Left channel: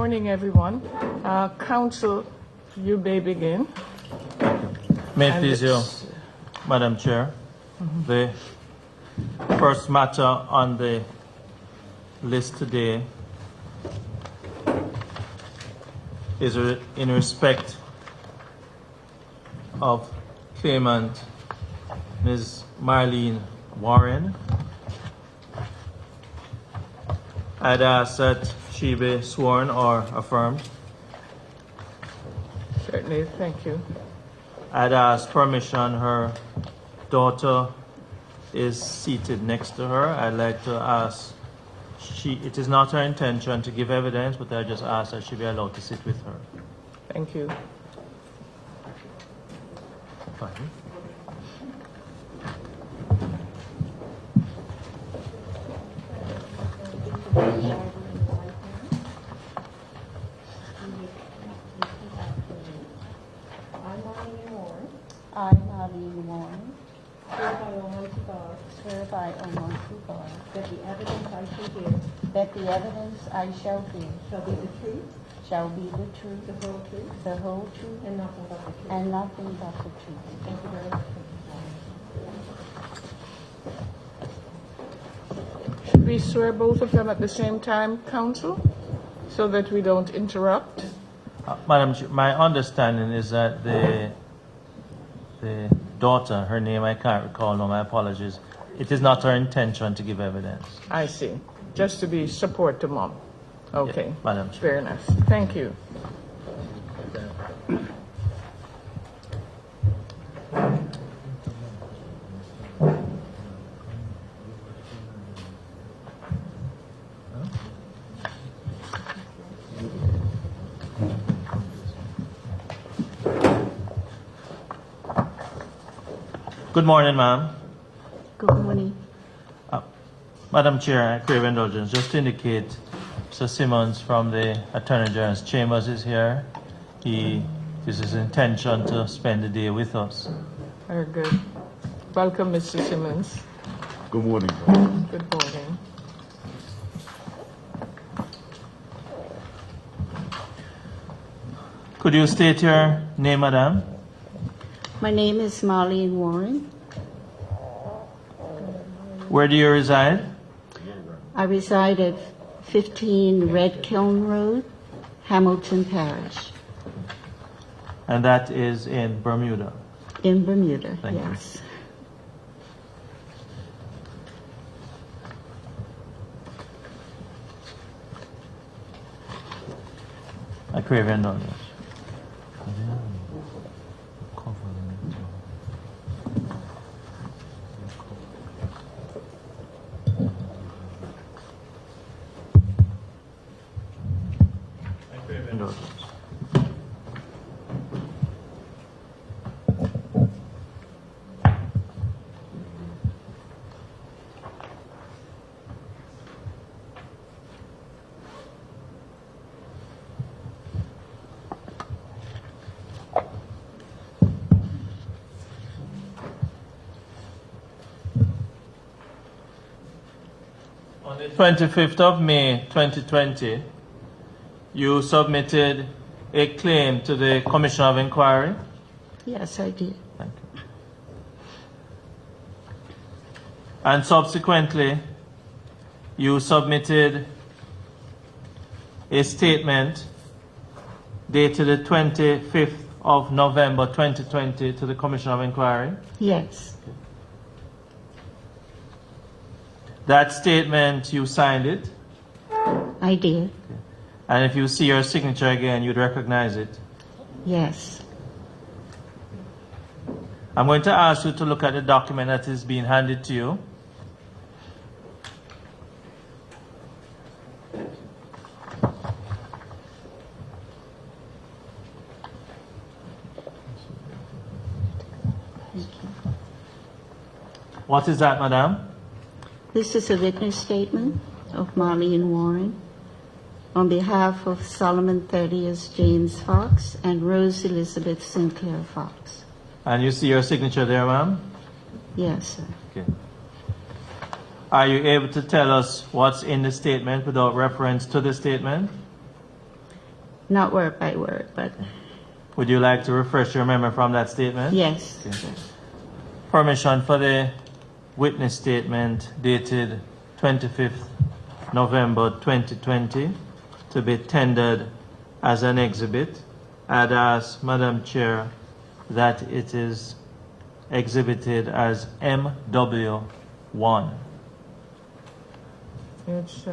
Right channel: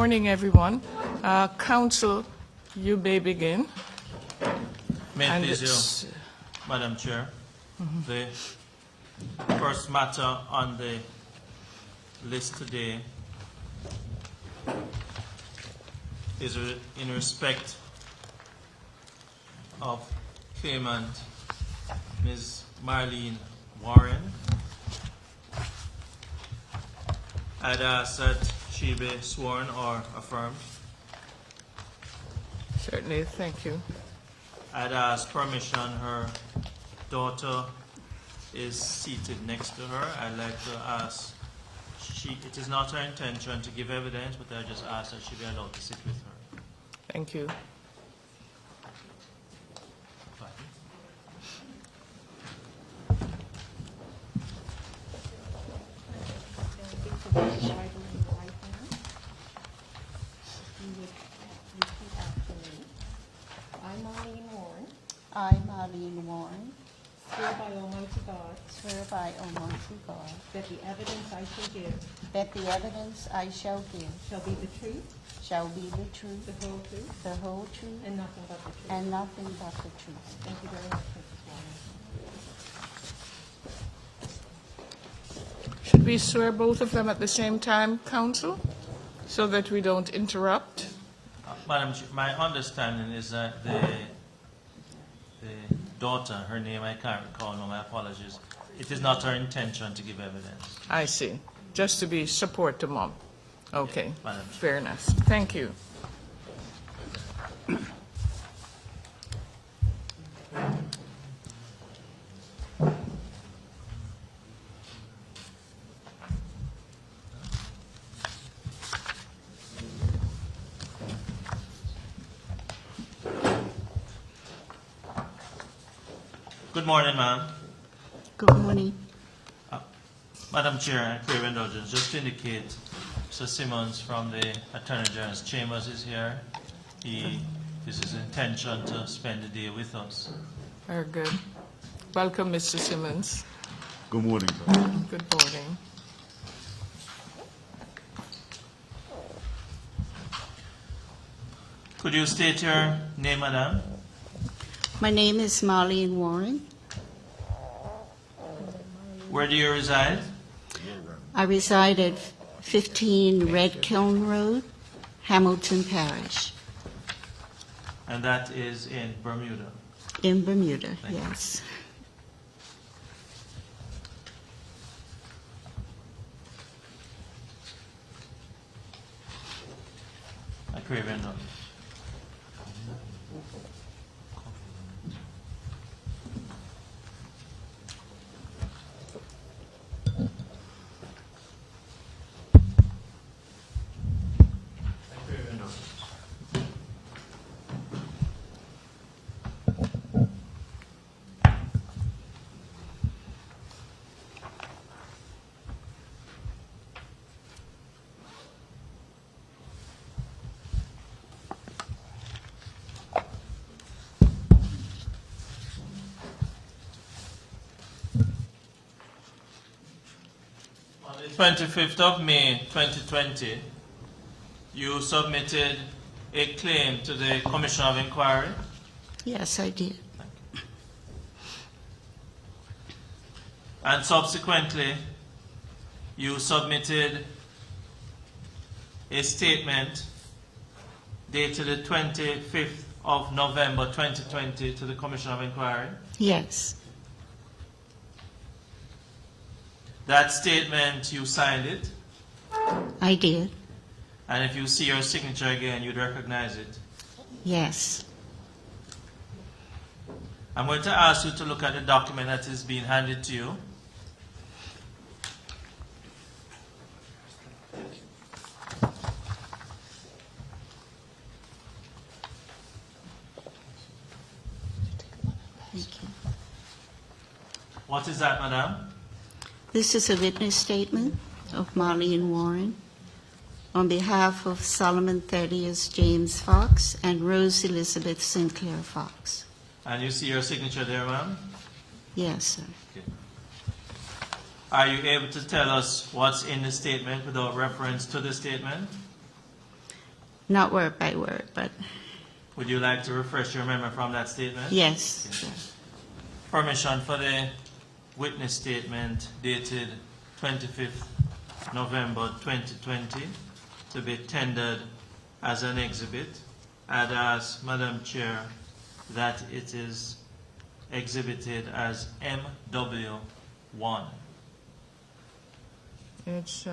morning, everyone. Council, you may begin. May it And please you, Madam Chair. The first matter on the list today is in respect of claimant Ms. Marlene Warren. I'd ask that she be sworn or affirmed. Certainly, thank you. I'd ask permission. Her daughter is seated next to her. I'd like to ask, it is not her intention to give evidence, but I just ask that she be allowed to sit with her. Thank you. Fine. I, Marlene Warren, swear by Almighty God That the evidence I shall give that the evidence I shall give shall be the truth, shall be the truth, the whole truth, the whole truth, and nothing but the truth. and nothing but the truth. Thank you very much. Should we swear both of them at the same time, Council, so that we don't interrupt? Madam Chair, my understanding is that the daughter, her name I can't recall, no, my apologies. It is not her intention to give evidence. I see. Just to be support to mom. Okay. Yeah, Madam Chair. Fair enough. Thank you. Good morning, ma'am. Good morning. Madam Chair, I crave indulgence. Just to indicate, Mr. Simmons from the Attorney General's chambers is here. It is his intention to spend the day with us. Very good. Welcome, Mr. Simmons. Good morning. Good morning. Could you state your name, madam? My name is Marlene Warren. Where do you reside? I reside at 15 Red Kiln Road, Hamilton Parish, And that is in Bermuda. in Bermuda. Thank you. Yes. I crave indulgence. I crave indulgence. On the 25th of May 2020, you submitted a claim to the Commission of Inquiry. Yes, I did. Thank you. And subsequently, you submitted a statement dated the 25th of November 2020 to the Commission of Inquiry. Yes. That statement, you signed it. I did. And if you see your signature again, you'd recognize it. Yes. I'm going to ask you to look at the document that is being handed to you. Thank you. What is that, madam? This is a witness statement of Marlene Warren on behalf of Solomon Thaddeus James Fox and Rose Elizabeth Sinclair Fox. And you see your signature there, ma'am? Yes, sir. Okay. Are you able to tell us what's in the statement without reference to the statement? not word by word, but Would you like to refresh your memory from that statement? yes. Permission for the witness statement dated 25th November 2020 to be tendered as an exhibit. I'd ask Madam Chair that it is exhibited as MW1. It's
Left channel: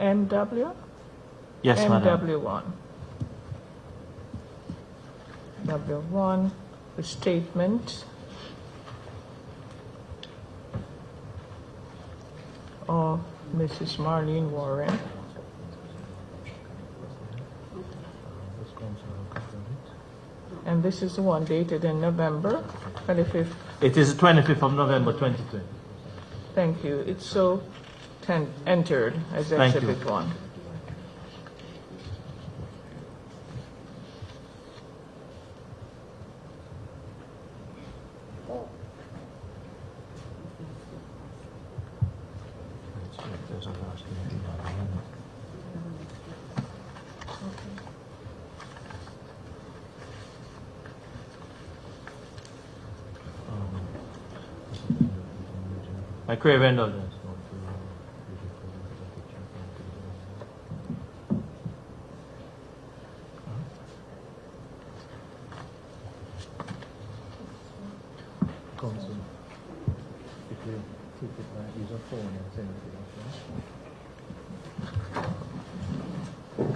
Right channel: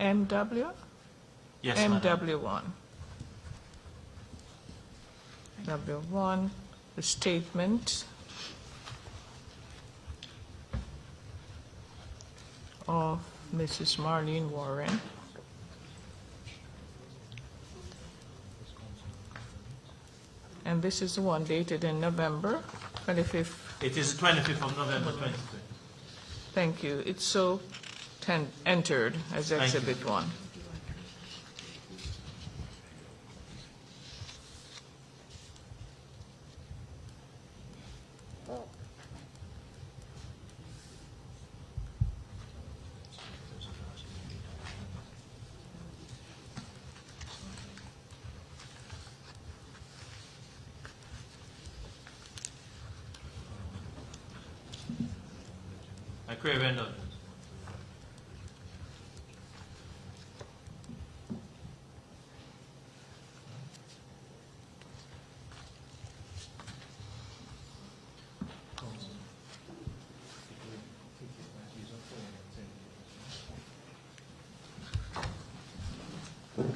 MW? Yes, Madam. MW1. W1, the statement of Mrs. Marlene Warren. And this is the one dated in November 25th. It is the 25th of November 2020. Thank you. It's so entered as Thank you. Exhibit 1. I crave indulgence.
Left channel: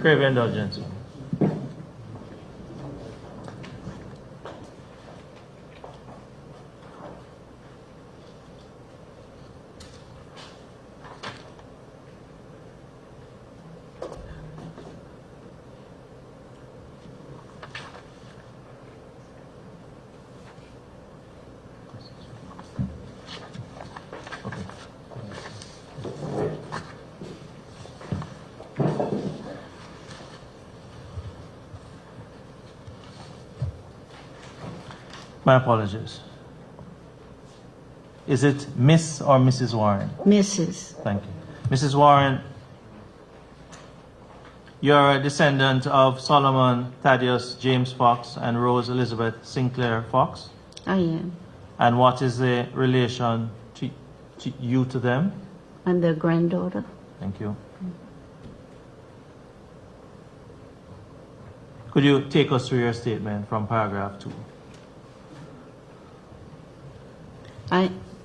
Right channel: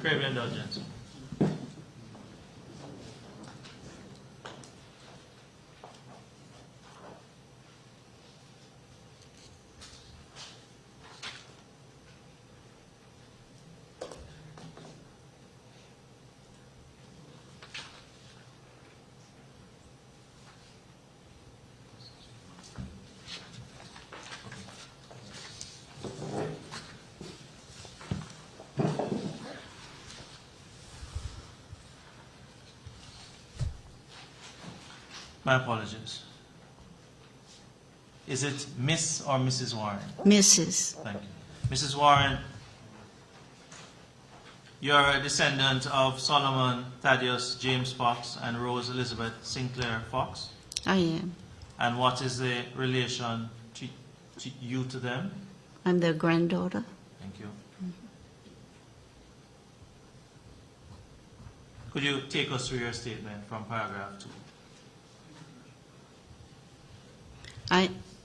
Crave indulgence. My apologies. Is it Miss or Mrs. Warren? Mrs. Thank you. Mrs. Warren, you're a descendant of Solomon Thaddeus James Fox and Rose Elizabeth Sinclair Fox. I am. And what is the relation to you to them? I'm their granddaughter. Thank you. Could you take us through your statement from paragraph 2?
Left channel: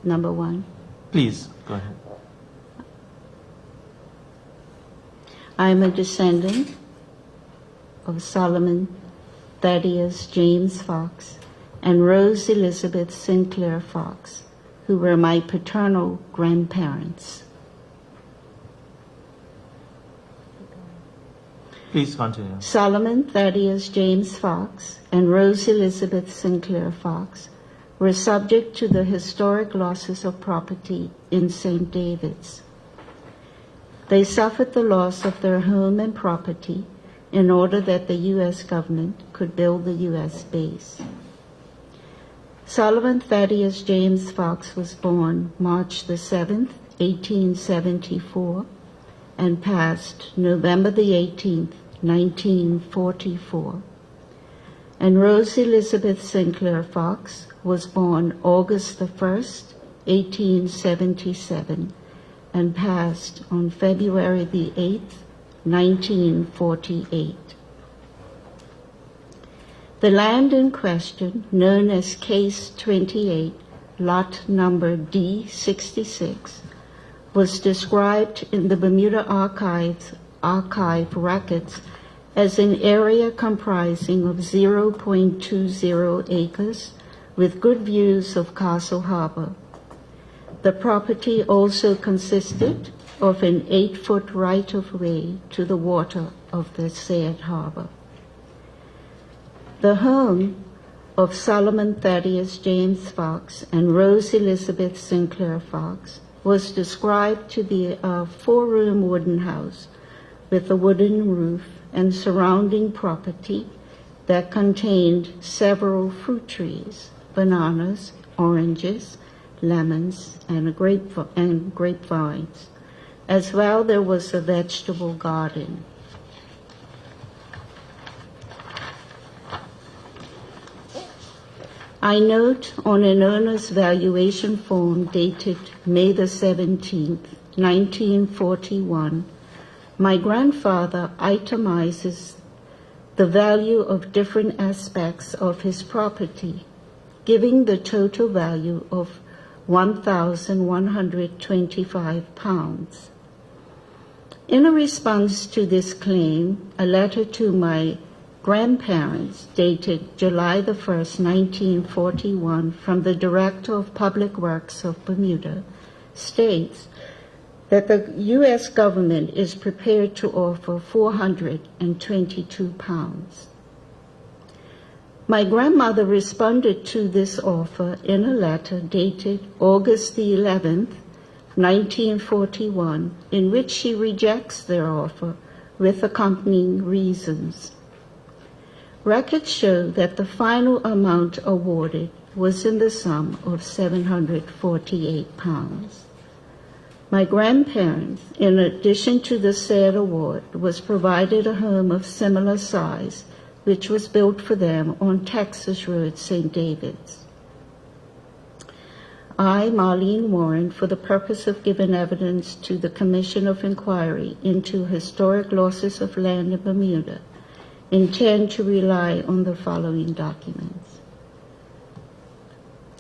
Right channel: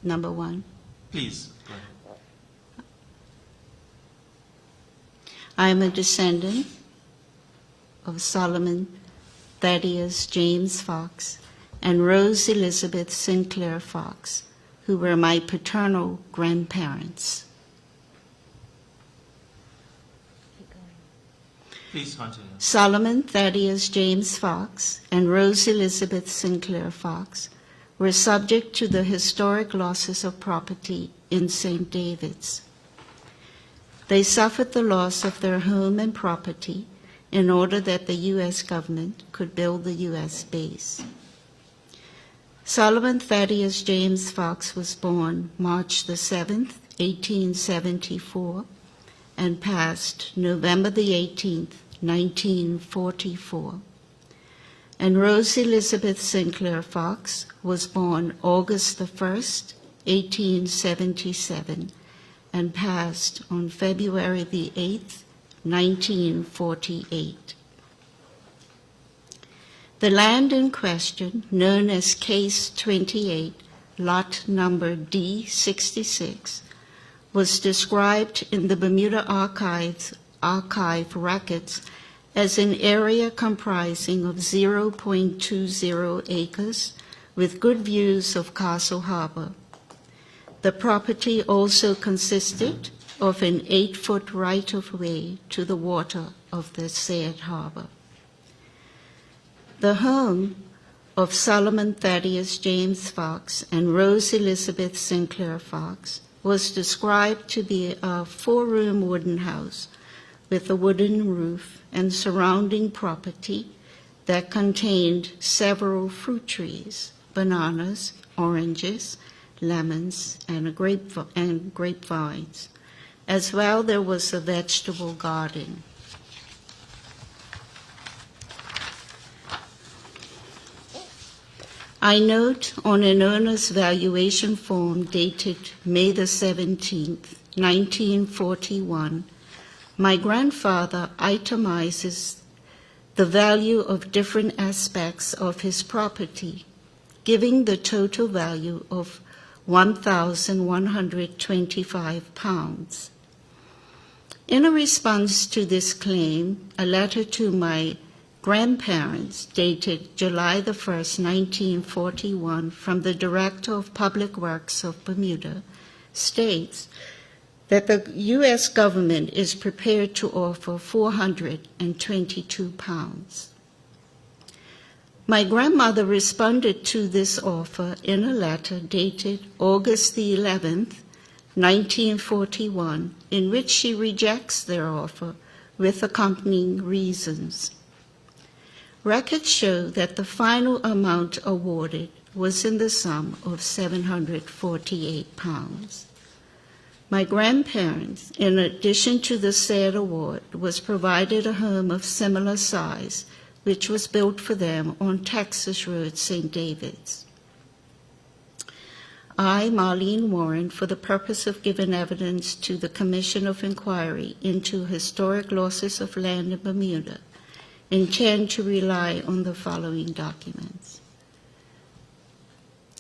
Number 1. Please, go ahead. I am a descendant of Solomon Thaddeus James Fox and Rose Elizabeth Sinclair Fox, who were my paternal grandparents. Please continue. Solomon Thaddeus James Fox and Rose Elizabeth Sinclair Fox were subject to the historic losses of property in St. David's. They suffered the loss of their home and property in order that the U.S. government could build the U.S. base. Solomon Thaddeus James Fox was born March the 7th, 1874, and passed November the 18th, 1944. And Rose Elizabeth Sinclair Fox was born August the 1st, 1877, and passed on February the 8th, 1948. The land in question, known as Case 28, lot number D66, was described in the Bermuda Archive records as an area comprising of 0.20 acres with good views of Castle Harbor. The property also consisted of an 8-foot right-of-way to the water of the said harbor. The home of Solomon Thaddeus James Fox and Rose Elizabeth Sinclair Fox was described to be a 4-room wooden house with a wooden roof and surrounding property that contained several fruit trees, bananas, oranges, lemons, and grapevines. As well, there was a vegetable garden. I note on an owner's valuation form dated May the 17th, 1941, my grandfather itemizes the value of different aspects of his property, giving the total value of £1,125. In a response to this claim, a letter to my grandparents dated July the 1st, 1941, from the Director of Public Works of Bermuda states that the U.S. government is prepared to offer £422. My grandmother responded to this offer in a letter dated August the 11th, 1941, in which she rejects their offer with accompanying reasons. Records show that the final amount awarded was in the sum of £748. My grandparents, in addition to the said award, was provided a home of similar size, which was built for them on Texas Road, St. David's. I, Marlene Warren, for the purpose of giving evidence to the Commission of Inquiry into Historic Losses of Land in Bermuda, intend to rely on the following documents.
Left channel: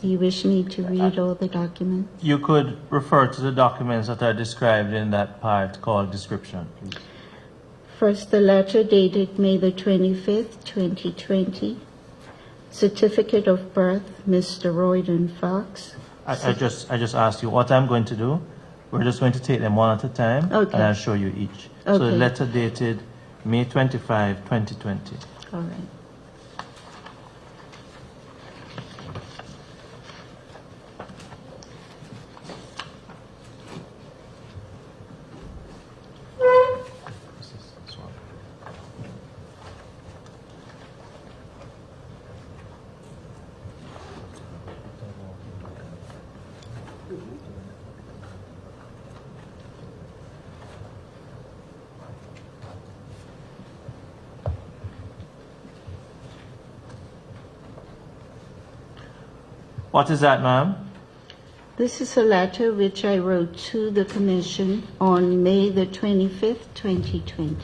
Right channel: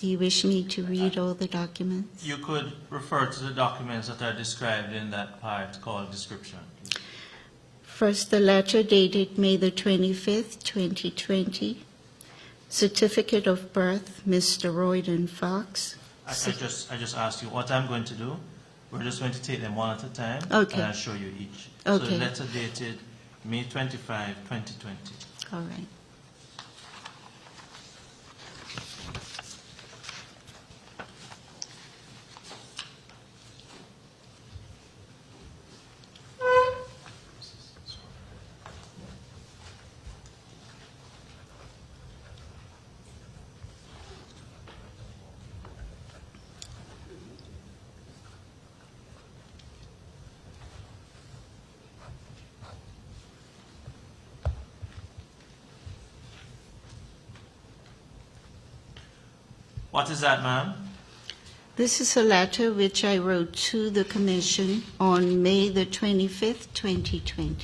Do you wish me to read all the documents? You could refer to the documents that are described in that part called description, please. First, the letter dated May the 25th, 2020. Certificate of birth, Mr. Royden Fox. I just asked you what I'm going to do. We're just going to take them one at a time, Okay. and I'll show you each. So the Okay. letter dated May 25, 2020. All right. What is that, ma'am? This is a letter which I wrote to the Commission on May the 25th, 2020.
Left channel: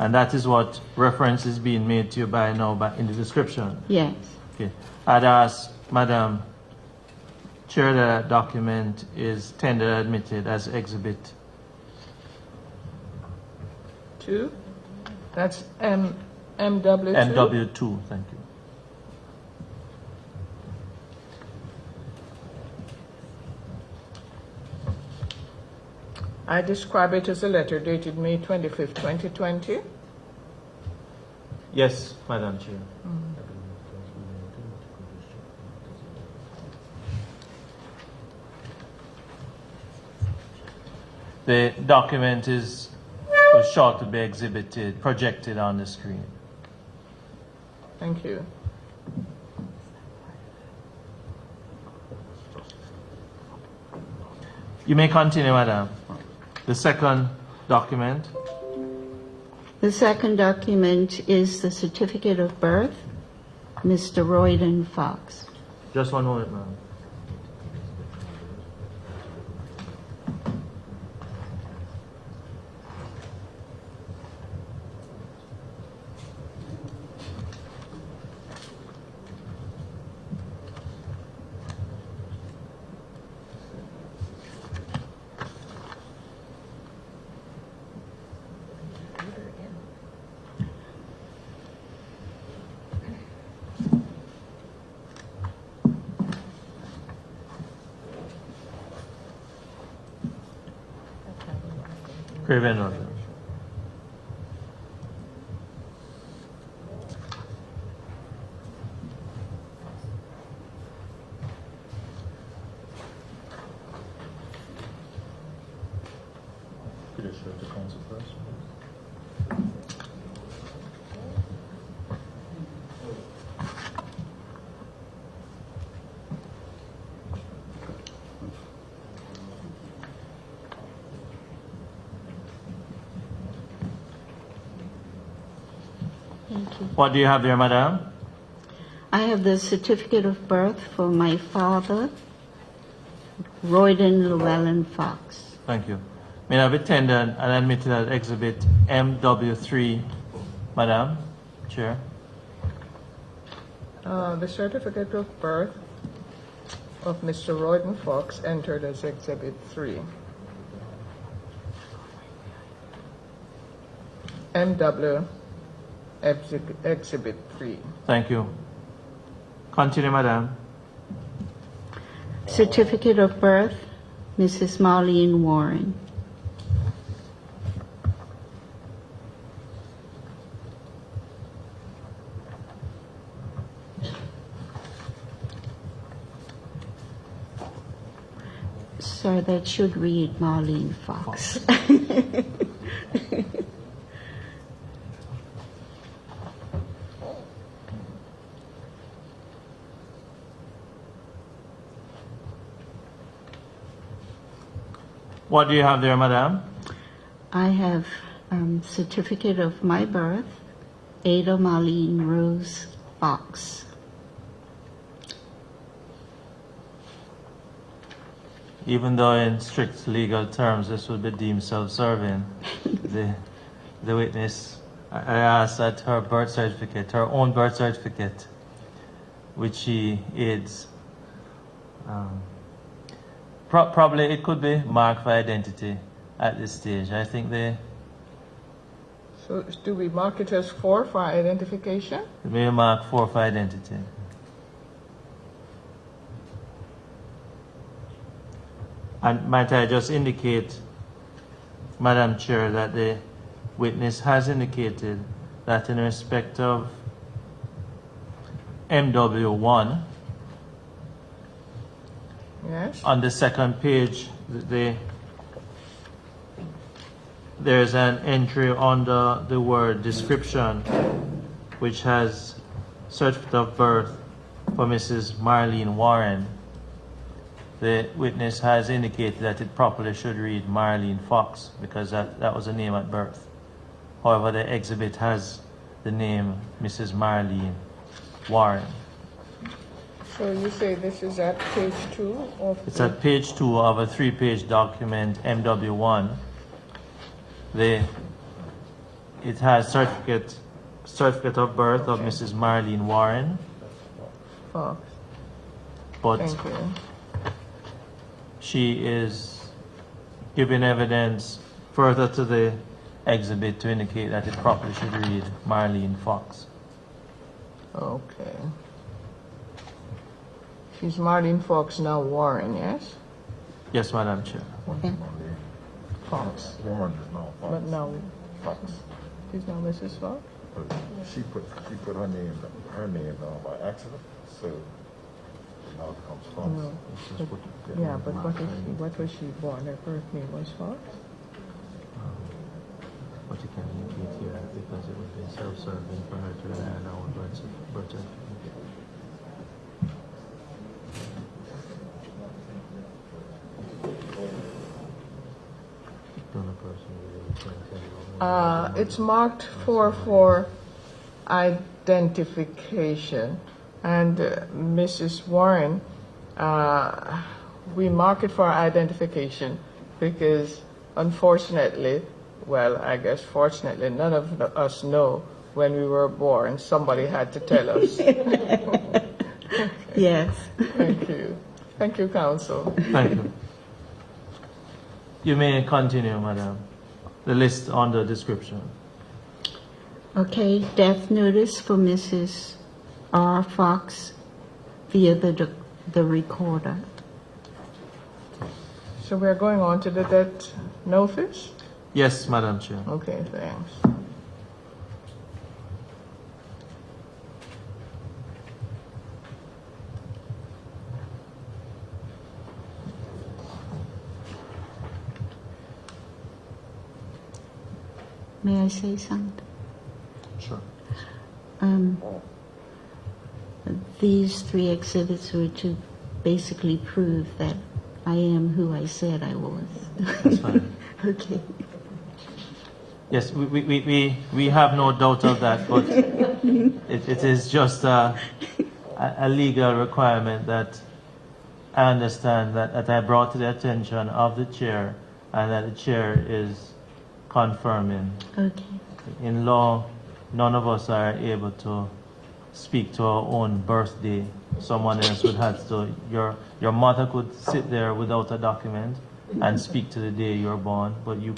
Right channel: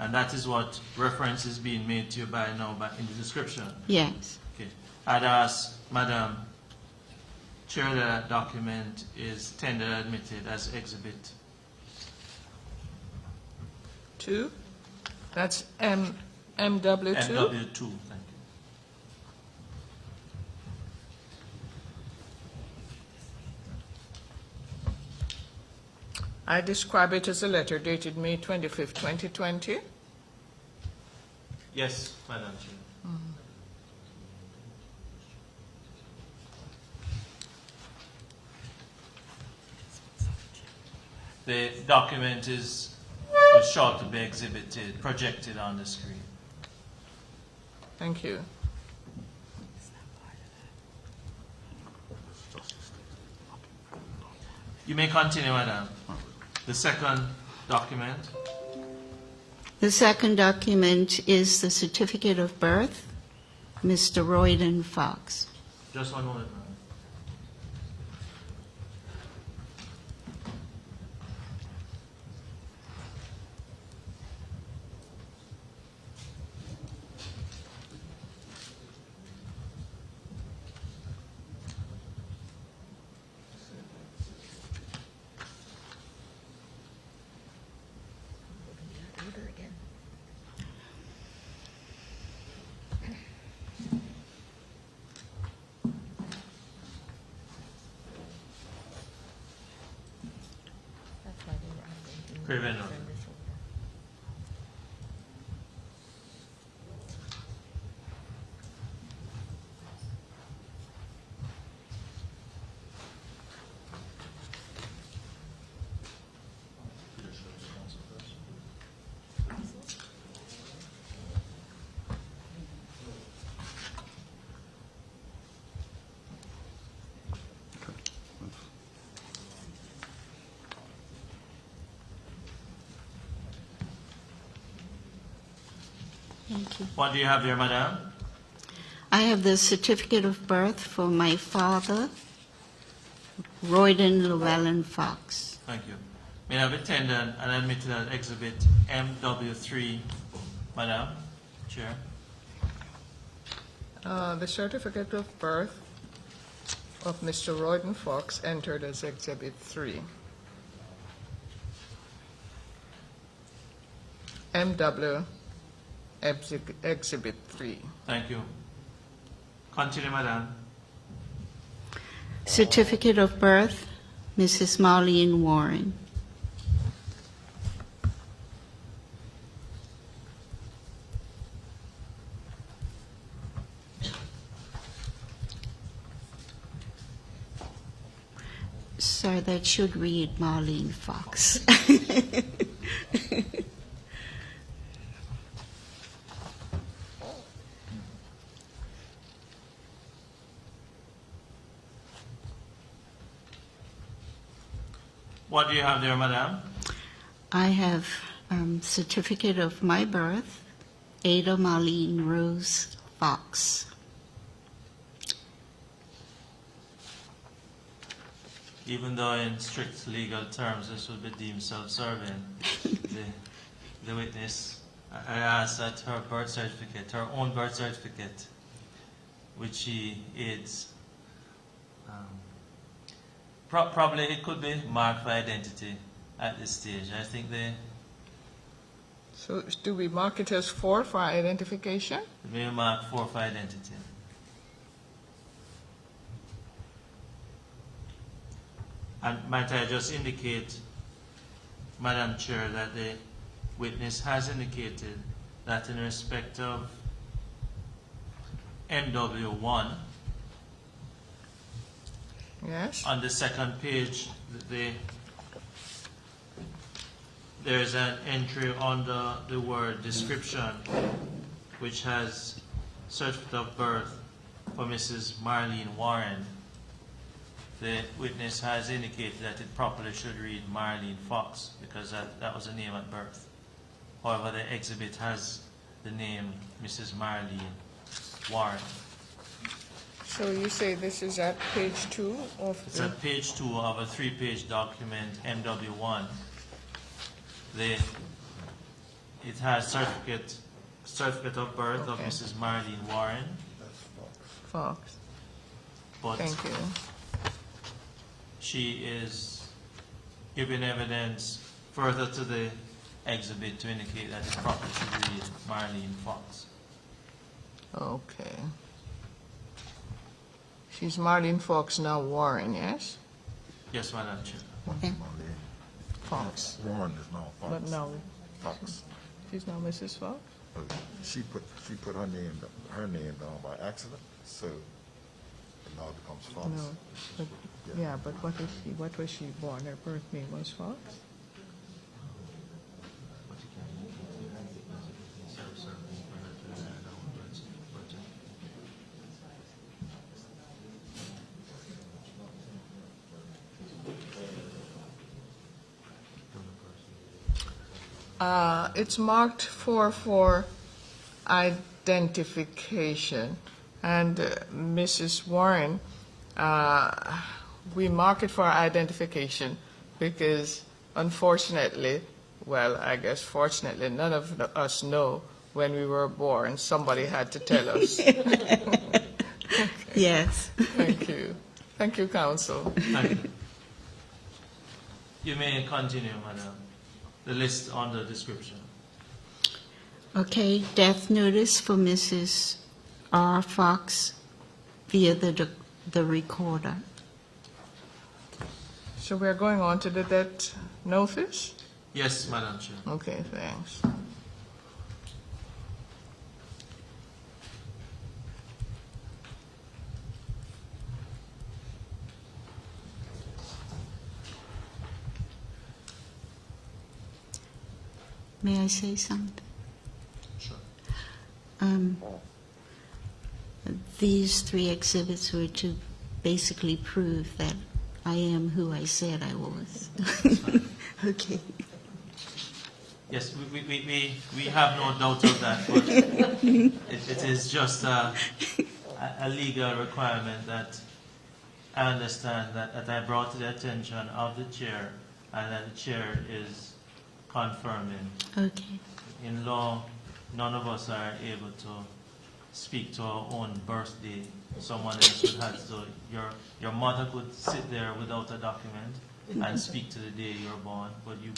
And that is what reference is being made to you by now in the description. Yes. Okay. I'd ask, Madam Chair, that document is tender admitted as exhibit. 2. That's MW2. MW2, thank you. I describe it as a letter dated May 25th, 2020. Yes, Madam Chair. The document was short to be exhibited, projected on the screen. Thank you. You may continue, Madam. The second document. The second document is the certificate of birth, Mr. Royden Fox. Just one moment, ma'am. Craven Road. What do you have there, Madam? I have the certificate of birth for my father, Royden Llewellyn Fox. Thank you. May I have attended and admitted as exhibit MW3, Madam Chair? The certificate of birth of Mr. Royden Fox entered as Exhibit 3. MW Exhibit 3. Thank you. Continue, Madam. Certificate of birth, Mrs. Marlene Warren. Sir, that should read Marlene Fox. What do you have there, Madam? I have certificate of my birth, Ada Marlene Rose Fox. Even though in strict legal terms this would be deemed self-serving, the witness, I asked that her birth certificate, her own birth certificate, which she aids, probably it could be marked for identity at this stage. I think they So do we mark it as 4 for identification? may mark 4 for identity. And might I just indicate, Madam Chair, that the witness has indicated that in respect of MW1, Yes? on the second page, there's an entry under the word description, which has certificate of birth for Mrs. Marlene Warren. The witness has indicated that it properly should read Marlene Fox because that was a name at birth. However, the exhibit has the name Mrs. Marlene Warren. So you say this is at page 2 of It's the... at page 2 of a 3-page document, MW1. It has certificate of birth of Okay. Mrs. Marlene Warren, Fox. but Thank you. she is giving evidence further to the exhibit to indicate that it properly should read Marlene Fox. Okay. She's Marlene Fox, now Warren, yes? Yes, Madam Chair. Fox. Warren is now Fox. But now Fox. she's now Mrs. Fox? She put her name down by accident, so now it becomes Fox. No. But, yeah, but what was she born? Her birth name was Fox? But you can't indicate here because it would be self-serving for her to add our birth certificate. It's marked for identification. And Mrs. Warren, we mark it for identification because unfortunately, well, I guess fortunately, none of us know when we were born. Somebody had to tell us. Yes. Thank you. Thank you, Counsel. Thank you. You may continue, Madam. The list on the description. Okay, death notice for Mrs. R. Fox via the recorder. So we're going on to the death notice? Yes, Madam Chair. Okay, thanks. May I say something? Sure. These 3 exhibits were to basically prove that I am who I said I was. That's fine. Okay. Yes, we have no doubt of that, but it is just a legal requirement that I understand that I brought to the attention of the chair and that the chair is confirming. Okay. In law, none of us are able to speak to our own birthday. Someone else would have to, your mother could sit there without a document and speak to the day you're born, but you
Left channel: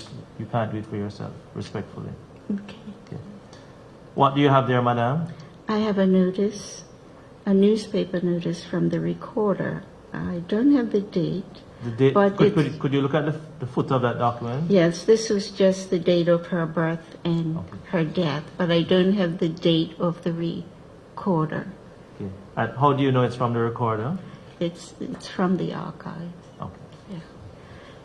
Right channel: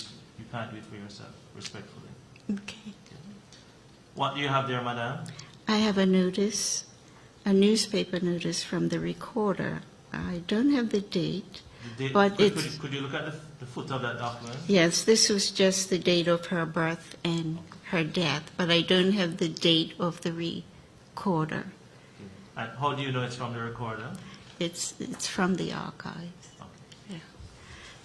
can't do it for yourself, respectfully. Okay. Okay. What do you have there, madam? I have a notice, a newspaper notice from the recorder. I don't have the date. The date, But could you look at the foot of that document? Yes, this was just the date of her birth and her death, but I don't have the date of the recorder. Okay. And how do you know it's from the recorder? It's from the archives. Okay.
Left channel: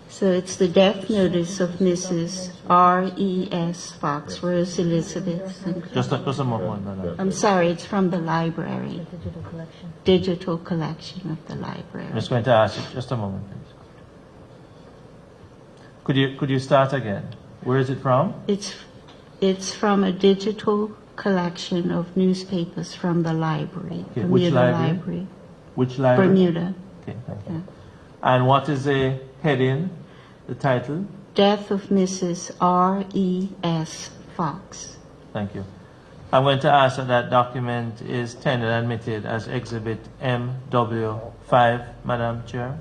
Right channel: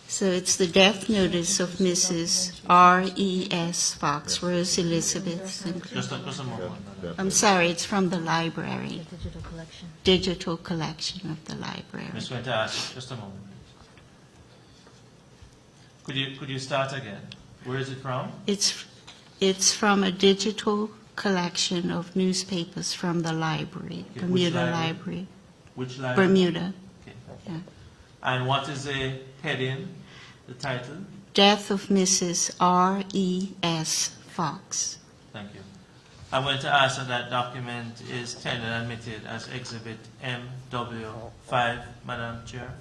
So it's the death notice of Mrs. R.E.S. Fox, Rose Elizabeth Sinclair. Just a moment, madam. I'm sorry, it's from the library, Digital collection. digital collection of the library. I'm just going to ask you, just a moment, please. Could you start again? Where is it from? It's from a digital collection of newspapers from the library, Okay, which Bermuda library? Library, Which library? Bermuda. Okay, thank you. And what is the heading, the title? Death of Mrs. R.E.S. Fox. Thank you. I'm going to ask that that document is tendered and admitted as Exhibit MW5, Madam Chair.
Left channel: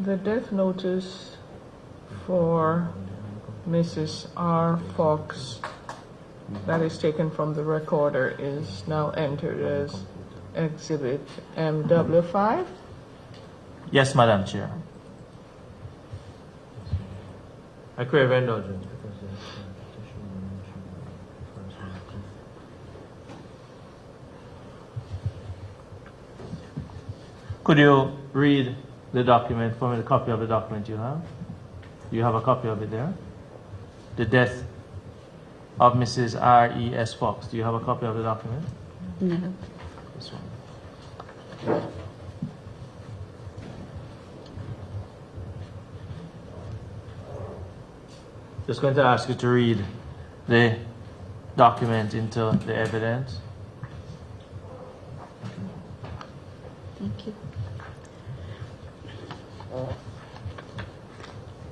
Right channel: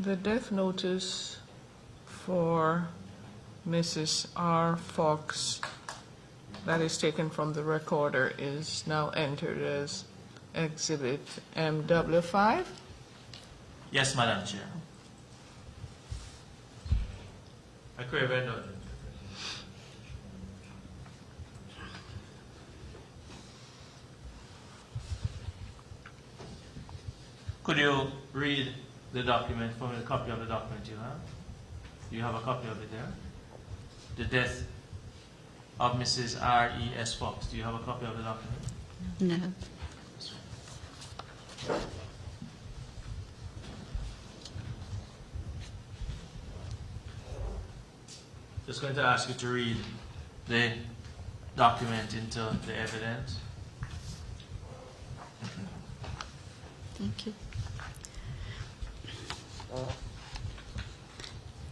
The death notice for Mrs. R. Fox that is taken from the recorder is now entered as Exhibit MW5. Yes, Madam Chair. I crave indulgence. Could you read the document for me, the copy of the document you have? Do you have a copy of it there? The death of Mrs. R.E.S. Fox. Do you have a copy of the document? No. This one. Just going to ask you to read the document into the evidence. Thank you.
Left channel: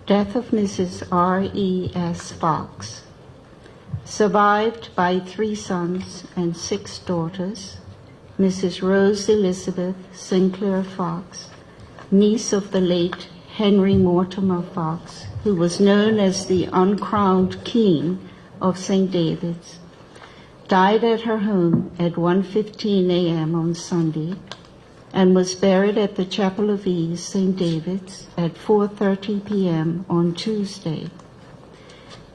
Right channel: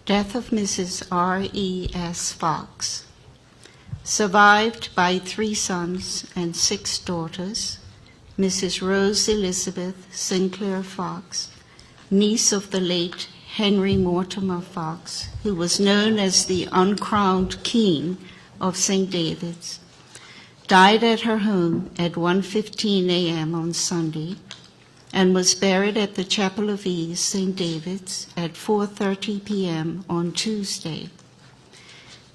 Death of Mrs. R.E.S. Fox. Survived by 3 sons and 6 daughters, Mrs. Rose Elizabeth Sinclair Fox, niece of the late Henry Mortimer Fox, who was known as the uncrowned king of St. David's, died at her home at 1:15 a.m. on Sunday and was buried at the Chapel of Ease, St. David's, at 4:30 p.m. on Tuesday.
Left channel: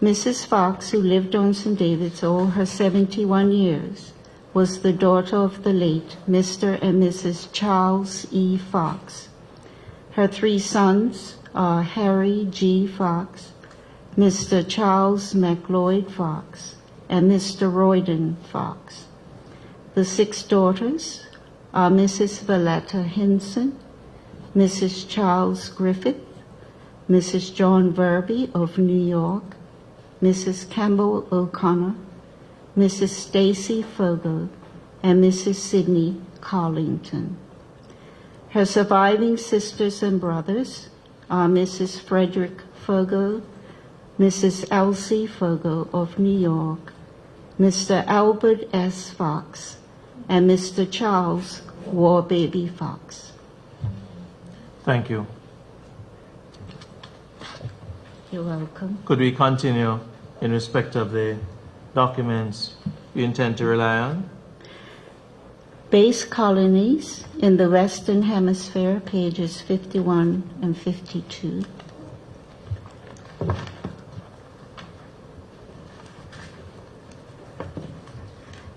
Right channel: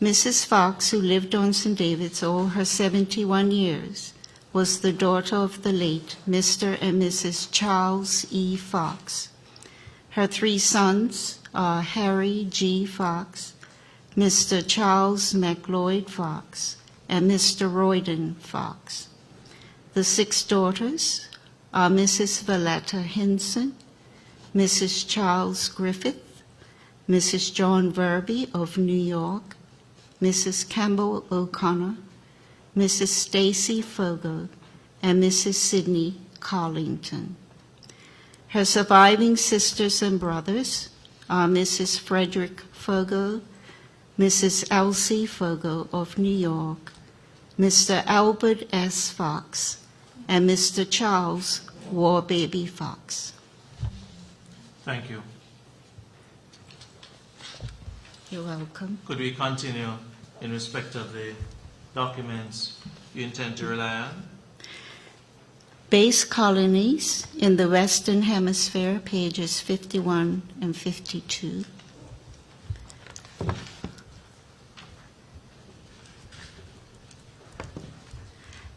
Mrs. Fox, who lived on St. David's all her 71 years, was the daughter of the late Mr. and Mrs. Charles E. Fox. Her 3 sons are Harry G. Fox, Mr. Charles McLeod Fox, and Mr. Royden Fox. The 6 daughters are Mrs. Valletta Henson, Mrs. Charles Griffith, Mrs. John Verby of New York, Mrs. Campbell O'Connor, Mrs. Stacy Fogo, and Mrs. Sidney Carlington. Her surviving sisters and brothers are Mrs. Frederick Fogo, Mrs. Elsie Fogo of New York, Mr. Albert S. Fox, and Mr. Charles Warbaby Fox. Thank you. You're welcome. Could we continue in respect of the documents you intend to rely on? Base colonies in the Western Hemisphere, pages 51 and 52.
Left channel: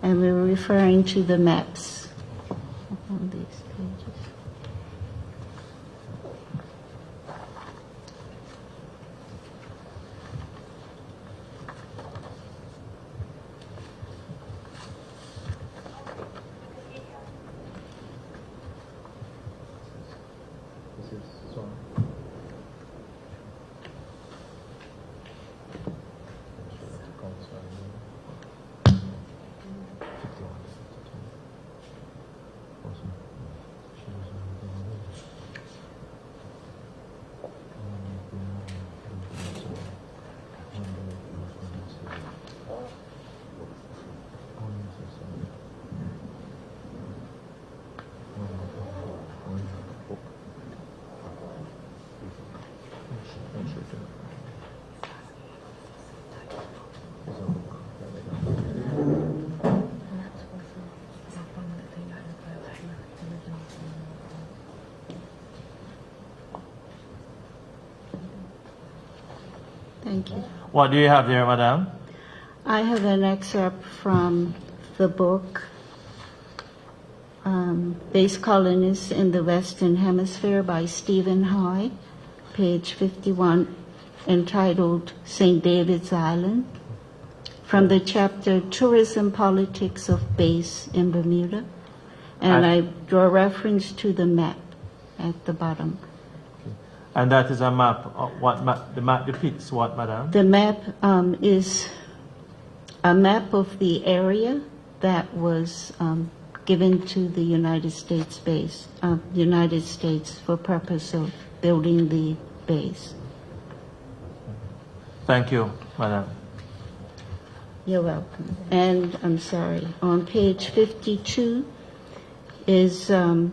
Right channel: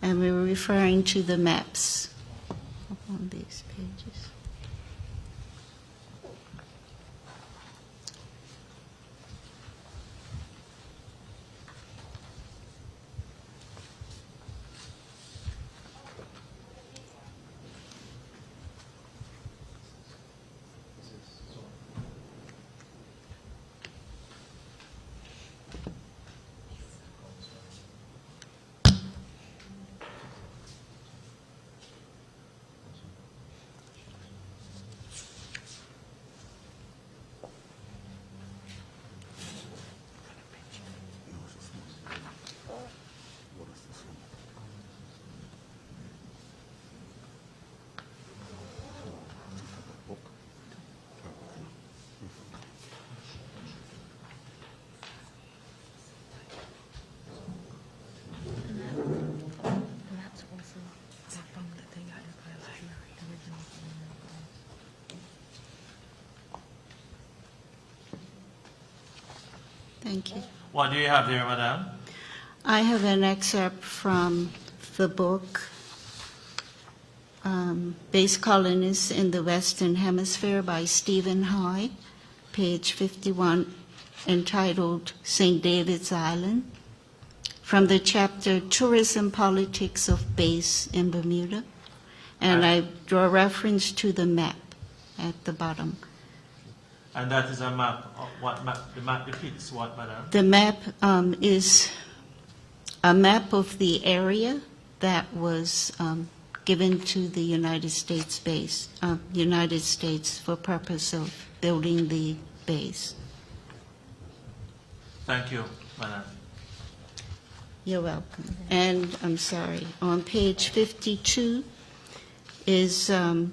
And we're referring to the maps on these pages. Thank you. What do you have there, madam? I have an excerpt from the book, Base Colonies in the Western Hemisphere by Stephen High, page 51, entitled St. David's Island, from the chapter Tourism Politics of Base in Bermuda. And I draw reference to the map at the bottom. And that is a map. What map? The map depicts what, madam? The map is a map of the area that was given to the United States base, United States for purpose of building the base. Thank you, madam. You're welcome. And I'm sorry, on page 52 is a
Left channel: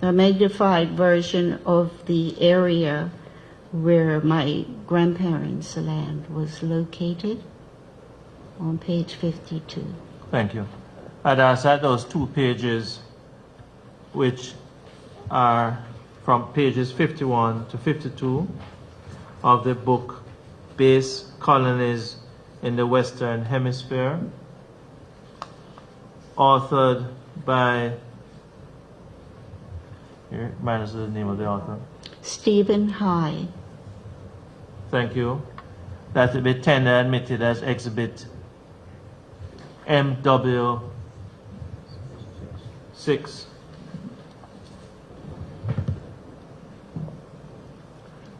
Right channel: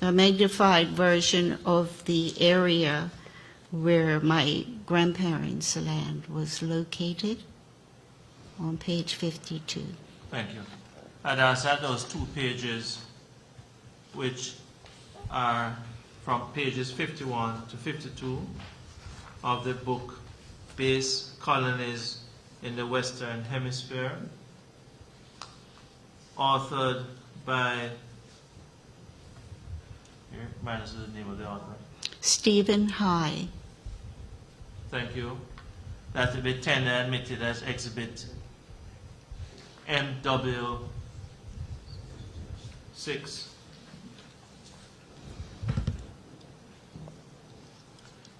magnified version of the area where my grandparents' land was located, on page 52. Thank you. I'd ask that those 2 pages, which are from pages 51 to 52 of the book Base Colonies in the Western Hemisphere, authored by, here, minus the name of the author. Stephen High. Thank you. That will be tendered and admitted as Exhibit MW6.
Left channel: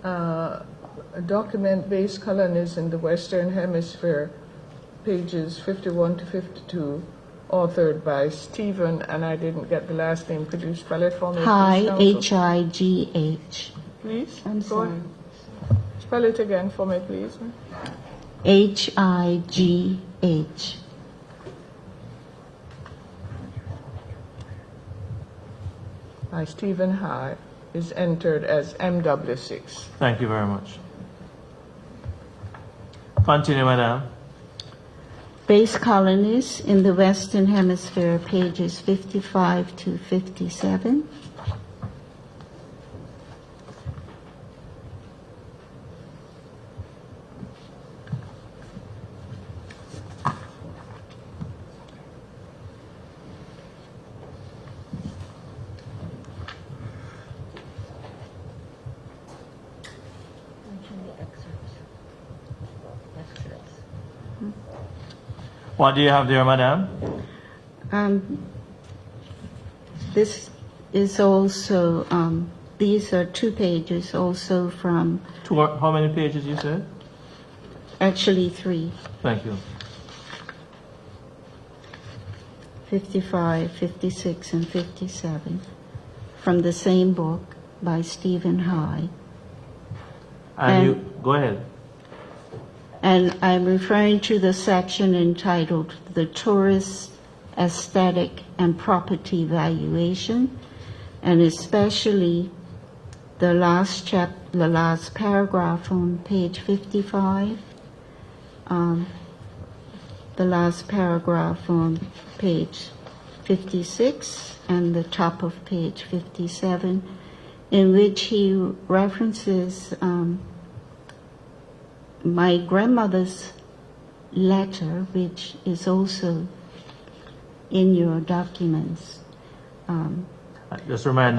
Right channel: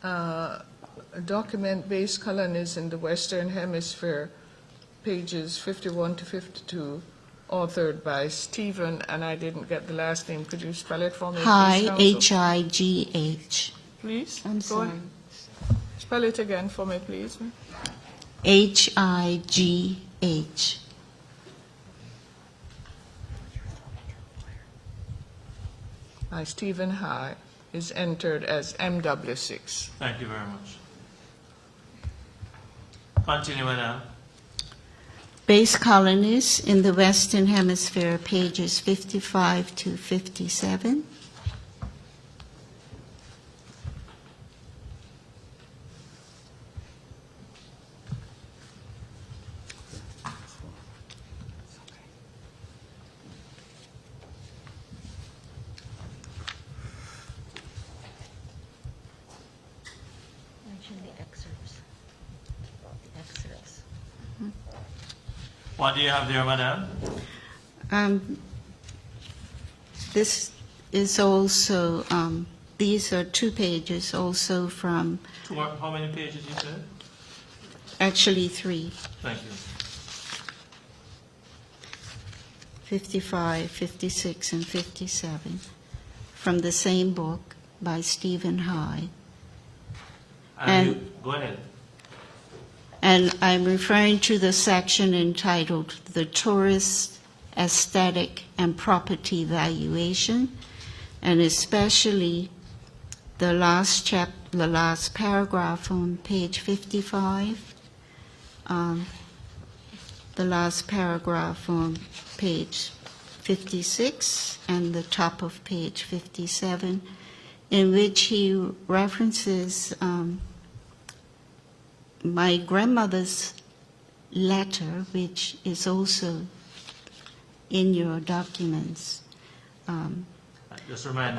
A document, Base Colonies in the Western Hemisphere, pages 51 to 52, authored by Stephen, and I didn't get the last name. Could you spell it for me, High, please, counsel? H-I-G-H. Please? I'm Go sorry. ahead. Spell it again for me, please. H-I-G-H. By Stephen High, is entered as MW6. Thank you very much. Continue, madam. Base Colonies in the Western Hemisphere, pages 55 to 57. Mention the excerpts. Excerpts. What do you have there, madam? This is also, these are 2 pages also from, How many pages you said? actually 3, Thank you. 55, 56, and 57, from the same book by Stephen High. And you, go ahead. And I'm referring to the section entitled The Tourist Aesthetic and Property Valuation, and especially the last paragraph on page 55, the last paragraph on page 56, and the top of page 57, in which he references my grandmother's letter, which is also in your documents, Just remind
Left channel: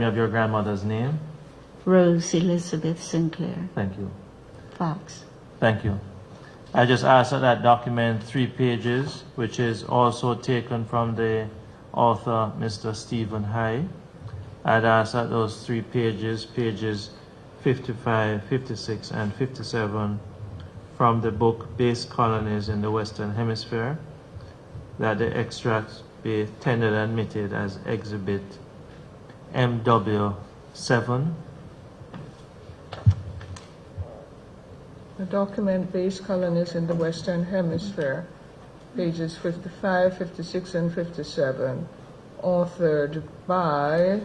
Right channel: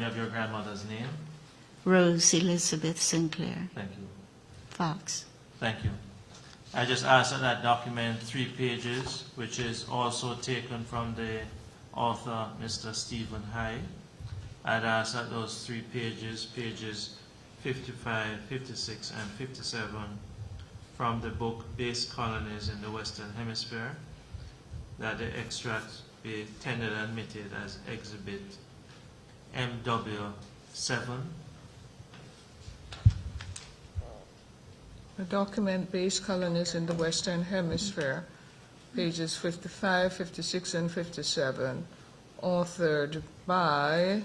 me of your grandmother's name. Rose Elizabeth Sinclair Thank you. Fox. Thank you. I just asked that that document 3 pages, which is also taken from the author, Mr. Stephen High. I'd ask that those 3 pages, pages 55, 56, and 57 from the book Base Colonies in the Western Hemisphere, that the extracts be tendered and admitted as Exhibit MW7. A document, Base Colonies in the Western Hemisphere, pages 55, 56, and 57, authored by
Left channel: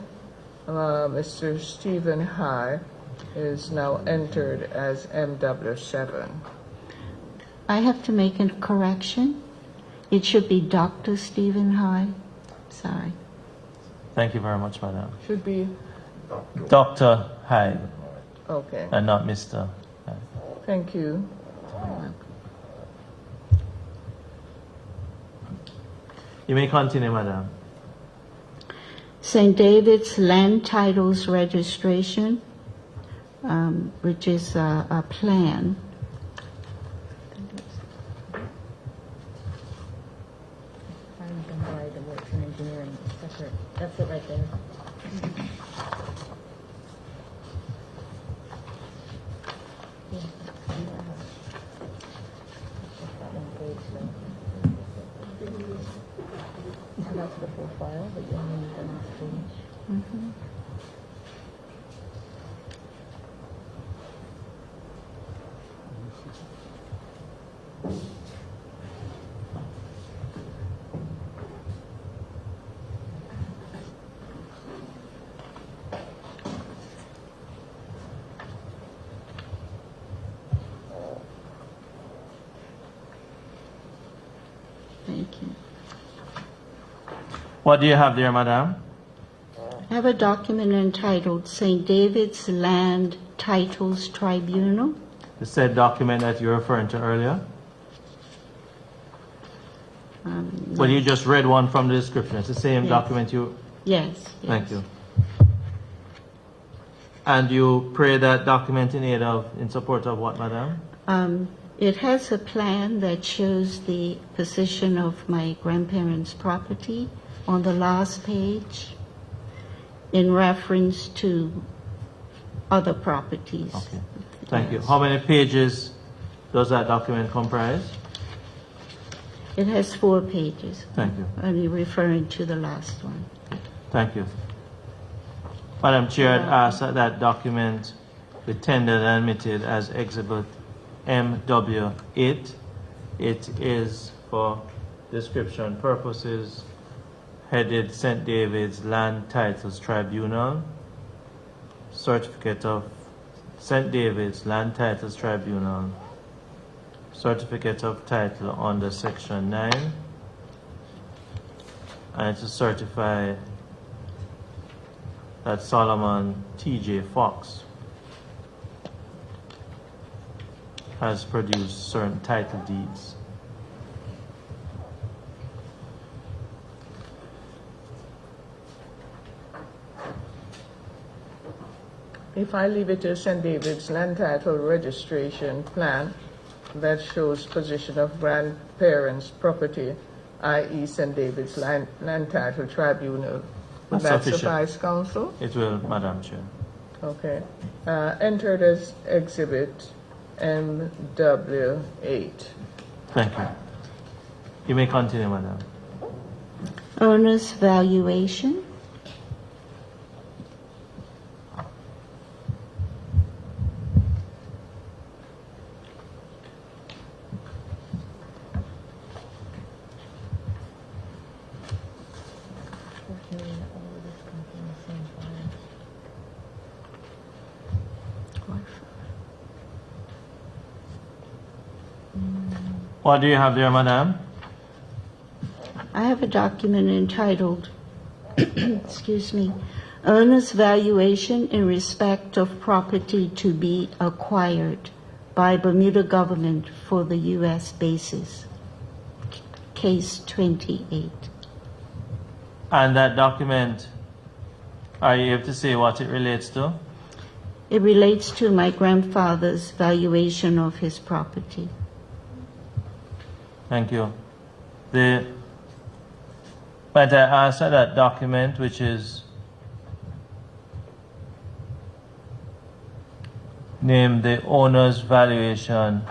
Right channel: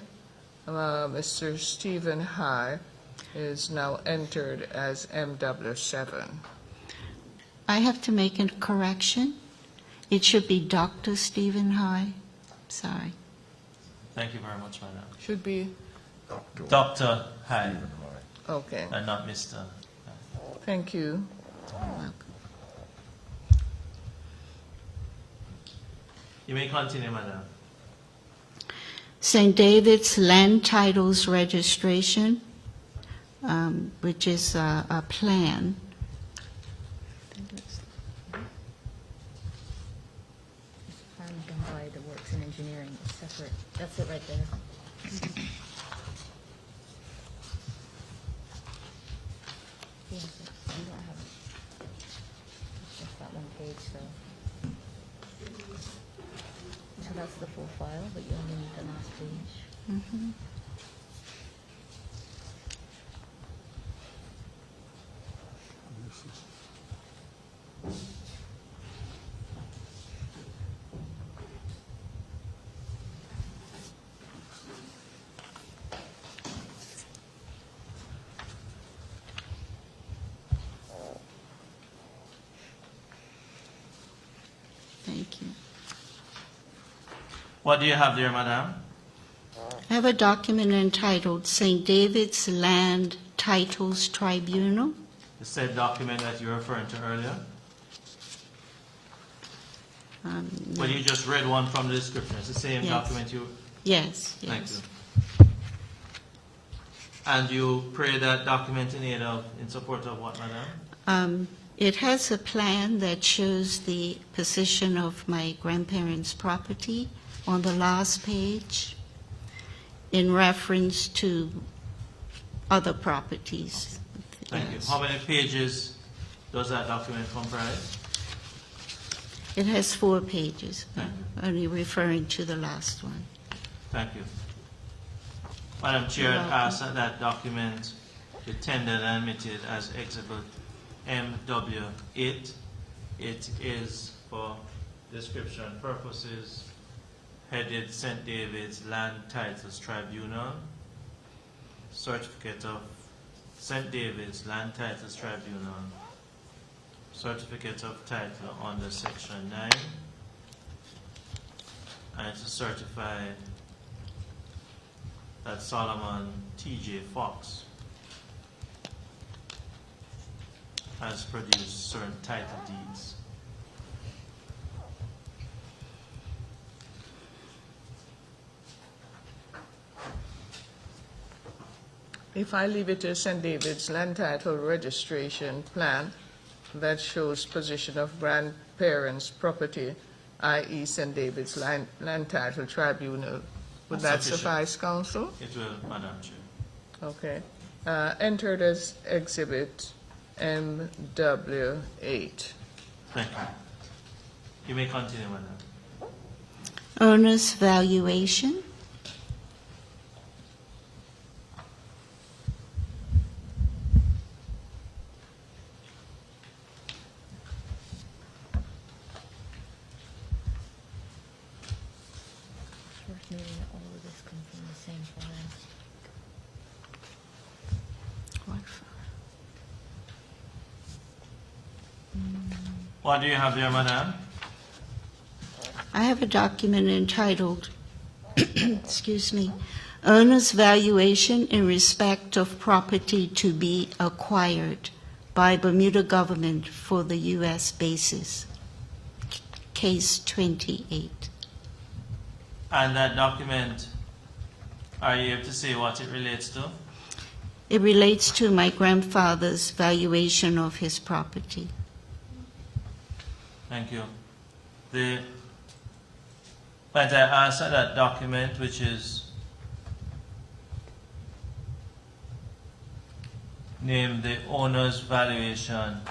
Mr. Stephen High, is now entered as MW7. I have to make a correction. It should be Dr. Stephen High. Sorry. Thank you very much, madam. Should be, Dr. High, okay. and not Mr. High. Thank you. You may continue, madam. St. David's Land Titles Registration, which is a plan. Finally done by the Works and Engineering, separate, that's it right there. Yeah, and that one page, so that's the full file, but you only need the last page. Thank you. What do you have there, madam? I have a document entitled St. David's Land Titles Tribunal. The said document that you're referring to earlier? Well, you just read one from the description. It's the same Yes. document you... Yes. Thank you. And you pray that document in support of what, madam? It has a plan that shows the position of my grandparents' property on the last page in reference to other properties. Okay. Thank you. Yes. How many pages does that document comprise? It has 4 pages. Thank you. Only referring to the last one. Thank you. Madam Chair, I'd ask that that document be tendered and admitted as Exhibit MW8. It is, for description purposes, headed St. David's Land Titles Tribunal, Certificate of St. David's Land Titles Tribunal, Certificate of Title under Section 9, and to certify that Solomon T.J. Fox has produced certain title deeds. If I leave it to St. David's Land Title Registration Plan that shows position of grandparents' property, i.e. St. David's Land Title Tribunal, would That's that sufficient. suffice, Council? It will, Madam Chair. Okay. Entered as Exhibit MW8. Thank you. You may continue, Madam. Owner's valuation. Unfortunately, all of this comes from the same file. What do you have there, Madam? I have a document entitled, excuse me, Owner's Valuation in Respect of Property to be Acquired by Bermuda Government for the U.S. Basis. Case 28. And that document, are you able to say what it relates to? It relates to my grandfather's valuation of his property. Thank you. Might I ask that document, which is named the owner's valuation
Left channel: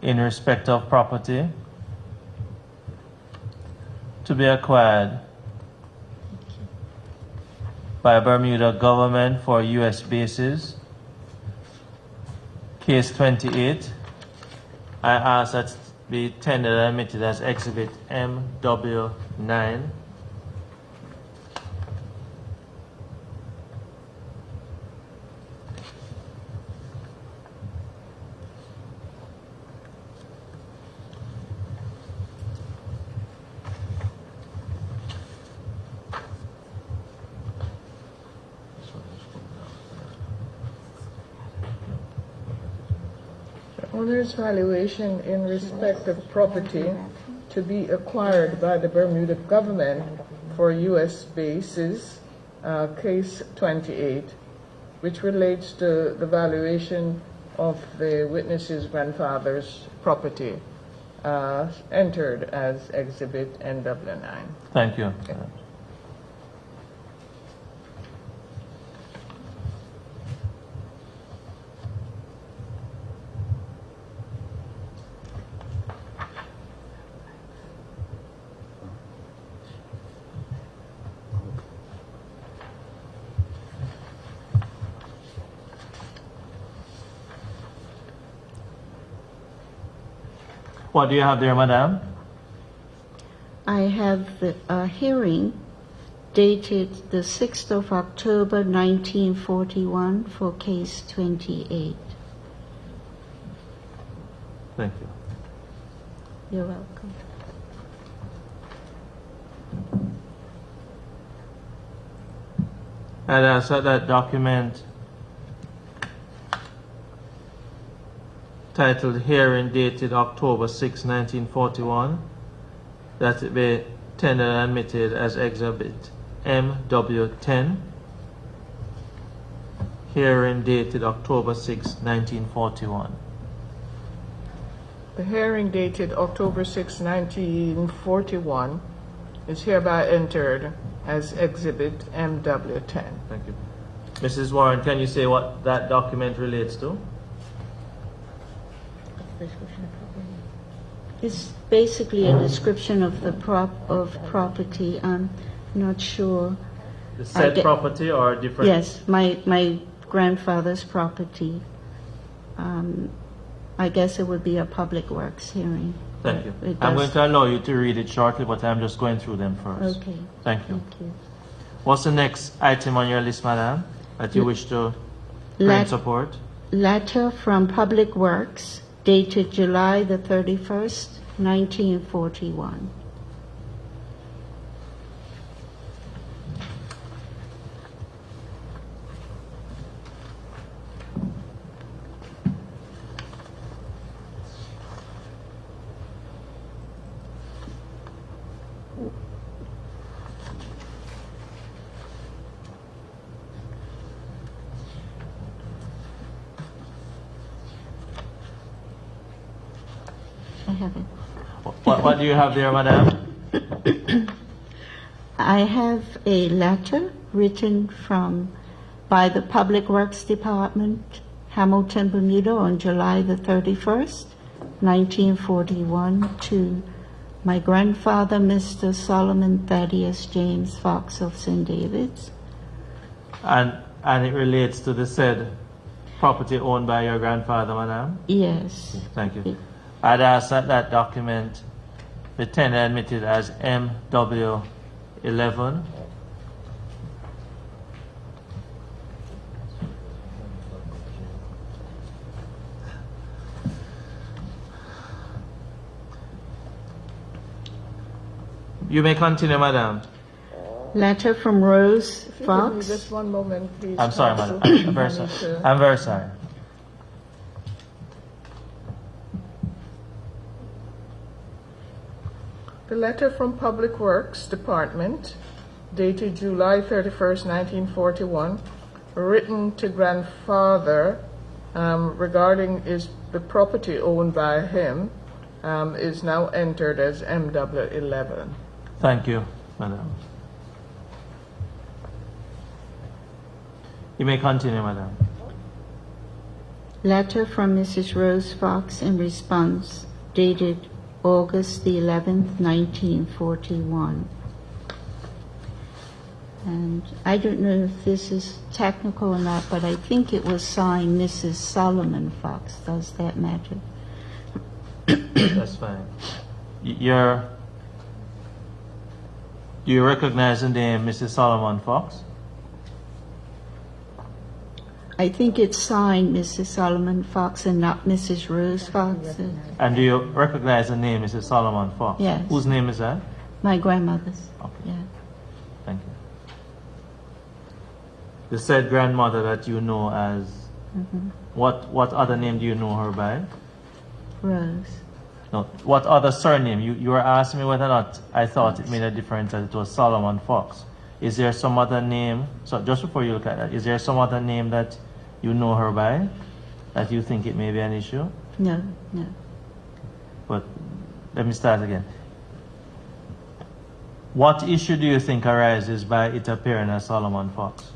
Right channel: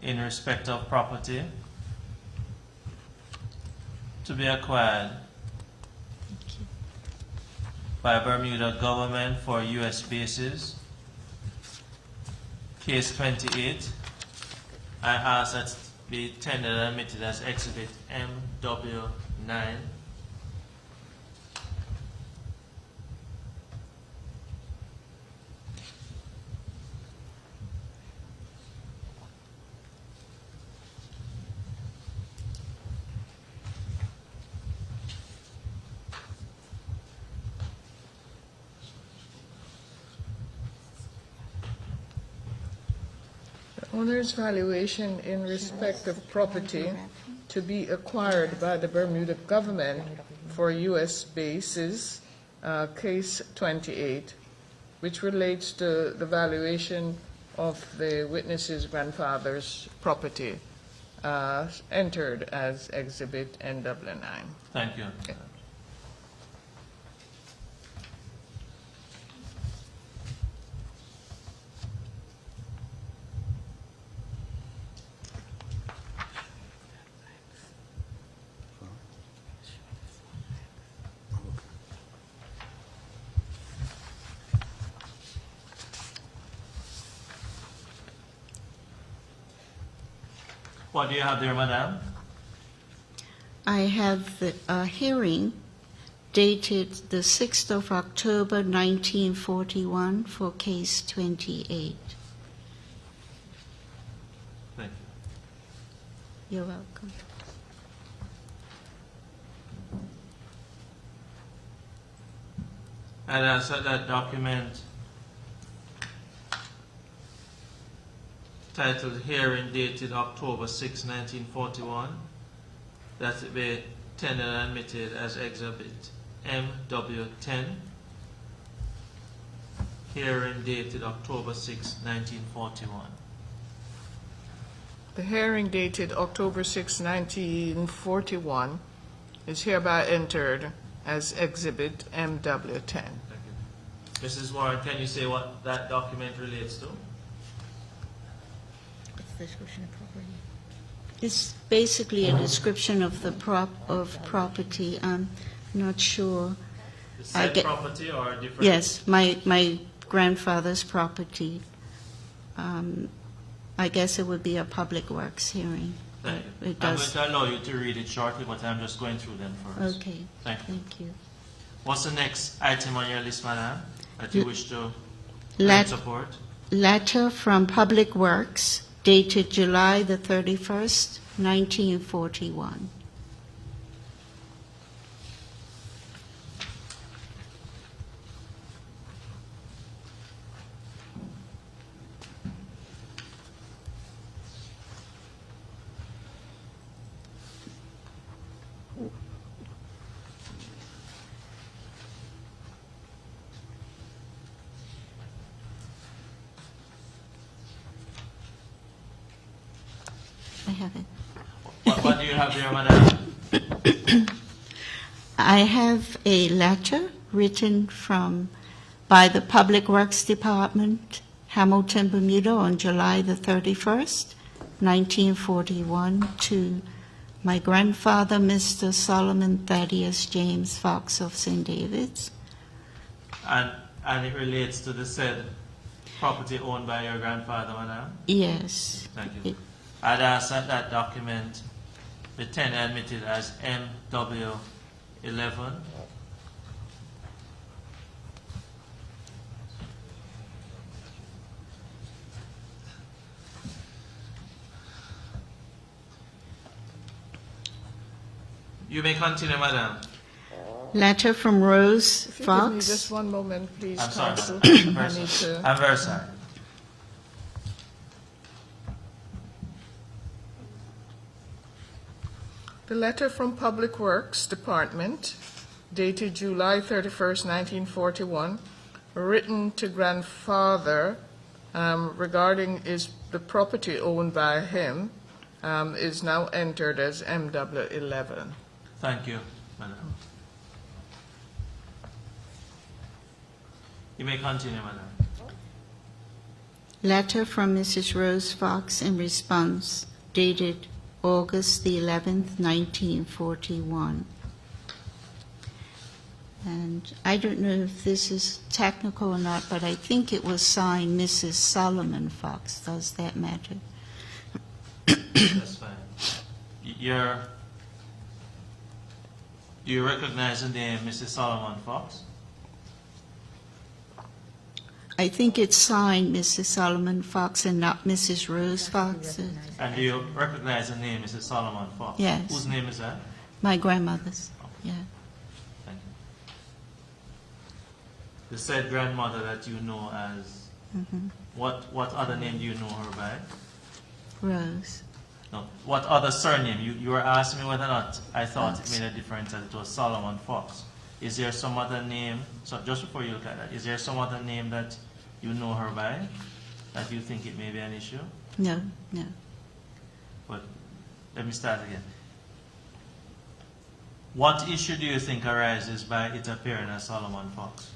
in respect of property to be acquired by Bermuda government for U.S. bases, case 28, I ask that it be tendered and admitted as Exhibit MW9. owner's valuation in respect of property to be acquired by the Bermuda government for U.S. bases, case 28, which relates to the valuation of the witness's grandfather's property, entered as Exhibit NW9. Thank you. What do you have there, madam? I have a hearing dated the 6th of October 1941 for case 28. Thank you. You're welcome. And I said that document titled Hearing dated October 6, 1941, that it be tendered and admitted as Exhibit MW10. Hearing dated October 6, 1941. The hearing dated October 6, 1941 is hereby entered as Exhibit MW10. Thank you. Mrs. Warren, can you say what that document relates to? Description of property. It's basically a description of the property. I'm not sure. The said property or different? Yes, my grandfather's property. I guess it would be a public works hearing. Thank you. It I'm does- going to allow you to read it shortly, but I'm just going through them first. Okay, Thank you. thank you. What's the next item on your list, madam, that you wish to bring support? Letter from Public Works dated July the 31st, 1941. I have it. What do you have there, madam? I have a letter written by the Public Works Department, Hamilton, Bermuda, on July the 31st, 1941, to my grandfather, Mr. Solomon Thaddeus James Fox of St. David's. And it relates to the said property owned by your grandfather, madam? Yes. Thank you. I'd ask that document be tendered and admitted as MW11. You may continue, madam. Letter from Rose If you give me Fox. just one moment, please. I'm sorry, Counsel. madam. I'm very I need sorry. to- I'm very sorry. The letter from Public Works Department dated July 31st, 1941, written to grandfather regarding the property owned by him, is now entered as MW11. Thank you, madam. You may continue, madam. Letter from Mrs. Rose Fox in response dated August the 11th, 1941. And I don't know if this is technical or not, but I think it was signed Mrs. Solomon Fox. Does that matter? That's fine. Do you recognize the name Mrs. Solomon Fox? I think it's signed Mrs. Solomon Fox and not Mrs. Rose Fox. Recognized. And do you recognize the name Mrs. Solomon Fox? Yes. Whose name is that? My grandmother's. Okay. Yeah. Thank you. The said grandmother that you know as, what other name do you know her by? Rose. No, what other surname? You were asking me whether or not I thought it made a difference that it was Solomon Fox. Is there some other name? So just before you look at that, is there some other name that you know her by that you think it may be an issue? No, no. But let me start again. What issue do you think arises by it appearing as Solomon Fox?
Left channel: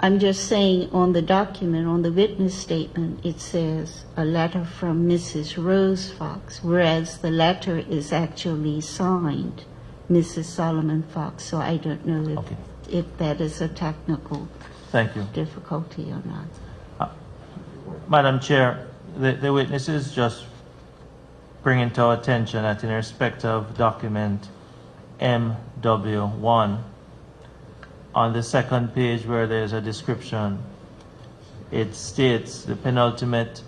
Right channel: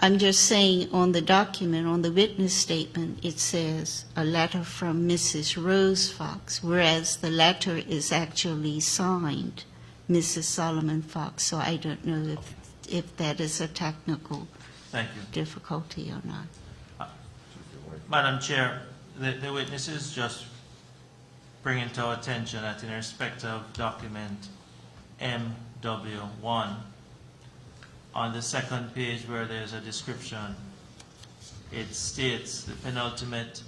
I'm just saying on the document, on the witness statement, it says a letter from Mrs. Rose Fox, whereas the letter is actually signed Mrs. Solomon Fox. So I don't know if, Okay. if that is a technical Thank you. difficulty or not. Madam Chair, the witnesses just bringing to our attention that in respect of document MW1, on the second page where there's a description, it states the penultimate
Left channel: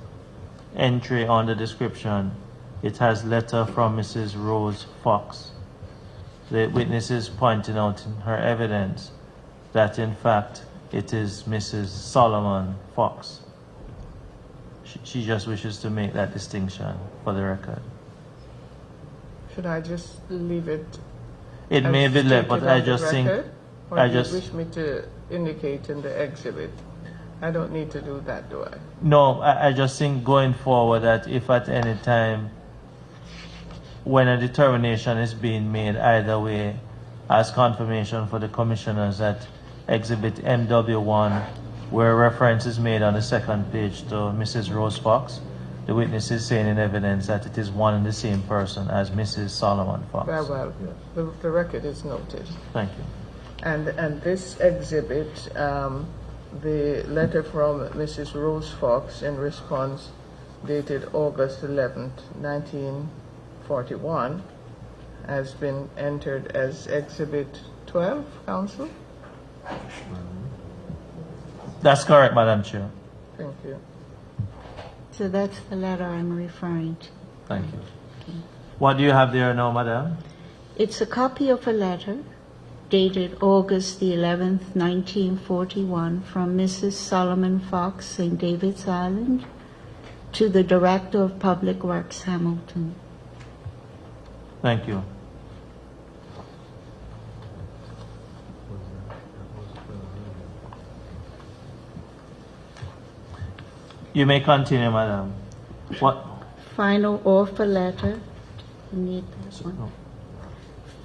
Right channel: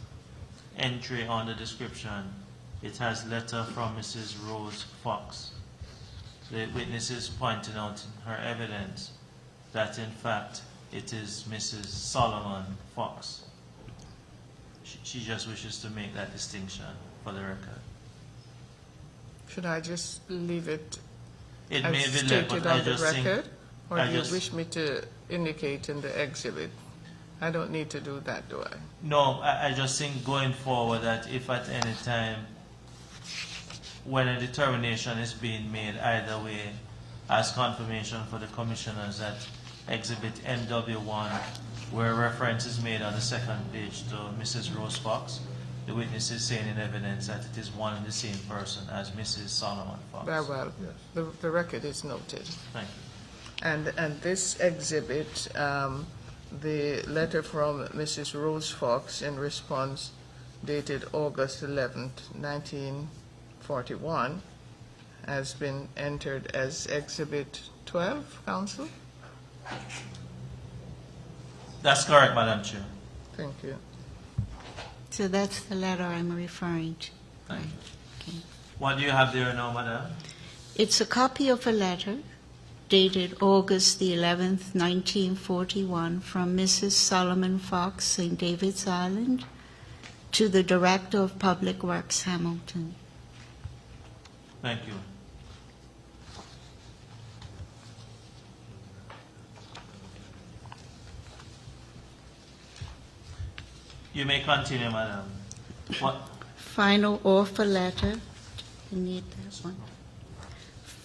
entry on the description. It has letter from Mrs. Rose Fox. The witness is pointing out in her evidence that in fact it is Mrs. Solomon Fox. She just wishes to make that distinction for the record. Should I just leave it? It as may be left, but stated I on the just think record? Or I do you just- wish me to indicate in the exhibit? I don't need to do that, do I? No, I just think going forward that if at any time when a determination is being made either way as confirmation for the commissioners that exhibit MW1 where reference is made on the second page to Mrs. Rose Fox, the witness is saying in evidence that it is one and the same person as Mrs. Solomon Fox. Very well. The record is noted. Thank you. And this exhibit, the letter from Mrs. Rose Fox in response dated August 11th, 1941, has been entered as Exhibit 12, Counsel? That's correct, Madam Chair. Thank you. So that's the letter I'm referring to. Thank you. Okay. What do you have there now, Madam? It's a copy of a letter dated August the 11th, 1941, from Mrs. Solomon Fox, St. David's Island, to the Director of Public Works, Hamilton. Thank you. You may continue, Madam. What? Final offer letter. You need that one.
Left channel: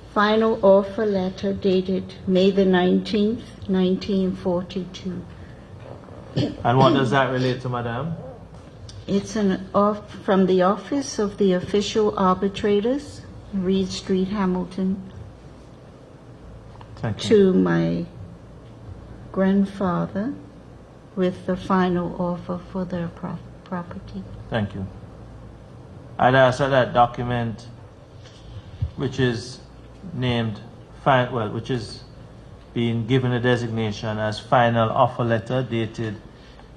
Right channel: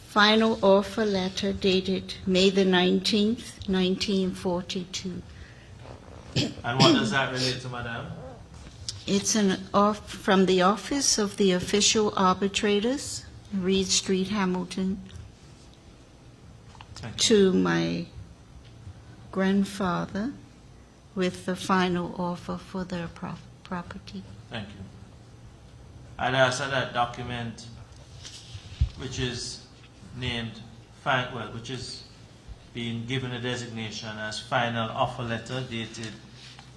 Final offer letter dated May the 19th, 1942. And what does that relate to, Madam? It's from the Office of the Official Arbitrators, Reed Street, Hamilton, Thank you. to my grandfather with the final offer for their property. Thank you. I'd ask that document, which is named, which is being given a designation as final offer letter dated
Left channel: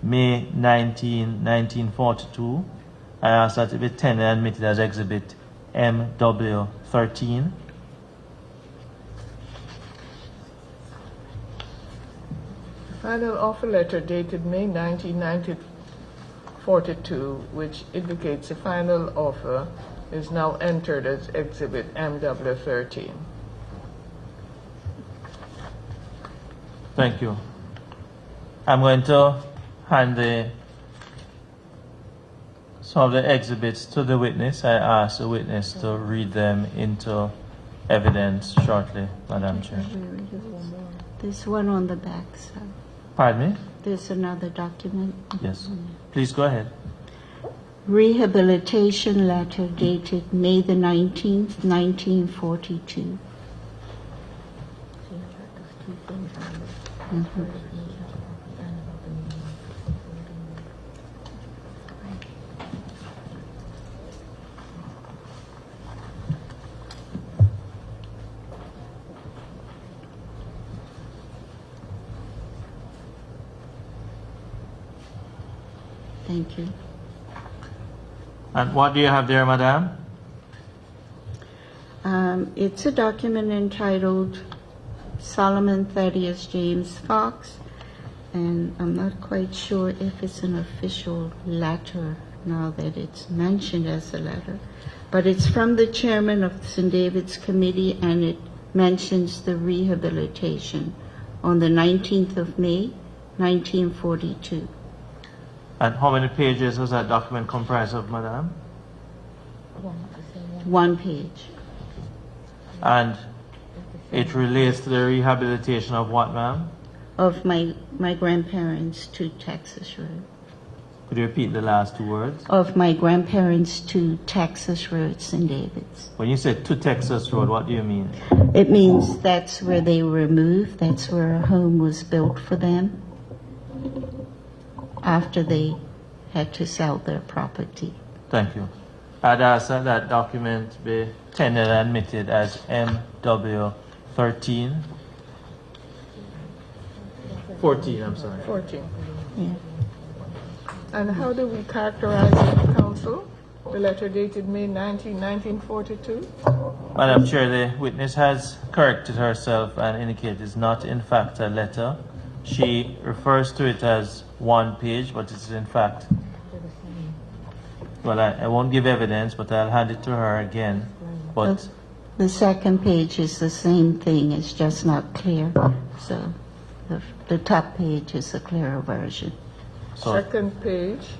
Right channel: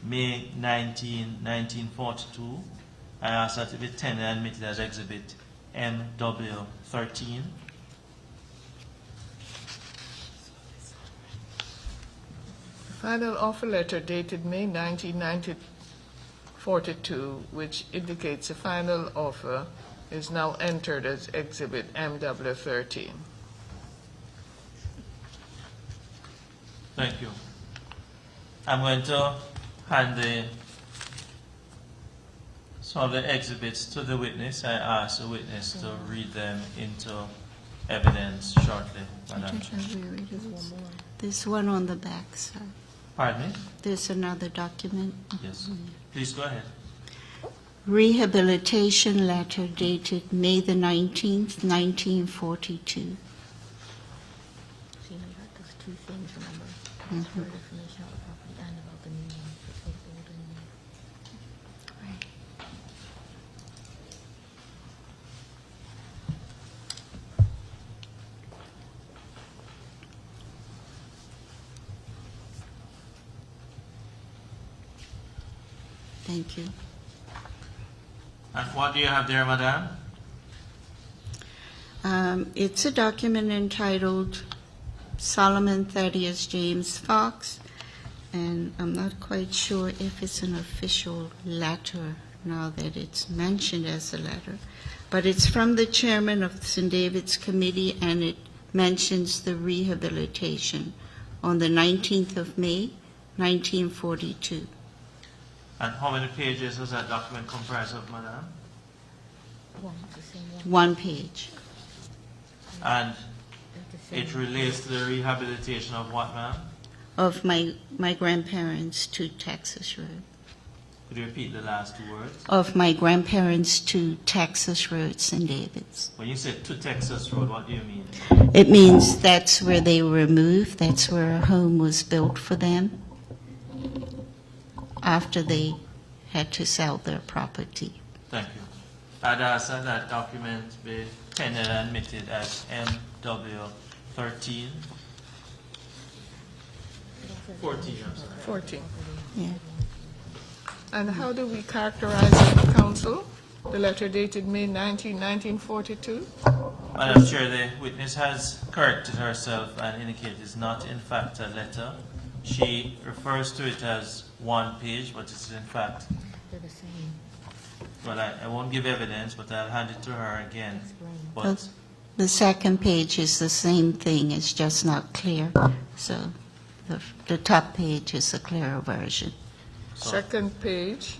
May 19, 1942. I ask that it be tendered and admitted as Exhibit MW13. Final offer letter dated May 19, 1942, which indicates the final offer is now entered as Exhibit MW13. Thank you. I'm going to hand some of the exhibits to the witness. I ask the witness to read them into evidence shortly, Madam Chair. There's one on the back, sir. Pardon me? There's another document. Yes. Please go ahead. Rehabilitation letter dated May the 19th, 1942. Thank you. And what do you have there, Madam? It's a document entitled Solomon Thaddeus James Fox, and I'm not quite sure if it's an official letter now that it's mentioned as a letter. But it's from the chairman of St. David's Committee, and it mentions the rehabilitation on the 19th of May, 1942. And how many pages does that document comprise of, Madam? One page. And it relates to the rehabilitation of what, ma'am? Of my grandparents to Texas Road. Could you repeat the last two words? Of my grandparents to Texas Road, St. David's. When you say to Texas Road, what do you mean? It means that's where they were moved, that's where a home was built for them after they had to sell their property. Thank you. I'd ask that that document be tendered and admitted as MW13. 14, I'm sorry. 14. Yeah. And how do we characterize it, counsel? The letter dated May 19, 1942? Madam Chair, the witness has corrected herself and indicated it's not in fact a letter. She refers to it as one page, but it's in fact, They're the same. well, I won't give evidence, but I'll hand it to her again. But The second page is the same thing, it's just not clear. So the top page is a clearer version. so Second page.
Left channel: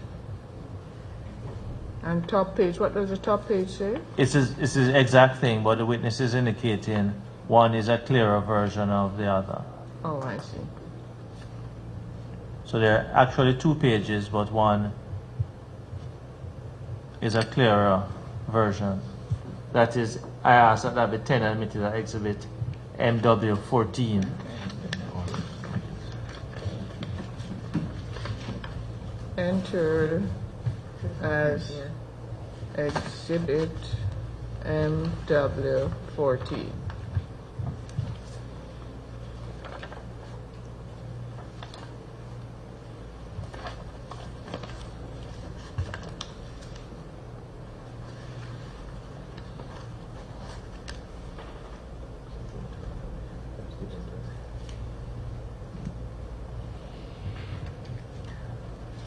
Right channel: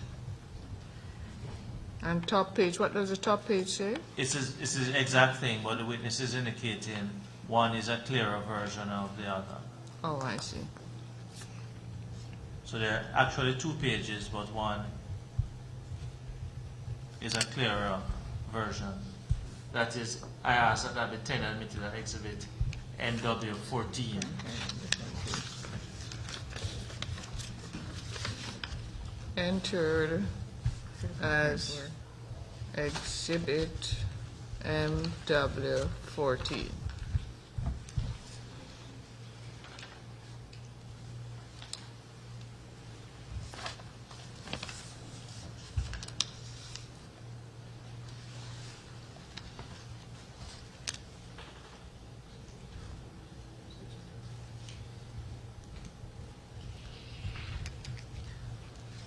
And top page, what does the top page say? it's the exact thing, but the witness is indicating one is a clearer version of the other. Oh, I see. So there are actually two pages, but one is a clearer version. That is, I asked that that be tendered and admitted at exhibit MW14. Entered as exhibit MW14.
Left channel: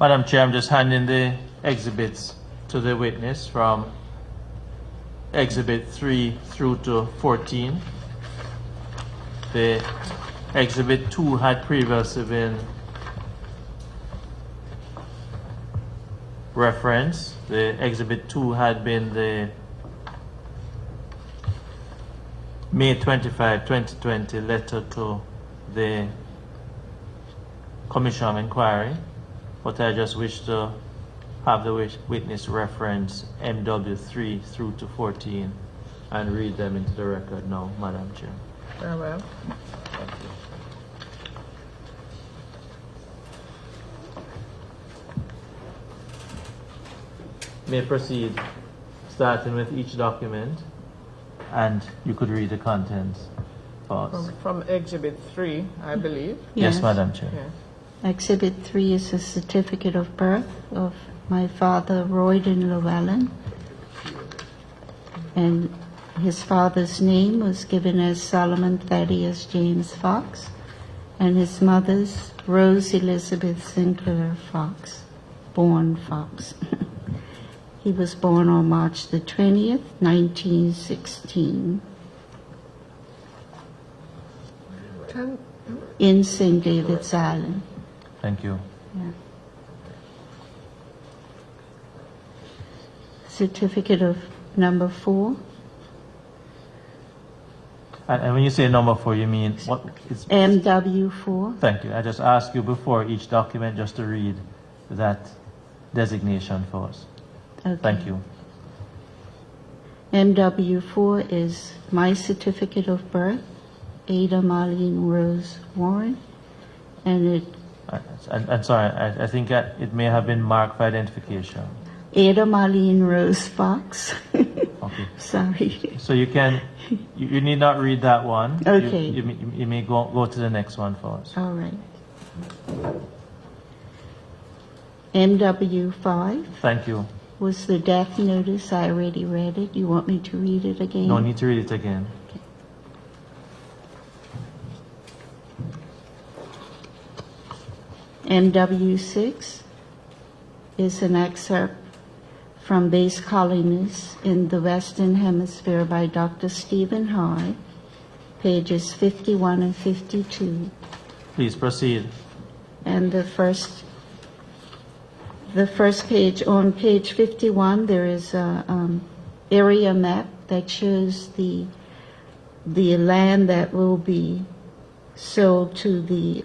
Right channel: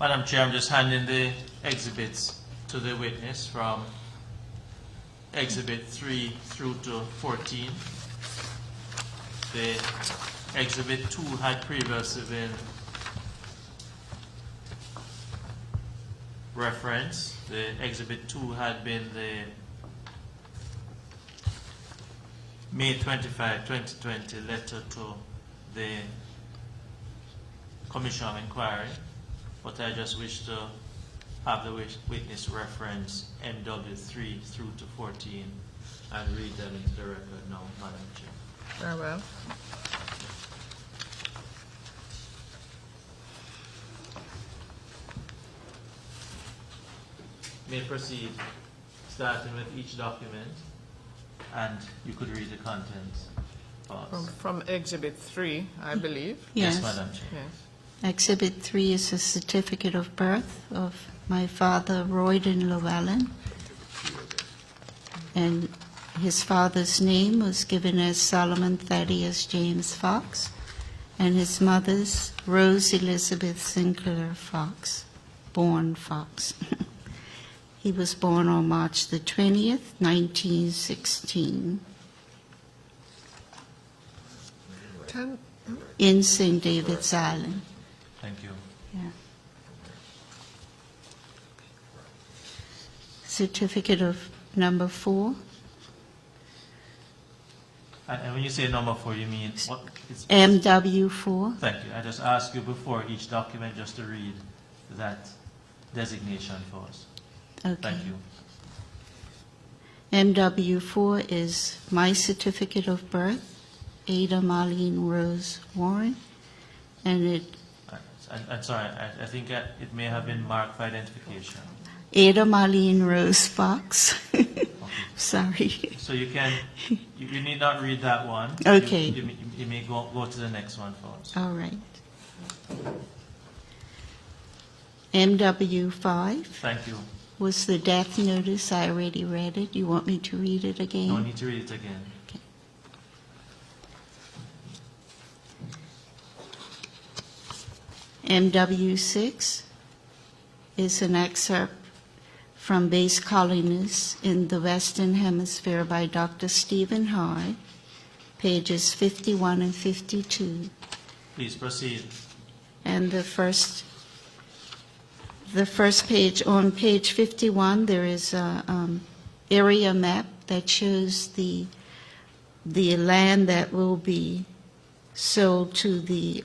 Madam Chair, I'm just handing the exhibits to the witness from exhibit 3 through to 14. The exhibit 2 had previously been referenced. The exhibit 2 had been the May 25, 2020 letter to the Commission of Inquiry. But I just wish to have the witness reference MW3 through to 14 and read them into the record now, Madam Chair. Very well. May proceed, starting with each document, and you could read the contents for us. From exhibit 3, I believe. Yes, Madam Chair. Yes. Exhibit 3 is a certificate of birth of my father, Royden Llewellyn. And his father's name was given as Solomon Thaddeus James Fox, and his mother's Rose Elizabeth Sinclair Fox, born Fox. He was born on March the 20th, 1916, in St. David's Island. Thank you. Yeah. Certificate of number 4, And when you say number 4, you mean what? It's, MW4. thank you. I just asked you before each document just to read that designation for us. Okay. Thank you. MW4 is my certificate of birth, Ada Marlene Rose Warren, and it I'm sorry, I think that it may have been marked for identification. Ada Marlene Rose Fox. Okay. Sorry. So you can, you need not read that one. Okay. You may go to the next one for us. All right. MW5 Thank you. was the death notice. I already read it. You want me to read it again? No need to read it again. MW6 is an excerpt from Base Colonies in the Western Hemisphere by Dr. Stephen High, pages 51 and 52. Please proceed. And the first page, on page 51, there is a area map that shows the land that will be sold to the,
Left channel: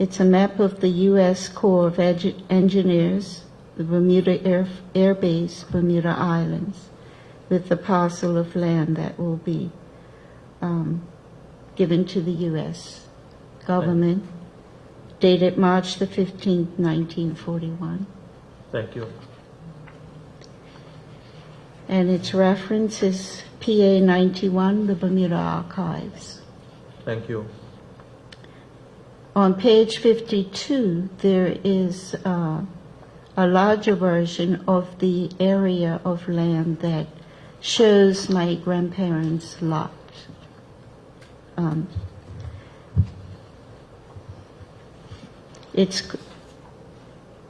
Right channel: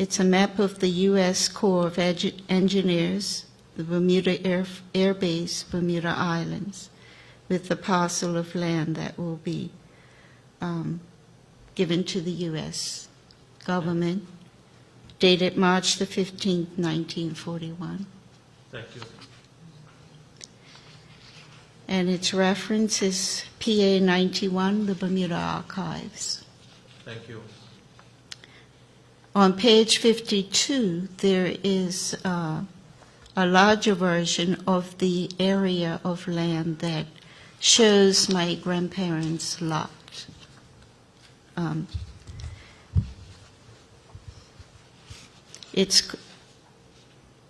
it's a map of the U.S. Corps of Engineers, the Bermuda Air Base, Bermuda Islands, with the parcel of land that will be given to the U.S. government, dated March the 15th, 1941. Thank you. And its reference is PA 91, the Bermuda Archives. Thank you. On page 52, there is a larger version of the area of land that shows my grandparents' lot.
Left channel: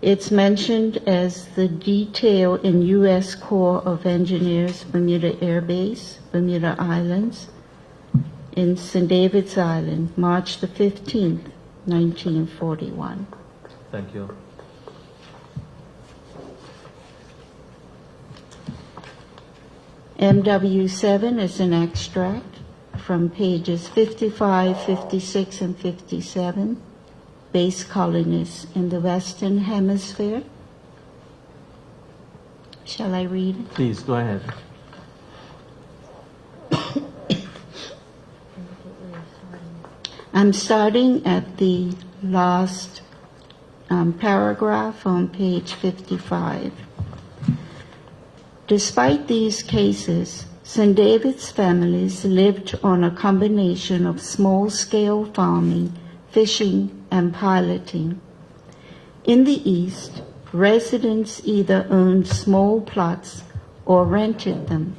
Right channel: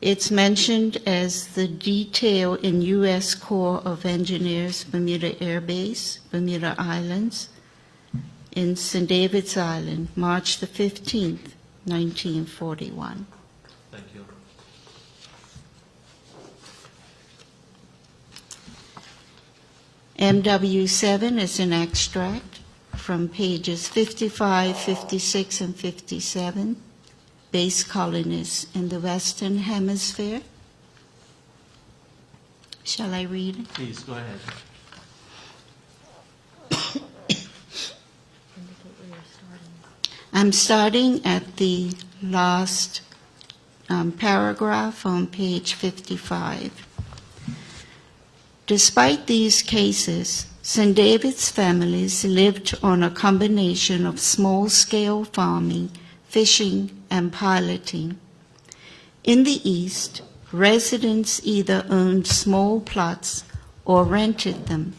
It's mentioned as the detail in U.S. Corps of Engineers, Bermuda Air Base, Bermuda Islands, in St. David's Island, March the 15th, 1941. Thank you. MW7 is an extract from pages 55, 56, and 57, base colonies in the Western Hemisphere. Shall I read it? Please, go ahead. I'm starting at the last paragraph on page 55. Despite these cases, St. David's families lived on a combination of small-scale farming, fishing, and piloting. In the East, residents either owned small plots or rented them.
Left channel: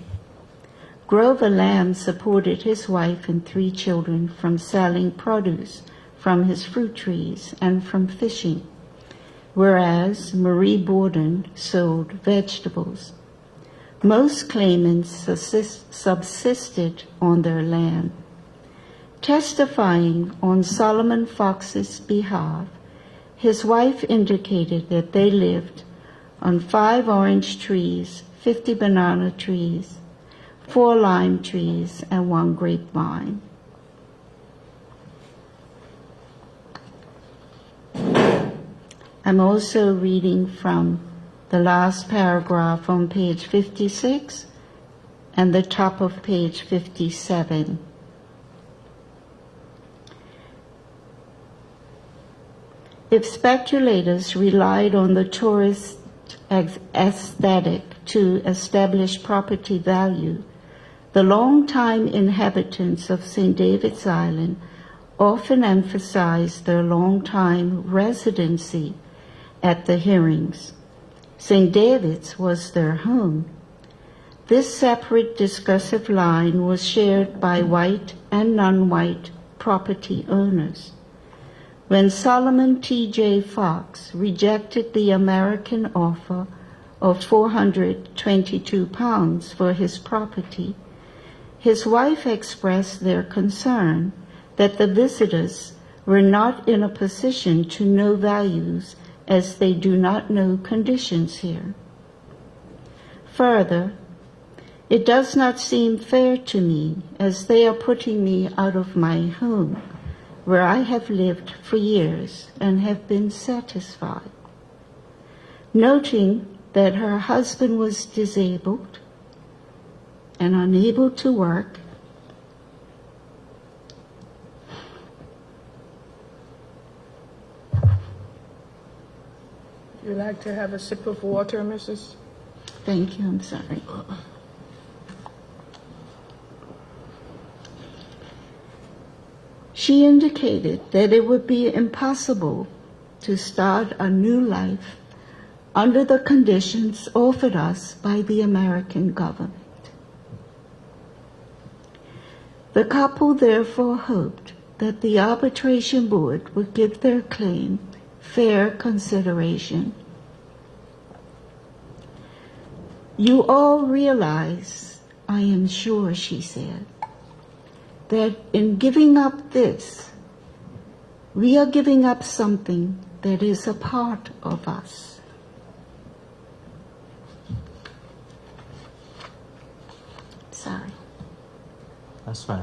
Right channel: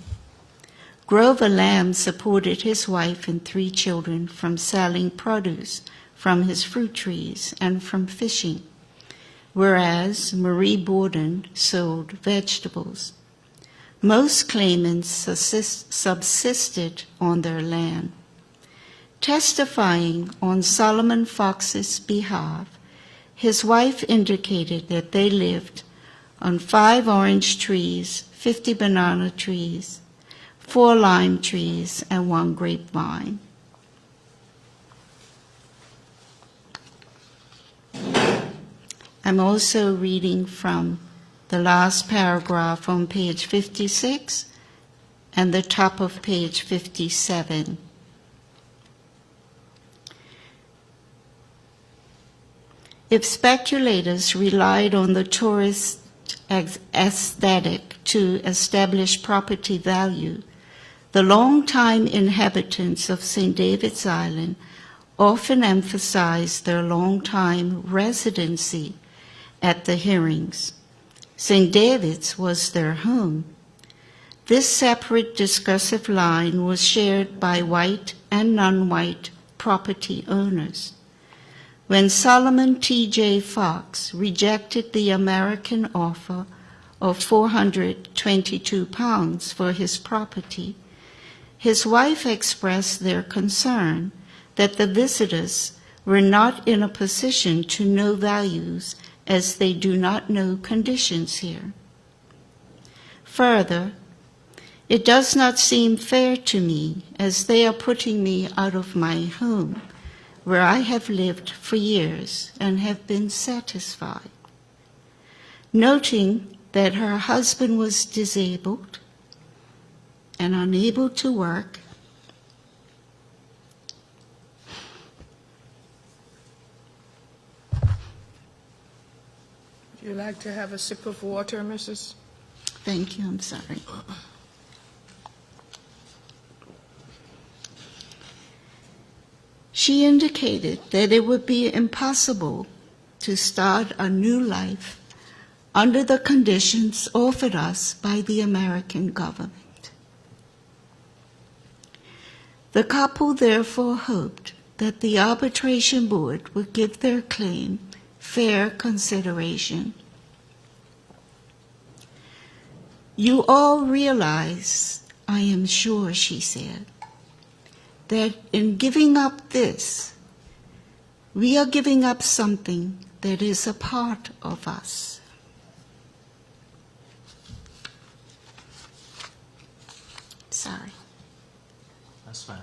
Grover Lamb supported his wife and 3 children from selling produce from his fruit trees and from fishing, whereas Marie Borden sold vegetables. Most claimants subsisted on their land. Testifying on Solomon Fox's behalf, his wife indicated that they lived on 5 orange trees, 50 banana trees, 4 lime trees, and 1 grapevine. I'm also reading from the last paragraph on page 56 and the top of page 57. If speculators relied on the tourist aesthetic to establish property value, the longtime inhabitants of St. David's Island often emphasized their longtime residency at the hearings. St. David's was their home. This separate discursive line was shared by white and non-white property owners. When Solomon T.J. Fox rejected the American offer of £422 for his property, his wife expressed their concern that the visitors were not in a position to know values as they do not know conditions here. Further, it does not seem fair to me as they are putting me out of my home, where I have lived for years and have been satisfied. Noting that her husband was disabled and unable to work, Would you like to have a sip of water, Mrs.? thank you, I'm sorry. She indicated that it would be impossible to start a new life under the conditions offered us by the American government. The couple therefore hoped that the arbitration board would give their claim fair consideration. You all realize, I am sure, she said, that in giving up this, we are giving up something that is a part of us. Sorry. That's fine.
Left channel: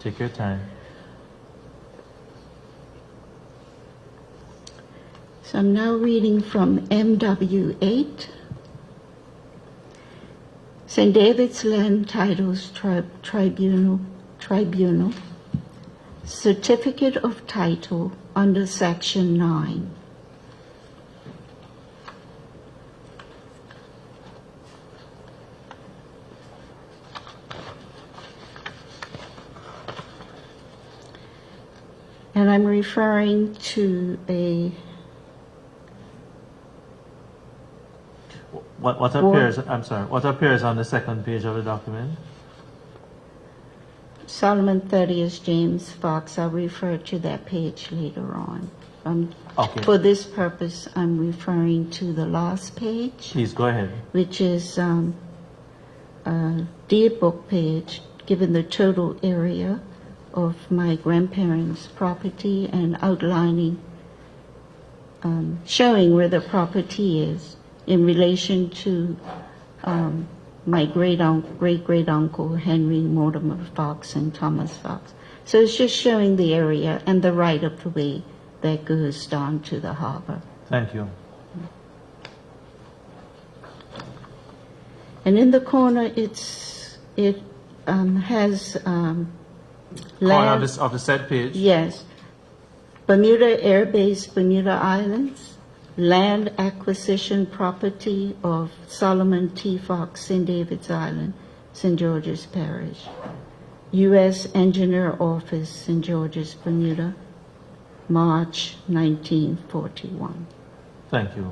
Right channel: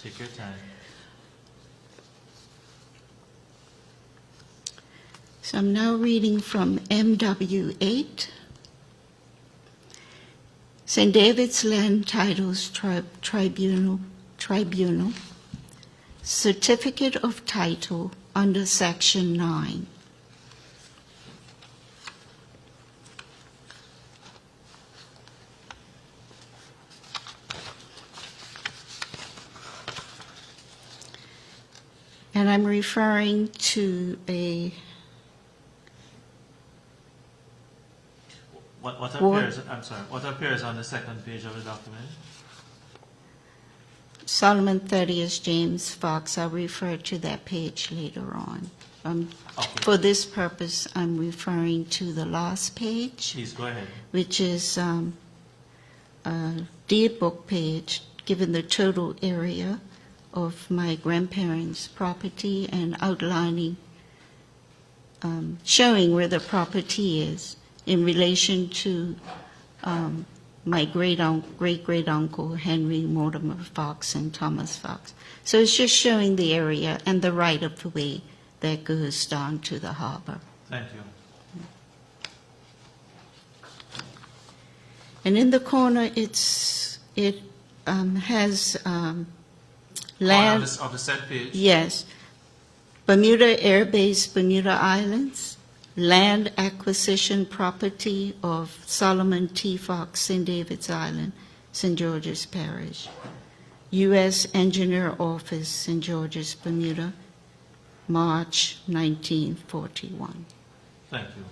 Take your time. So I'm now reading from MW8. St. David's Land Titles Tribunal, Certificate of Title under Section 9. And I'm referring to a What appears, I'm sorry, what appears on the second page of the document? Solomon Thaddeus James Fox. I'll refer to that page later on. Okay. For this purpose, I'm referring to the last page, Please go ahead. which is a deed book page, given the total area of my grandparents' property and outlining, showing where the property is in relation to my great-great-uncle Henry Mortimer Fox and Thomas Fox. So it's just showing the area and the right-of-way that goes down to the harbor. Thank you. And in the corner, it has Corner land. of the set page. Yes. Bermuda Air Base, Bermuda Islands. Land acquisition property of Solomon T. Fox, St. David's Island, St. George's Parish. U.S. Engineer Office, St. George's, Bermuda, March 1941. Thank you.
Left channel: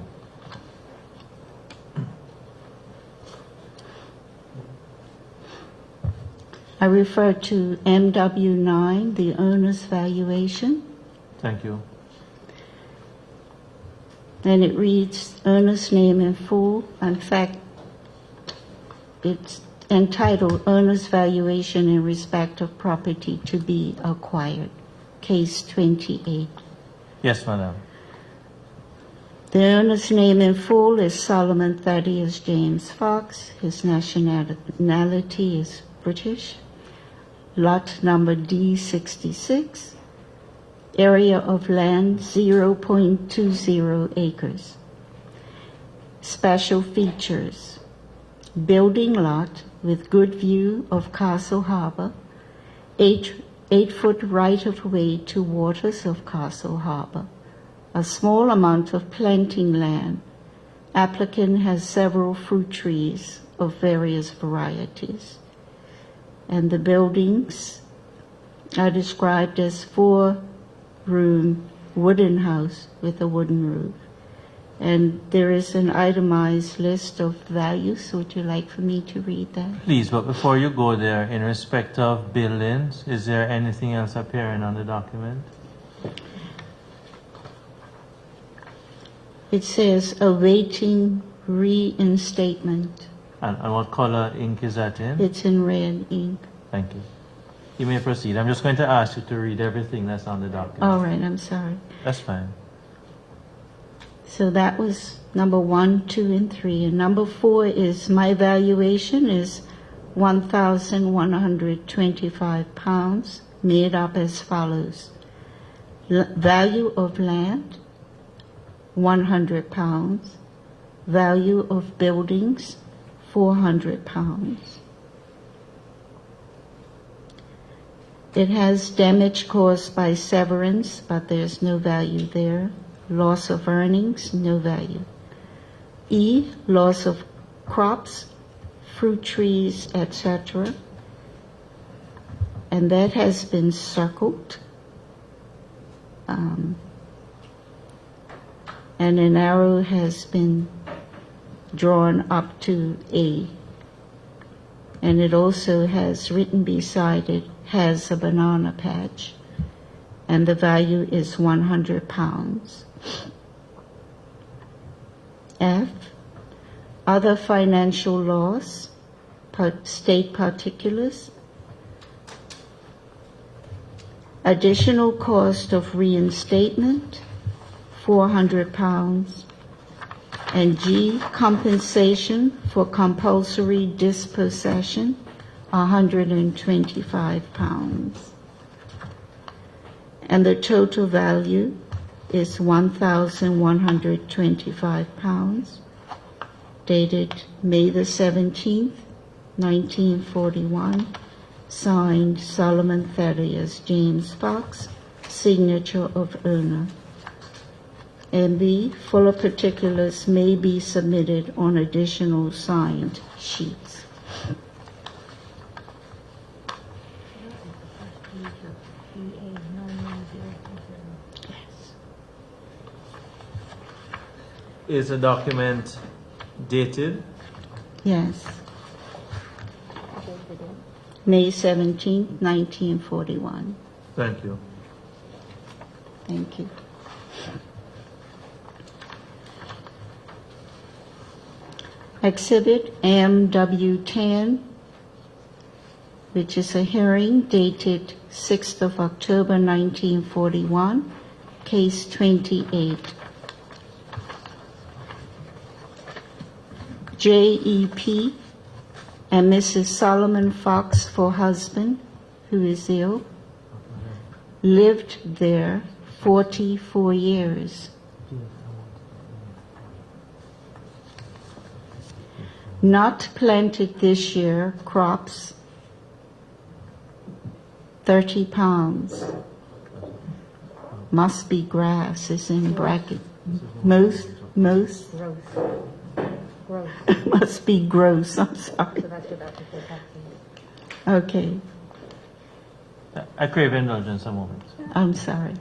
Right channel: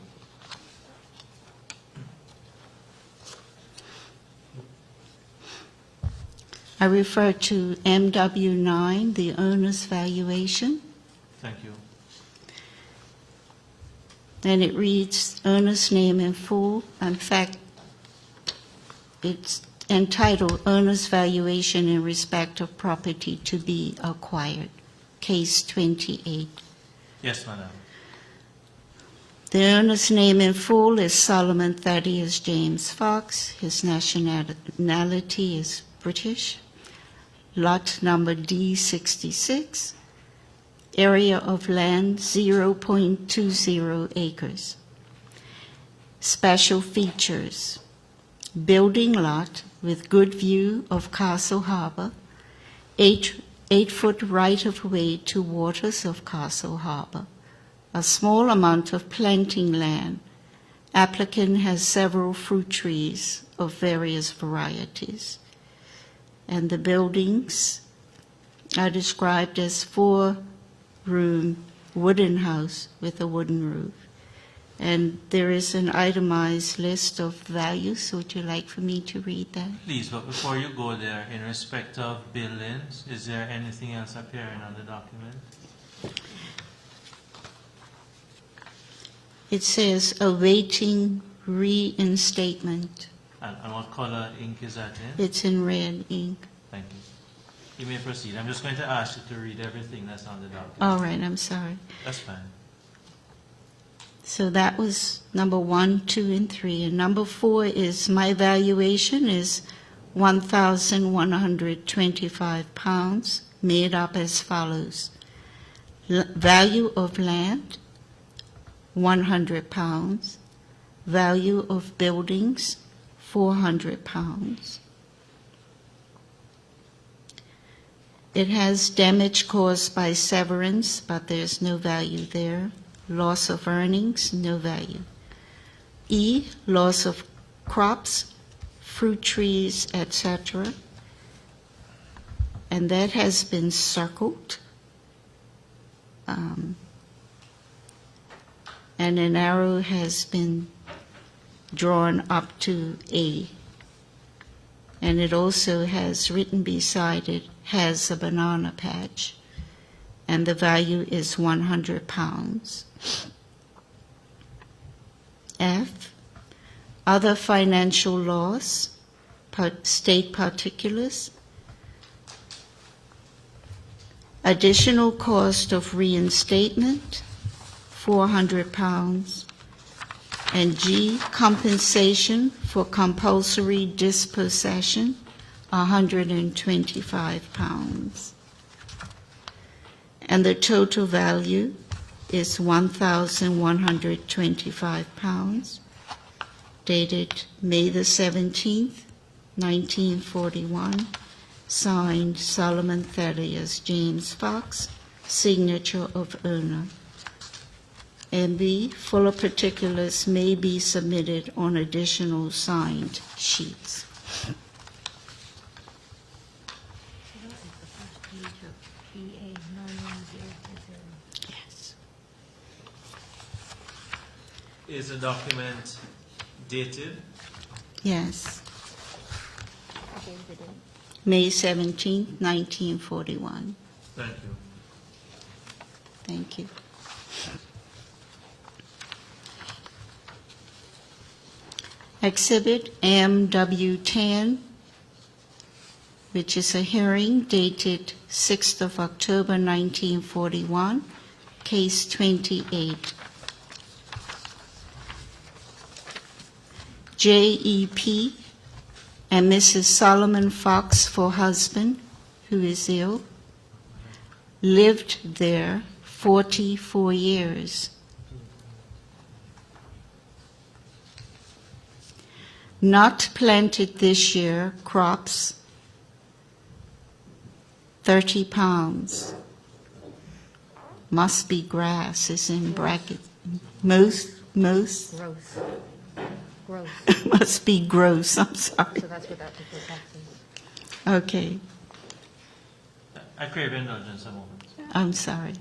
I refer to MW9, the owner's valuation, Thank you. and it reads owner's name in full. In fact, it's entitled Owner's Valuation in Respect of Property to be Acquired, Case 28. Yes, madam. The owner's name in full is Solomon Thaddeus James Fox. His nationality is British. Lot number D66. Area of land 0.20 acres. Special features. Building lot with good view of Castle Harbor. 8-foot right-of-way to waters of Castle Harbor. A small amount of planting land. Applicant has several fruit trees of various varieties. And the buildings are described as 4-room wooden house with a wooden roof. And there is an itemized list of values. Would you like for me to read that? Please, but before you go there, in respect of buildings, is there anything else appearing on the document? It says awaiting reinstatement. And what color ink is that in? It's in red ink. Thank you. You may proceed. I'm just going to ask you to read everything that's on the document. All right, I'm sorry. That's fine. So that was number 1, 2, and 3. And number 4 is my valuation is 1,125 pounds, made up as follows. Value of land, 100 pounds. Value of buildings, 400 pounds. It has damage caused by severance, but there's no value there. Loss of earnings, no value. E, loss of crops, fruit trees, etc. And that has been circled. And an arrow has been drawn up to A. And it also has written beside it, has a banana patch. And the value is 100 pounds. F, other financial loss, state particulars, additional cost of reinstatement, £400, and G, compensation for compulsory dispossession, £125. And the total value is £1,125, dated May the 17th, 1941, signed Solomon Thaddeus James Fox, signature of owner. MB, fuller particulars may be submitted on additional signed sheets. Yes. Is the document dated? Yes. May 17th, 1941. Thank you. Thank you. Exhibit MW10, which is a hearing dated 6th of October 1941, case 28. JEP and Mrs. Solomon Fox for husband, who is ill, lived there 44 years. Not planted this year, crops, 30 pounds. Must be grass, is in bracket. Most, Gross. Gross. must be gross, I'm sorry. So that's without the full taxes. Okay, I crave indulgence a moment. I'm sorry.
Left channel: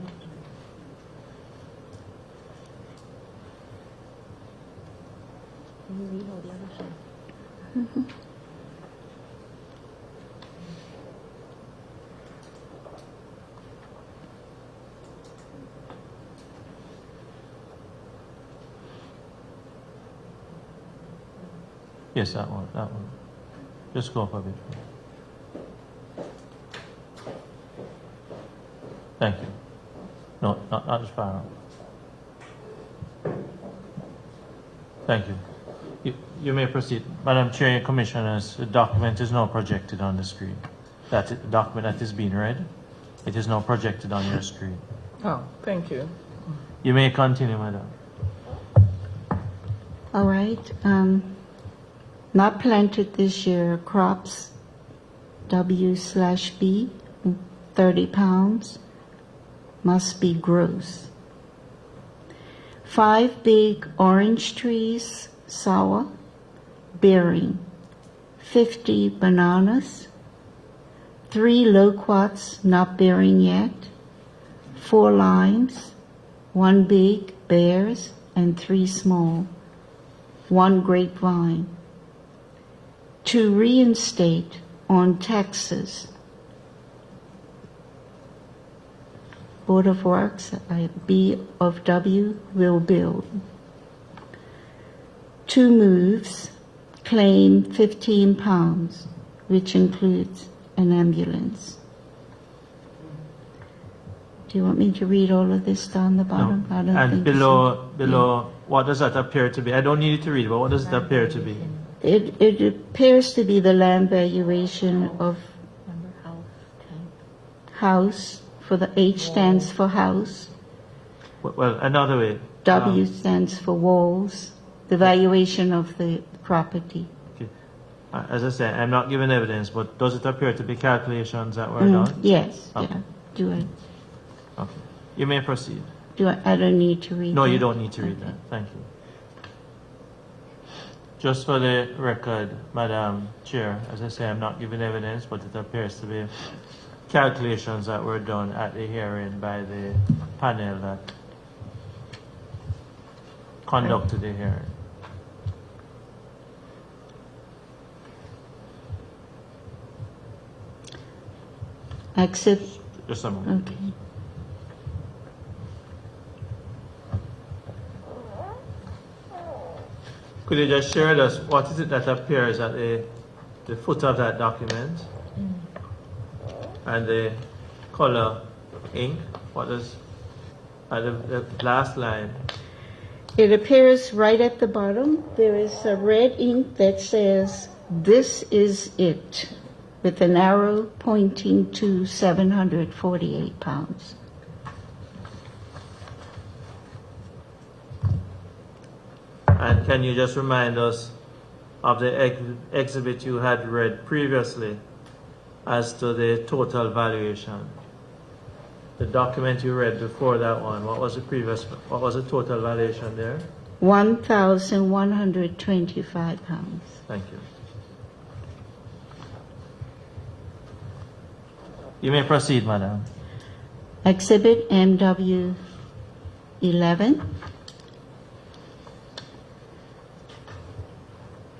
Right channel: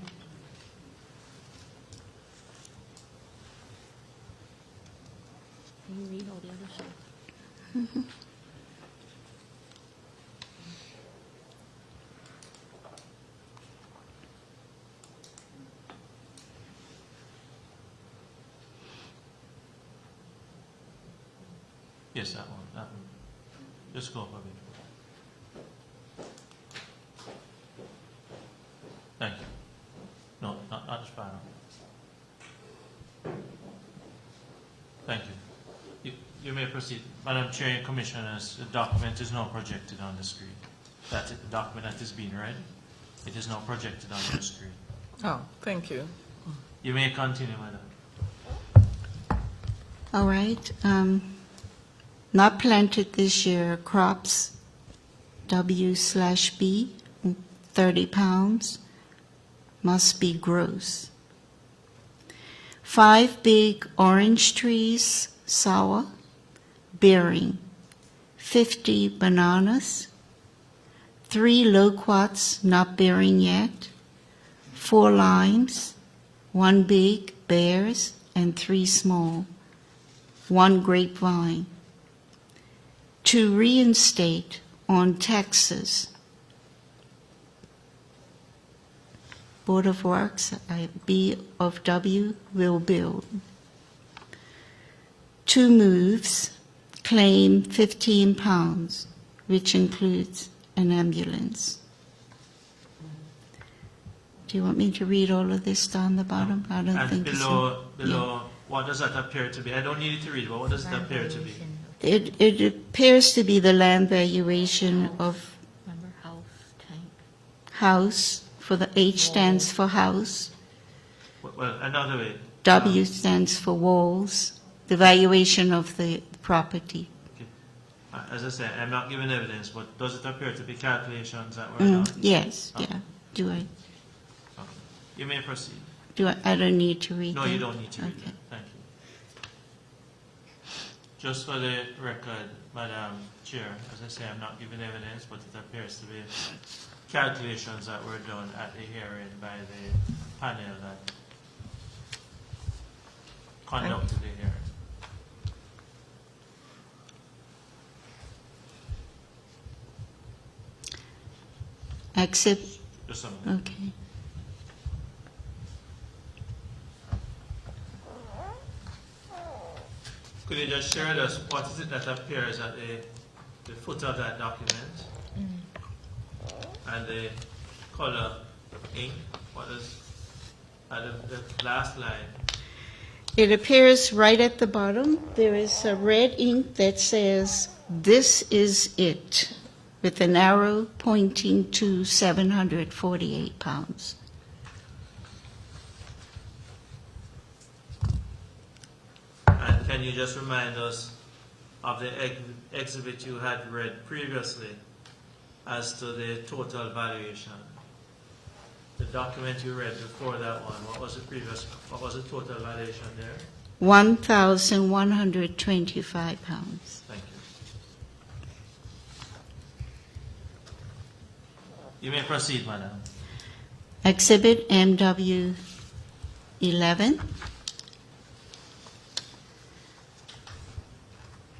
Can you read all the other stuff? Yes, that one, that one. Just go up a bit. Thank you. No, not as far up. Thank you. You may proceed. Madam Chair and Commissioners, the document is now projected on the screen. That's it, the document that is being read. It is now projected on your screen. Oh, thank you. You may continue, Madam. All right. Not planted this year, crops, W/B, 30 pounds. Must be gross. 5 big orange trees, sour, bearing. 50 bananas. 3 loquats, not bearing yet. 4 limes. 1 big, bears, and 3 small. 1 grapevine. To reinstate on taxes. Board of Works, B of W, will build. 2 moves, claim 15 pounds, which includes an ambulance. Do you want me to read all of this down the bottom? I don't And think below, what does that appear to be? I don't need it to read, but what does it appear to be? It appears to be the land valuation of Remember house, tank. house, for the H stands for house, Well, another way. W stands for walls, the valuation of the property. Okay. As I said, I'm not giving evidence, but does it appear to be calculations that were done? Yes, Okay. yeah. Do I, Okay. You may proceed. I don't need to read No, that? you don't need to read Okay. that. Thank you. Just for the record, Madam Chair, as I say, I'm not giving evidence, but it appears to be calculations that were done at the hearing by the panel that conducted the hearing. Accept, Just a moment. okay. Could you just share with us what is it that appears at the foot of that document? And the color ink, what is at the last line? It appears right at the bottom. There is a red ink that says, "This is it," with an arrow pointing to 748 pounds. And can you just remind us of the exhibit you had read previously as to the total valuation? The document you read before that one, what was the total valuation there? 1,125 pounds. Thank you. You may proceed, madam. Exhibit MW 11.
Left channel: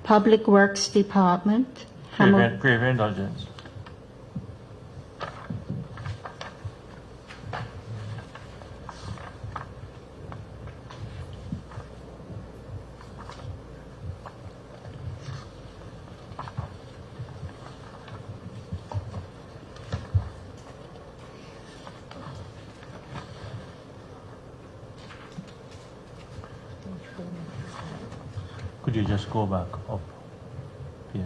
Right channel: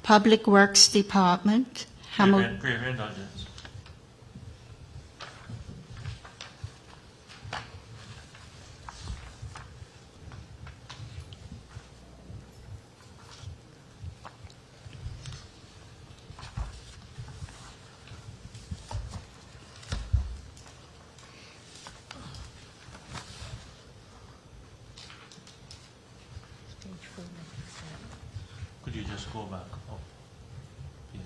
Public Works Department. Grave indulgence. Could you just go back up? Yes.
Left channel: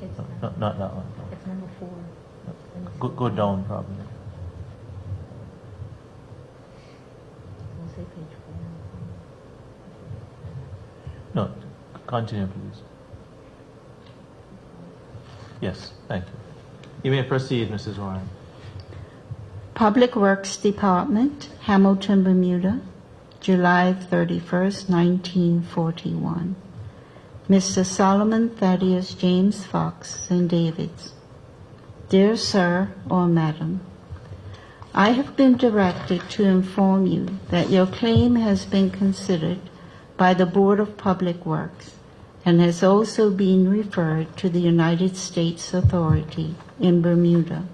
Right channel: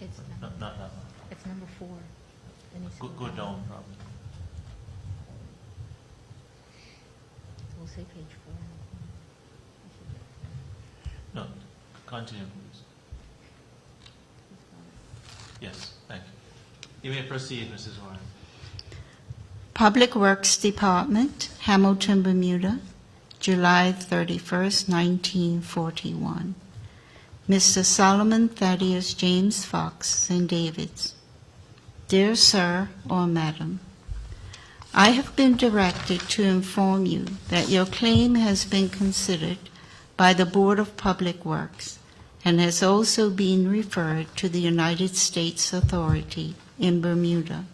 It's Not that one. it's number 4. And it's- Go down probably. We'll say page 4. No, continue please. Yes, thank you. You may proceed, Mrs. Warren. Public Works Department, Hamilton, Bermuda, July 31st, 1941. Mr. Solomon Thaddeus James Fox, St. David's. Dear Sir or Madam, I have been directed to inform you that your claim has been considered by the Board of Public Works and has also been referred to the United States Authority in Bermuda.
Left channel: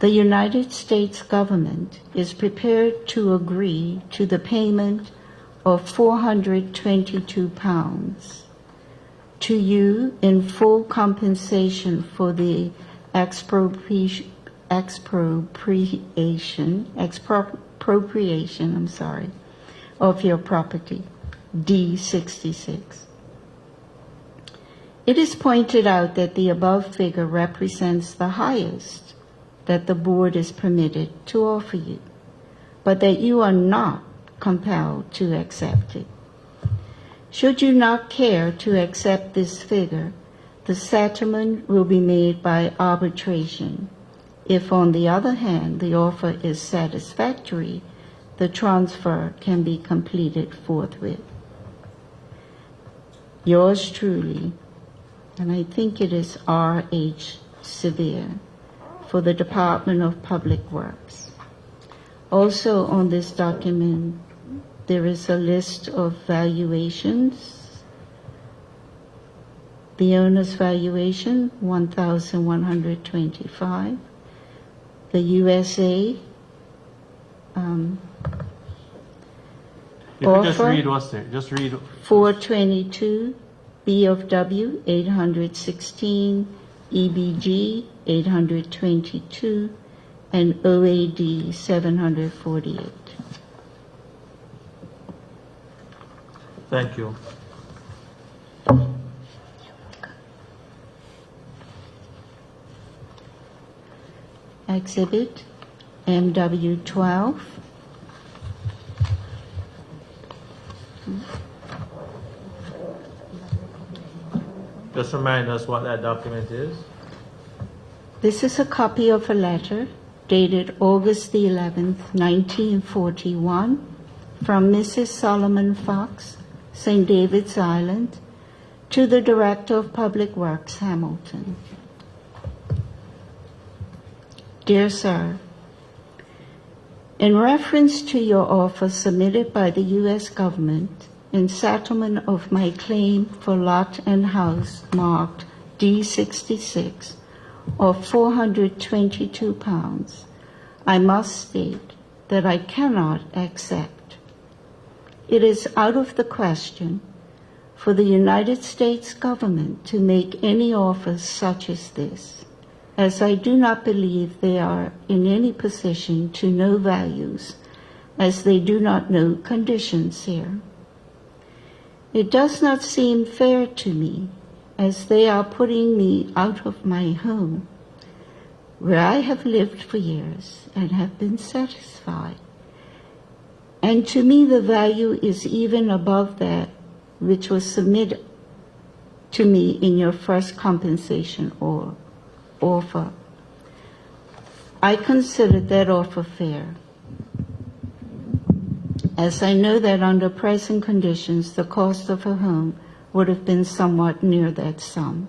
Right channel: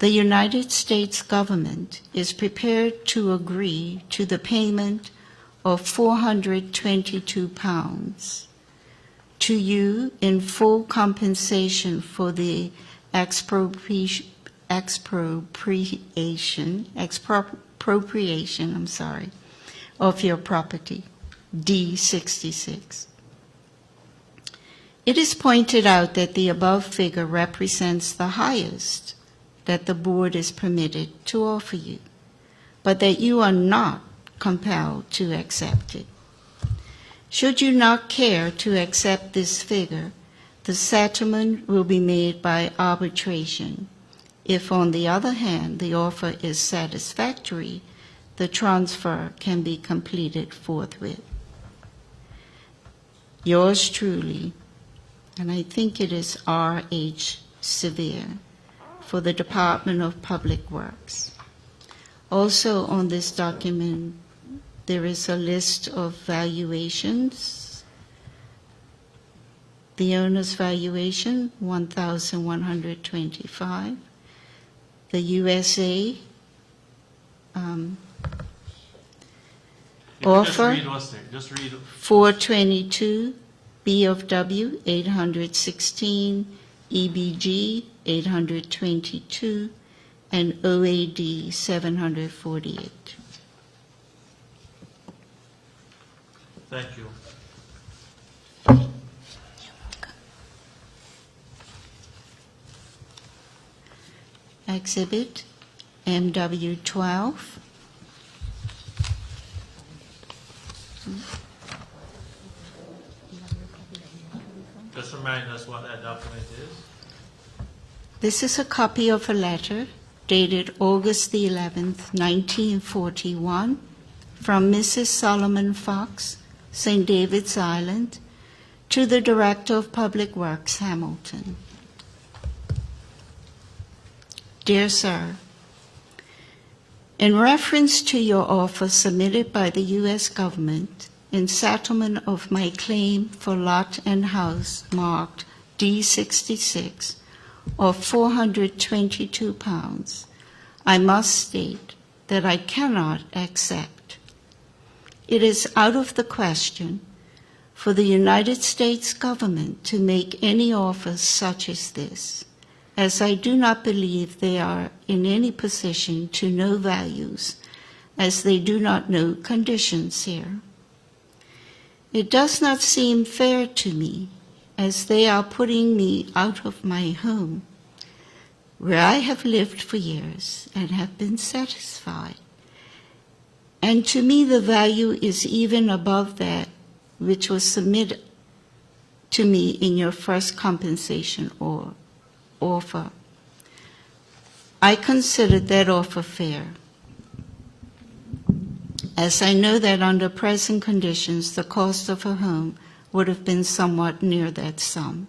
The United States government is prepared to agree to the payment of 422 pounds to you in full compensation for the expropriation of your property, D66. It is pointed out that the above figure represents the highest that the board is permitted to offer you, but that you are not compelled to accept it. Should you not care to accept this figure, the settlement will be made by arbitration. If, on the other hand, the offer is satisfactory, the transfer can be completed forthwith. Yours truly, and I think it is R.H. Sevier, for the Department of Public Works. Also on this document, there is a list of valuations. The owner's valuation, 1,125. The USA You can just offer, read what's there. Just read. 422, B of W, 816, EBG, 822, and OAD, 748. Thank you. Exhibit MW12. Just remind us what that document is. This is a copy of a letter dated August the 11th, 1941, from Mrs. Solomon Fox, St. David's Island, to the Director of Public Works, Hamilton. Dear Sir, in reference to your offer submitted by the U.S. government in settlement of my claim for lot and house marked D66 of 422 pounds, I must state that I cannot accept. It is out of the question for the United States government to make any offers such as this, as I do not believe they are in any position to know values, as they do not know conditions here. It does not seem fair to me, as they are putting me out of my home, where I have lived for years and have been satisfied. And to me, the value is even above that which was submitted to me in your first compensation or offer. I considered that offer fair, as I know that under present conditions, the cost of a home would have been somewhat near that sum.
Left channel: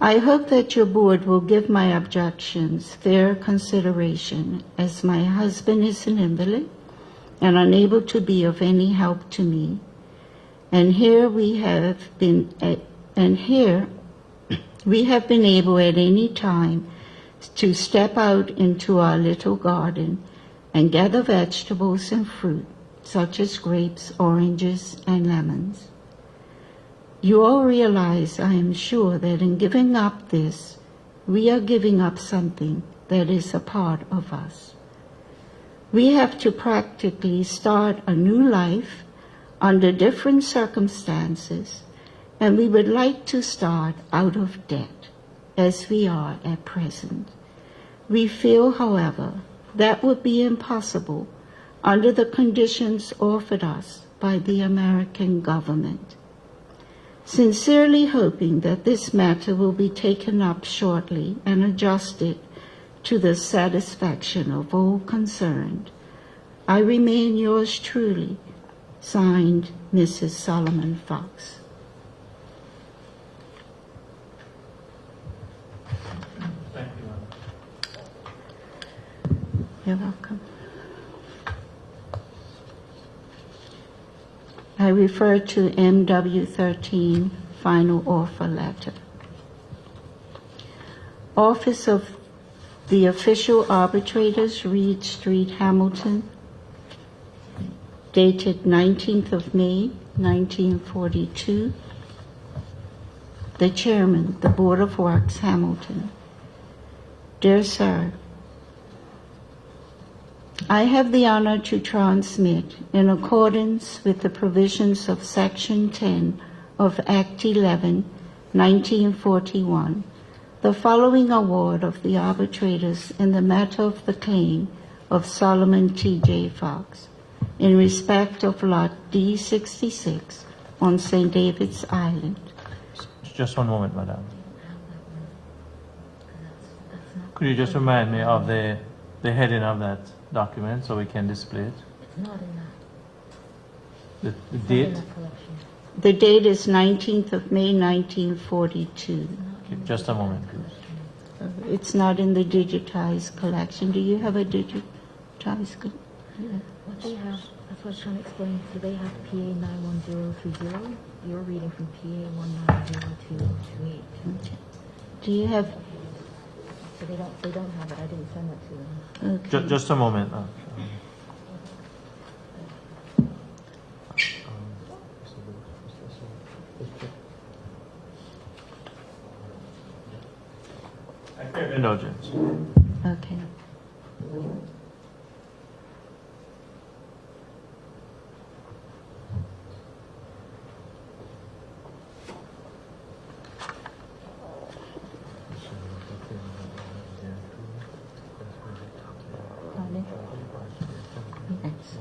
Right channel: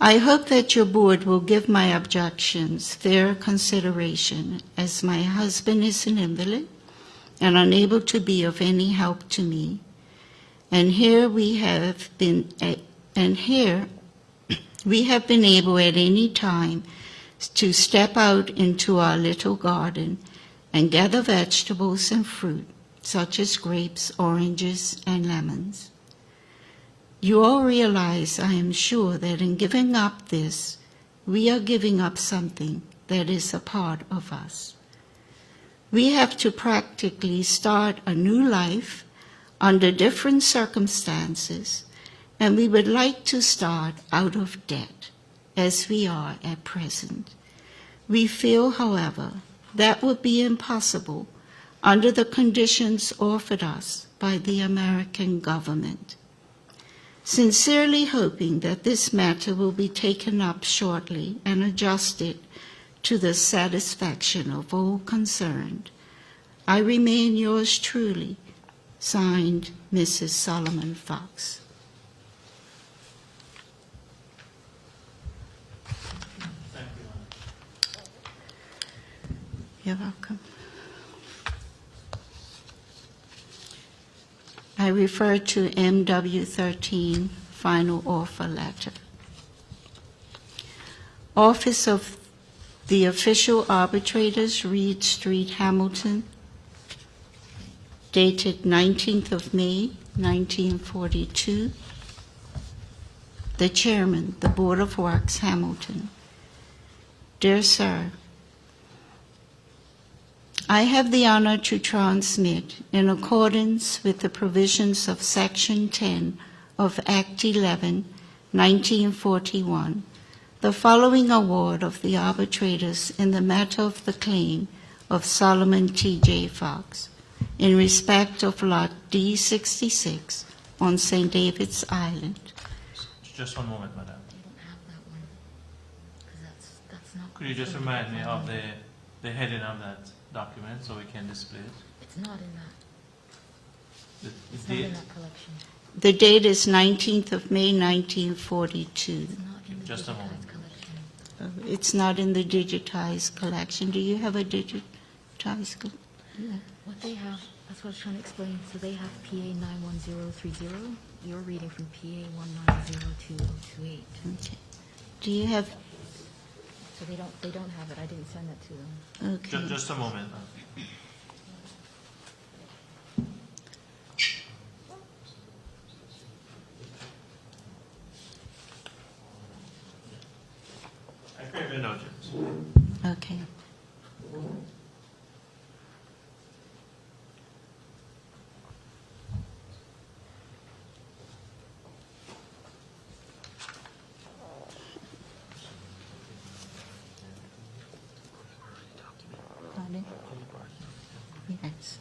I hope that your board will give my objections fair consideration, as my husband is an invalid and unable to be of any help to me. And here we have been able at any time to step out into our little garden and gather vegetables and fruit, such as grapes, oranges, and lemons. You all realize, I am sure, that in giving up this, we are giving up something that is a part of us. We have to practically start a new life under different circumstances, and we would like to start out of debt, as we are at present. We feel, however, that would be impossible under the conditions offered us by the American government. Sincerely hoping that this matter will be taken up shortly and adjusted to the satisfaction of all concerned, I remain yours truly, signed, Mrs. Solomon Fox. Thank you. You're welcome. I refer to MW13, final offer letter. Office of the Official Arbitrators, Reed Street, Hamilton, dated 19th of May, 1942. The Chairman, the Board of Works, Hamilton. Dear Sir, I have the honor to transmit, in accordance with the provisions of Section 10 of Act 11, 1941, the following award of the arbitrators in the matter of the claim of Solomon T.J. Fox in respect of Lot D66 on St. David's Island. Just one moment, madam. That's not. Could you just remind me of the heading of that document so we can display it? It's not in that. The It's not in date? that collection. The date is 19th of May, 1942. It's not in the Just a moment, digitized collection. It's not in the digitized collection. Do you have a digitized collection? What they have, that's what I was trying to explain. So they have PA 91030. You're reading from PA 190228. Okay. Do you have, So they don't have it. I didn't send that to them. okay. Just a moment. I crave indulgence. Okay. Yes.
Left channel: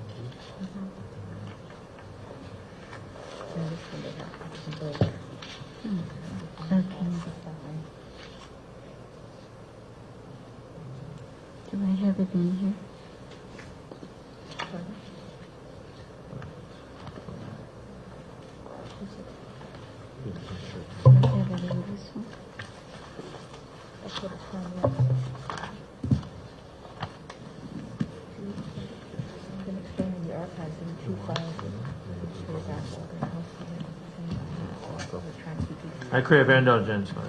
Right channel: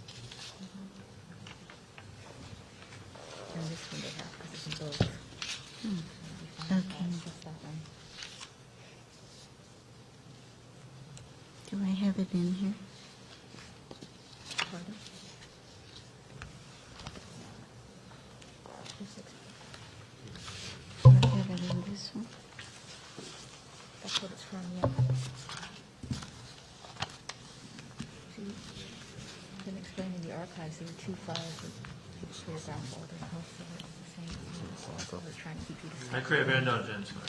And this one they have. This is both. Okay. Do I have it in here? I have it in this one. That's what it's from. I've been explaining the archives in two files. Photographs all the house. So we're trying to keep these. I crave indulgence. We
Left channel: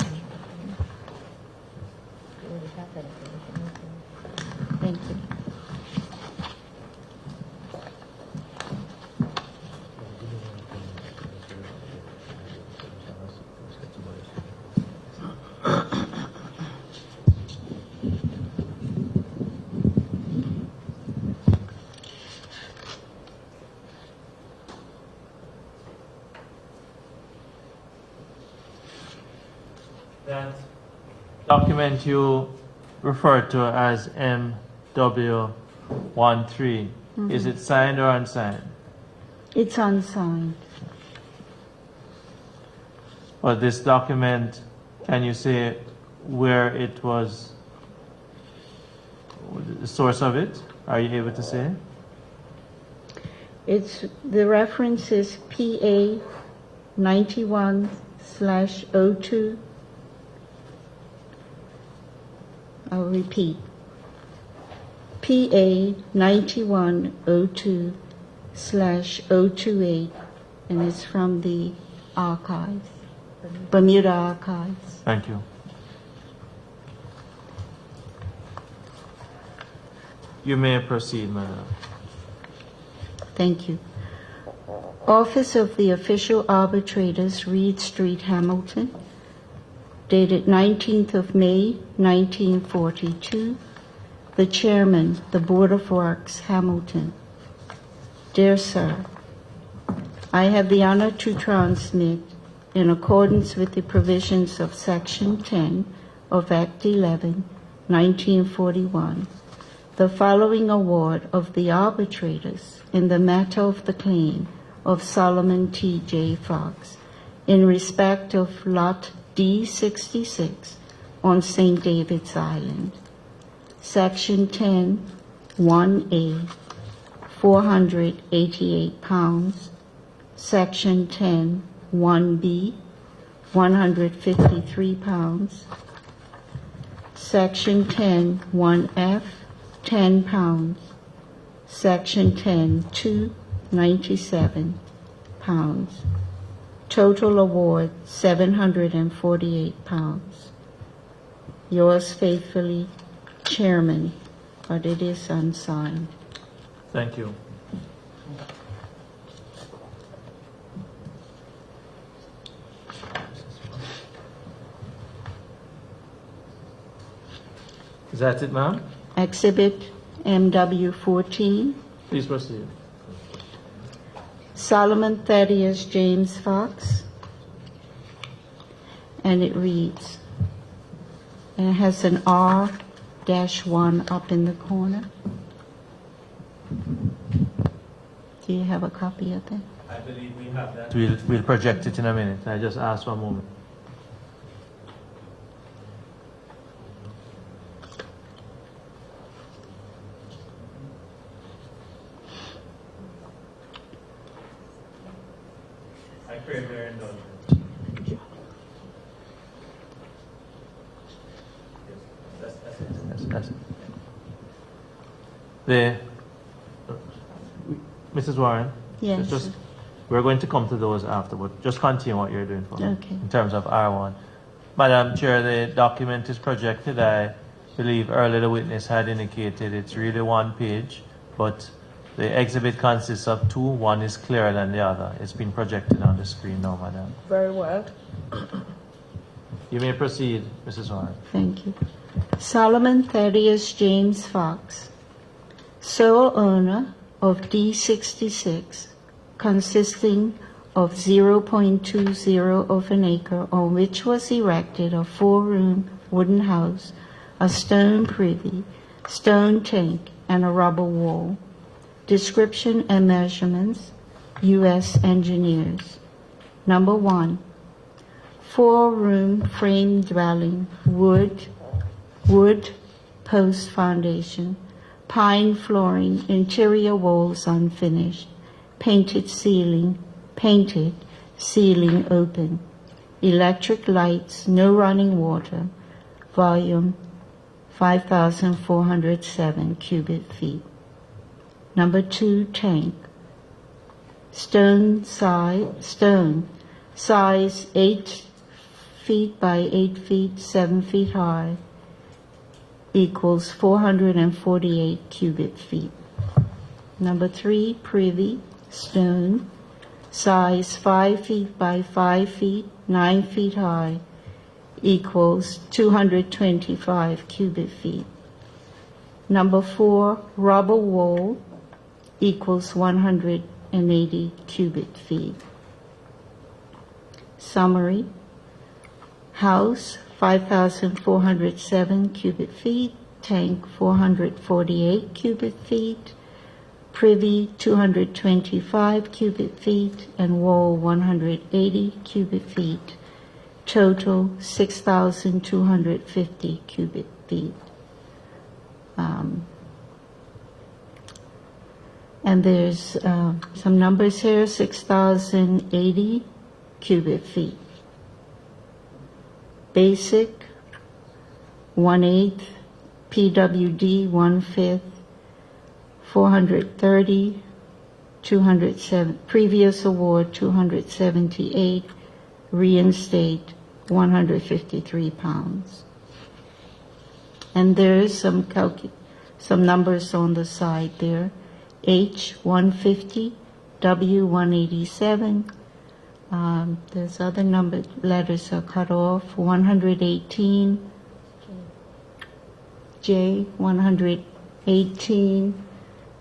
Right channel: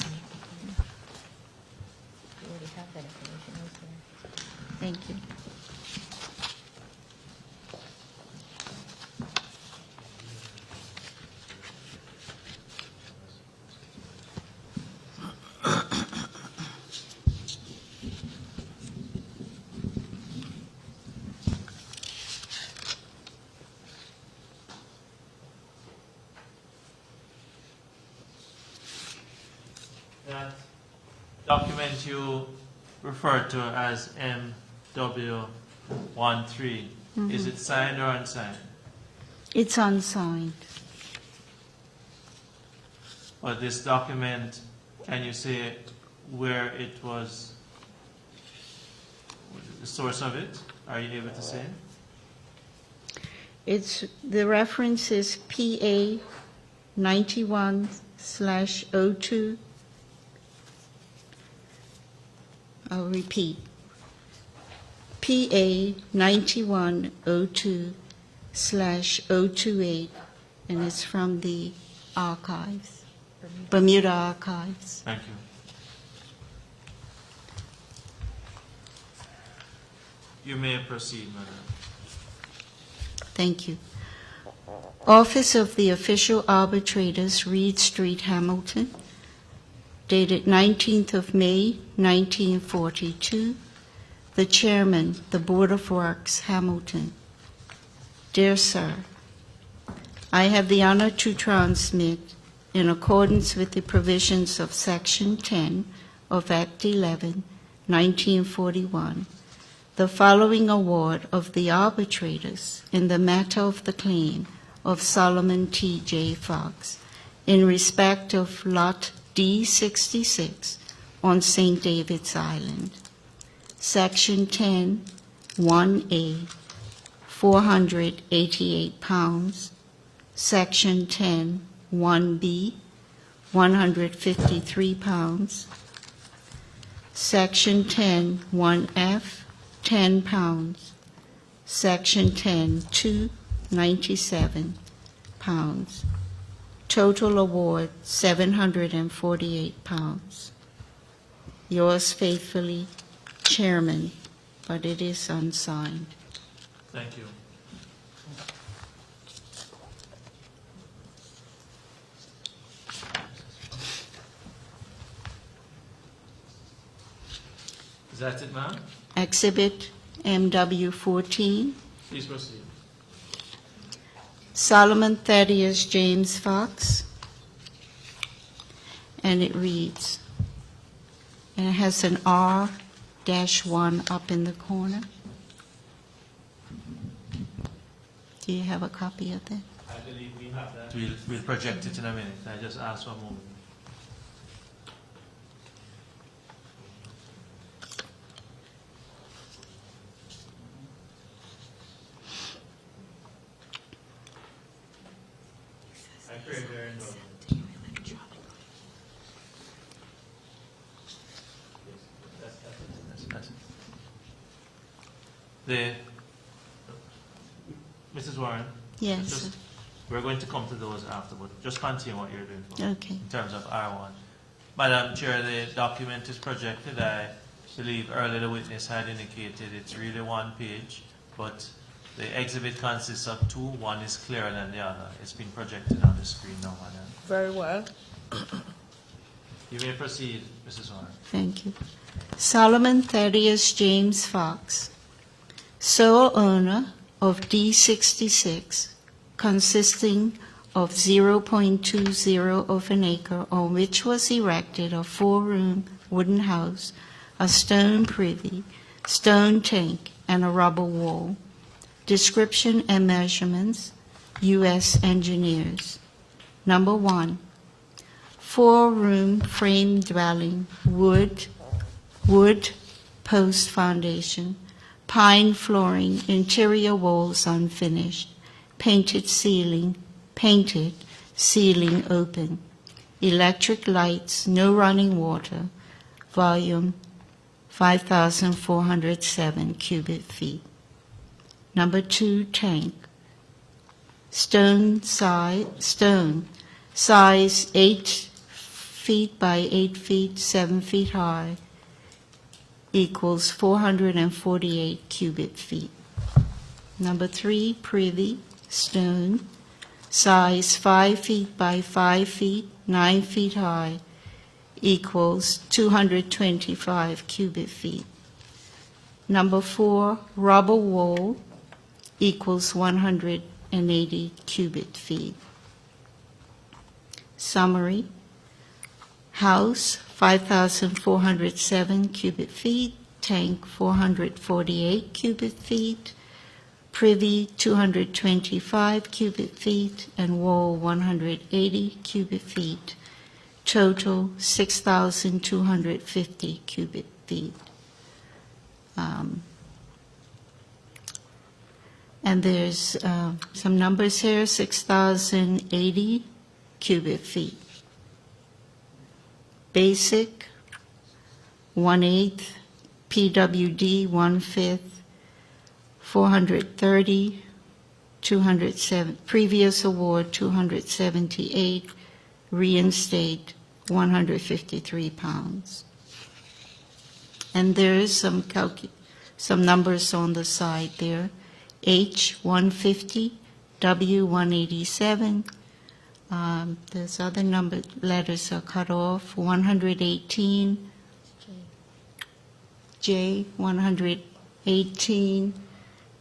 already have that information. Okay. Thank you. That document you referred to as MW13, is it signed or unsigned? It's unsigned. Or this document, can you say where it was, the source of it? Are you able to say? It's, the reference is PA 91/02. I'll repeat. PA 9102/028, and it's from the archives, Bermuda archives. Thank you. You may proceed, madam. Thank you. Office of the Official Arbitrators, Reed Street, Hamilton, dated 19th of May, 1942. The Chairman, the Board of Works, Hamilton. Dear Sir, I have the honor to transmit, in accordance with the provisions of Section 10 of Act 11, 1941, the following award of the arbitrators in the matter of the claim of Solomon T.J. Fox in respect of Lot D66 on St. David's Island. Section 10, 1A, 488 pounds. Section 10, 1B, 153 pounds. Section 10, 1F, 10 pounds. Section 10, 2, 97 pounds. Total award, 748 pounds. Yours faithfully, Chairman, but it is unsigned. Thank you. Is that it, ma'am? Exhibit MW14, Please proceed. Solomon Thaddeus James Fox, and it reads, and it has an R-1 up in the corner. Do you have a copy of that? I believe we have that. We'll project it in a minute. I just asked for a moment. I crave their indulgence. That's it. Mrs. Warren? Yes. Just, we're going to come to those afterward. Just continue what you're doing for me. Okay. In terms of R1. Madam Chair, the document is projected. I believe earlier the witness had indicated it's really one page, but the exhibit consists of two. One is clearer than the other. It's been projected on the screen now, madam. Very well. You may proceed, Mrs. Warren. Thank you. Solomon Thaddeus James Fox, sole owner of D66, consisting of 0.20 of an acre, on which was erected a 4-room wooden house, a stone privy, stone tank, and a rubble wall. Description and measurements, U.S. engineers. Number 1, 4-room frame dwelling, wood post foundation, pine flooring, interior walls unfinished, painted ceiling open, electric lights, no running water, volume 5,407 cubic feet. Number 2, tank, stone size 8 feet by 8 feet, 7 feet high, equals 448 cubic feet. Number 3, privy, stone, size 5 feet by 5 feet, 9 feet high, equals 225 cubic feet. Number 4, rubber wall, equals 180 cubic feet. Summary. House, 5,407 cubic feet. Tank, 448 cubic feet. Privy, 225 cubic feet. And wall, 180 cubic feet. Total, 6,250 cubic feet. And there's some numbers here, 6,080 cubic feet. Basic, 1/8, PWD, 1/5, 430, 207, previous award, 278, reinstate, 153 pounds. And there is some numbers on the side there. H, 150, W, 187. There's other numbered letters are cut off. 118, J, 118,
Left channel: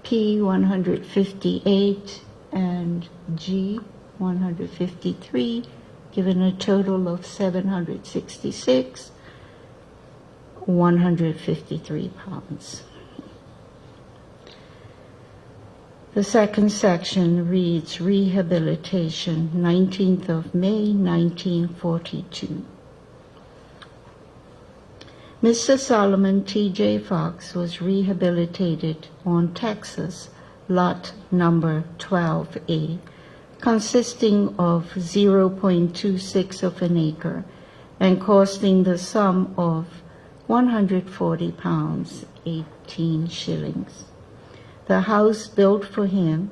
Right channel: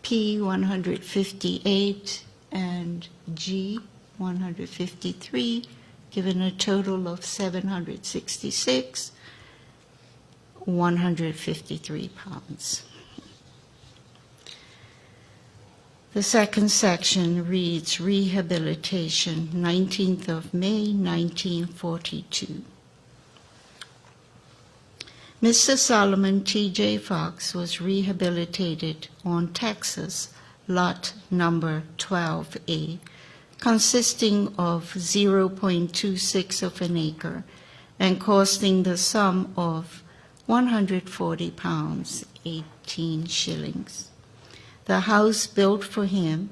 P, 158, and G, 153, given a total of 766, 153 pounds. The second section reads rehabilitation, 19th of May, 1942. Mr. Solomon T.J. Fox was rehabilitated on Texas, lot number 12A, consisting of 0.26 of an acre and costing the sum of 140 pounds, 18 shillings. The house built for him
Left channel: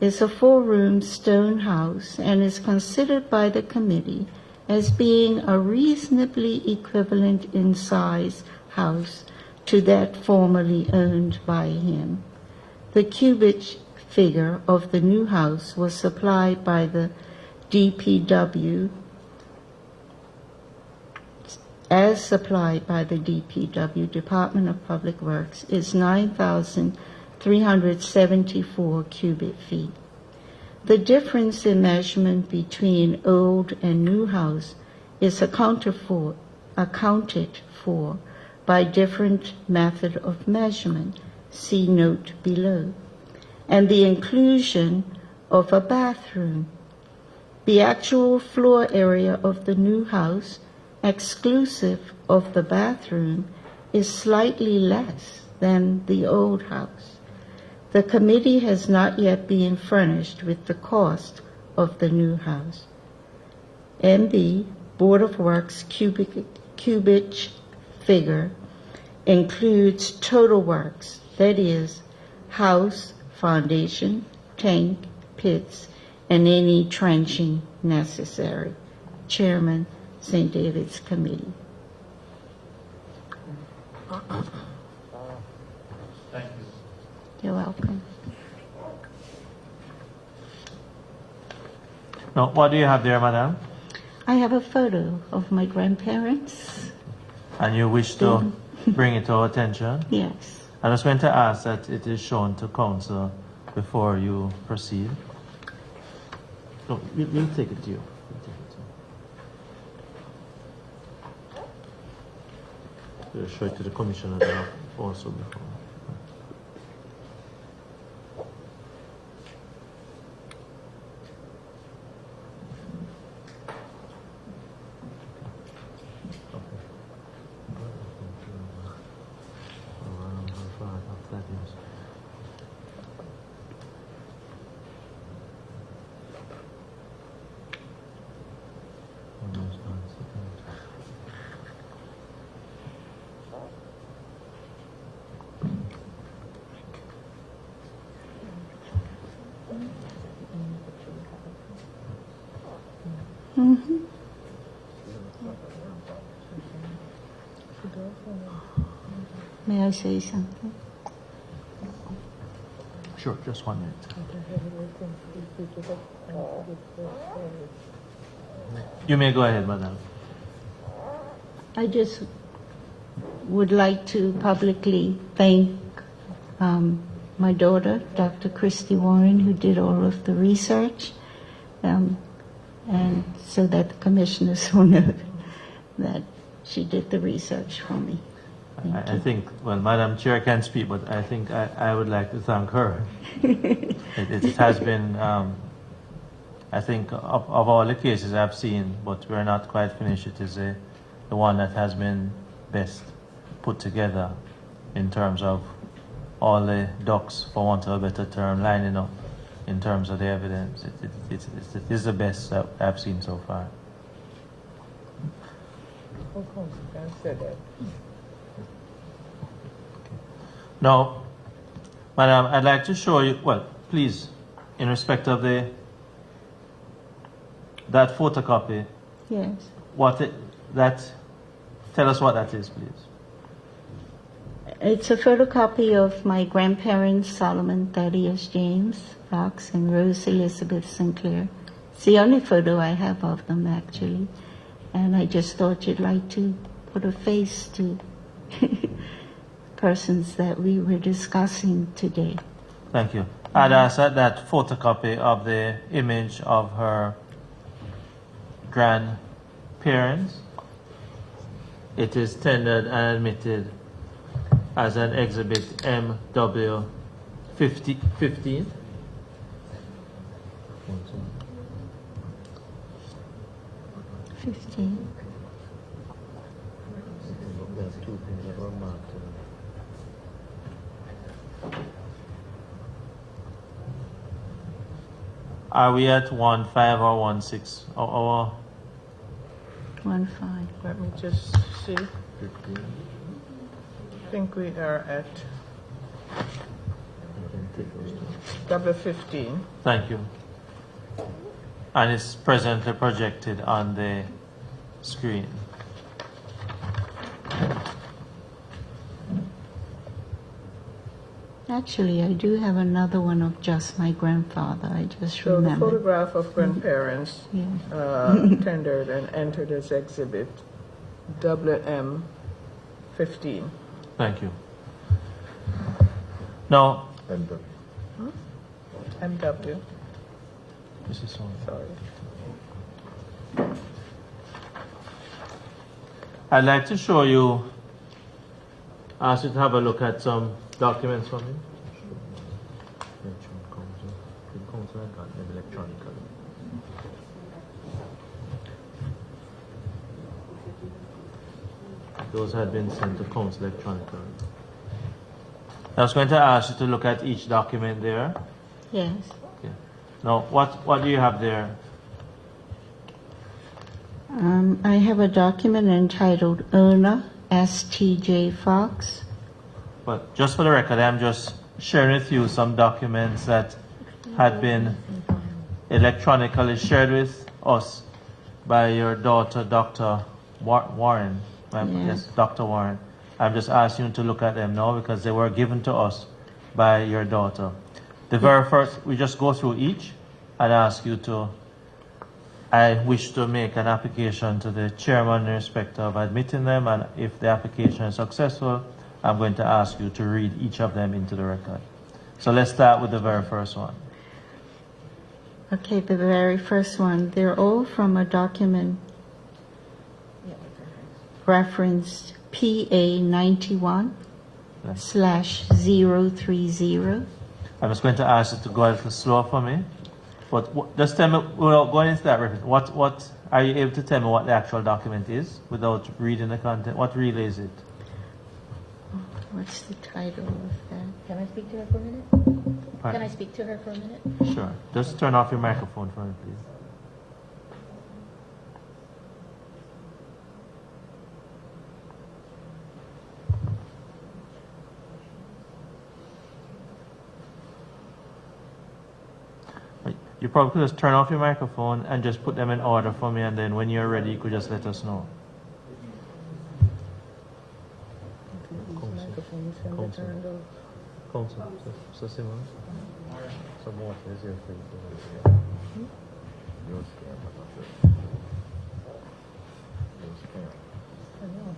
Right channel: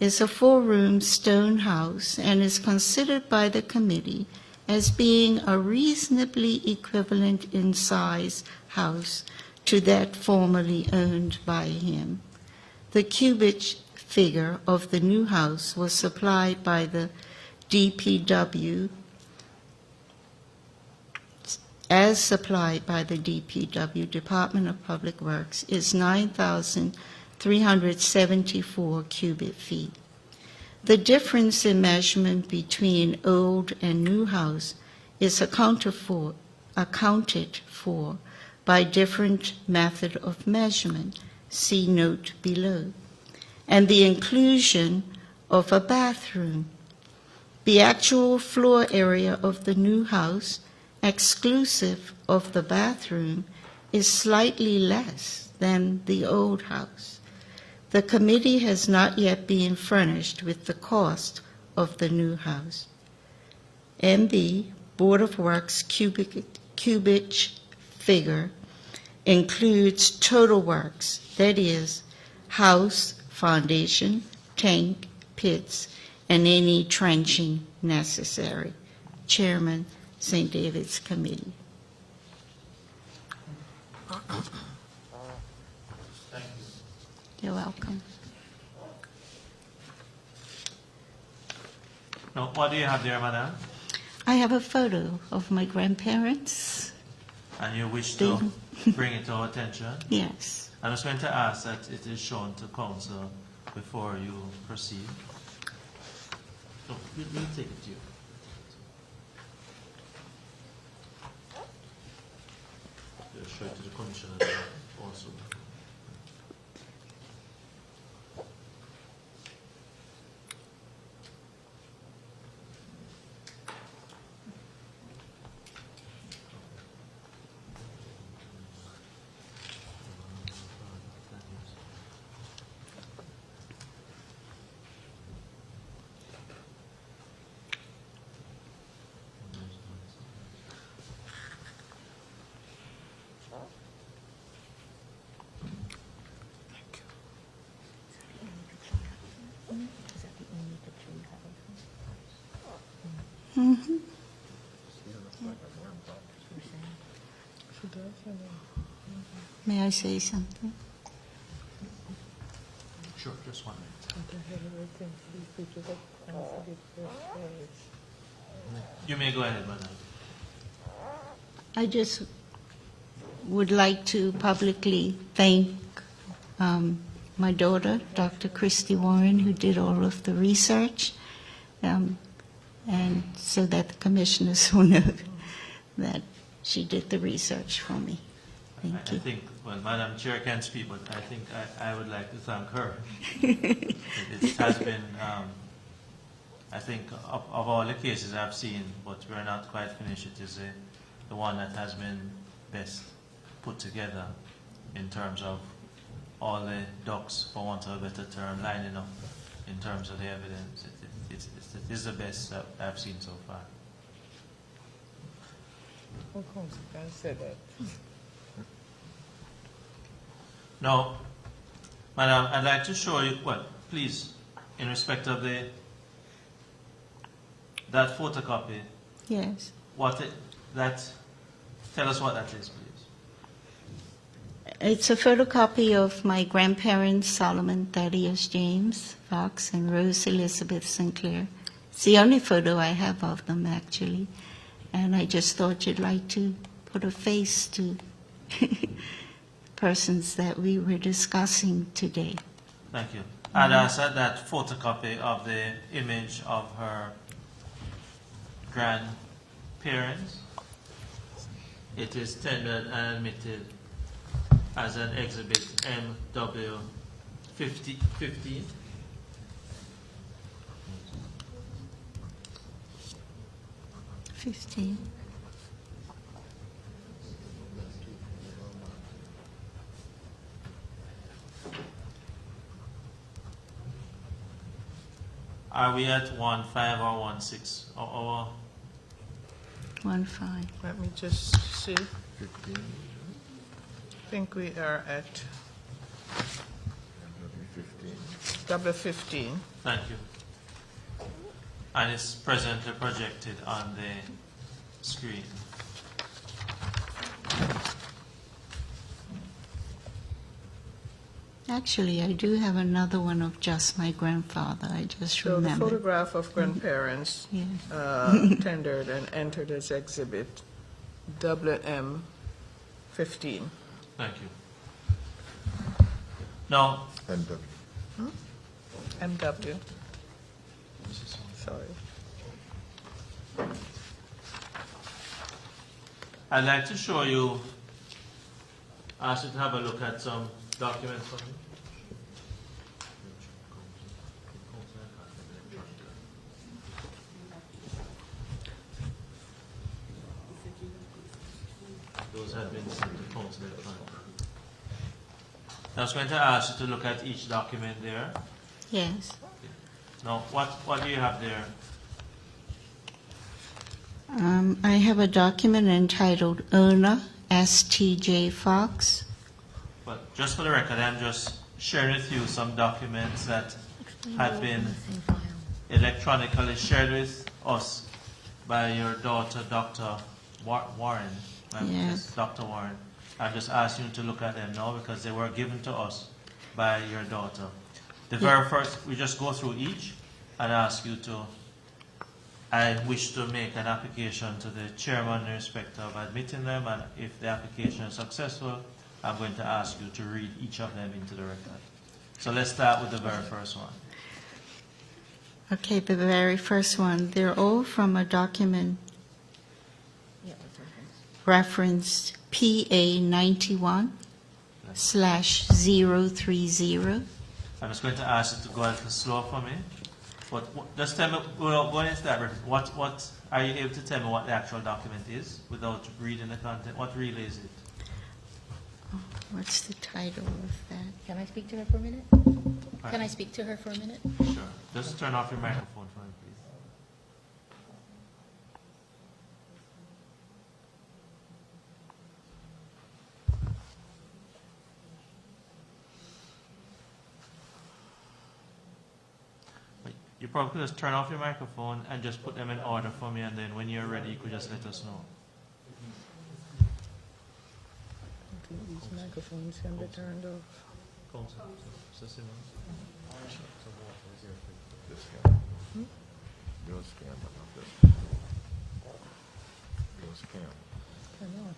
is a 4-room stone house and is considered by the committee as being a reasonably equivalent in size house to that formerly owned by him. The cubic figure of the new house was supplied by the DPW as supplied by the DPW, Department of Public Works, is 9,374 cubic feet. The difference in measurement between old and new house is accounted for by different method of measurement, see note below, and the inclusion of a bathroom. The actual floor area of the new house, exclusive of the bathroom, is slightly less than the old house. The committee has not yet been furnished with the cost of the new house. MB, Board of Works cubic figure includes total works, that is, house, foundation, tank, pits, and any trenching necessary. Chairman, St. David's Committee. Thank you. You're welcome. Now, what do you have there, madam? I have a photo of my grandparents. And you wish to bring it to our attention? Yes. I'm just going to ask that it is shown to council before you proceed. No, we'll take it to you. We'll show it to the commissioner also before. Mm-hmm. May I say something? Sure, just 1 minute. You may go ahead, madam. I just would like to publicly thank my daughter, Dr. Christy Warren, who did all of the research, and so that the commissioners will know that she did the research for me. I think, well, Madam Chair can speak, but I think I would like to thank her. It has been, I think, of all the cases I've seen, but we're not quite finished, it is the one that has been best put together in terms of all the ducks, for want of a better term, lining up in terms of the evidence. It is the best that I've seen so far. How come you can say that? Now, Madam, I'd like to show you, well, please, in respect of that photocopy, Yes. tell us what that is, please. It's a photocopy of my grandparents, Solomon Thaddeus James Fox and Rose Elizabeth Sinclair. It's the only photo I have of them, actually. And I just thought you'd like to put a face to persons that we were discussing today. Thank you. I'd ask that photocopy of the image of her grandparents. It is tendered and admitted as an exhibit MW 15. Are we at 1.5 or 1.6? Or 1-5. Let me just see. I think we are at W15. thank you. And it's presently projected on the screen. Actually, I do have another one of just my grandfather. I just So the remembered. photograph of grandparents Yeah. tendered and entered as exhibit WM15. Thank you. Now, And MW, this is all. sorry. I'd like to show you, ask you to have a look at some documents for me. Those had been sent to council electronically. I was going to ask you to look at each document there. Yes. Okay. Now, what do you have there? I have a document entitled Erna S.T.J. Fox. But just for the record, I'm just sharing with you some documents that had been Same file. electronically shared with us by your daughter, Dr. Warren. Yes. Dr. Warren. I'm just asking you to look at them now because they were given to us by your daughter. The very first, we just go through each and ask you to, I wish to make an application to the chairman in respect of admitting them, and if the application is successful, I'm going to ask you to read each of them into the record. So let's start with the very first one. Okay, the very first one. They're all from a document referenced PA 91/030. I'm just going to ask you to go a little slower for me. But just tell me, without going into that reference, what are you able to tell me what the actual document is without reading the content? What really is it? What's the title of that? Can I speak to her for a minute? Pardon? Can I speak to her for a minute? Sure. Just turn off your microphone for me, please. You probably could just turn off your microphone and just put them in order for me, and then when you're ready, you could just let us know. your scam, your scam.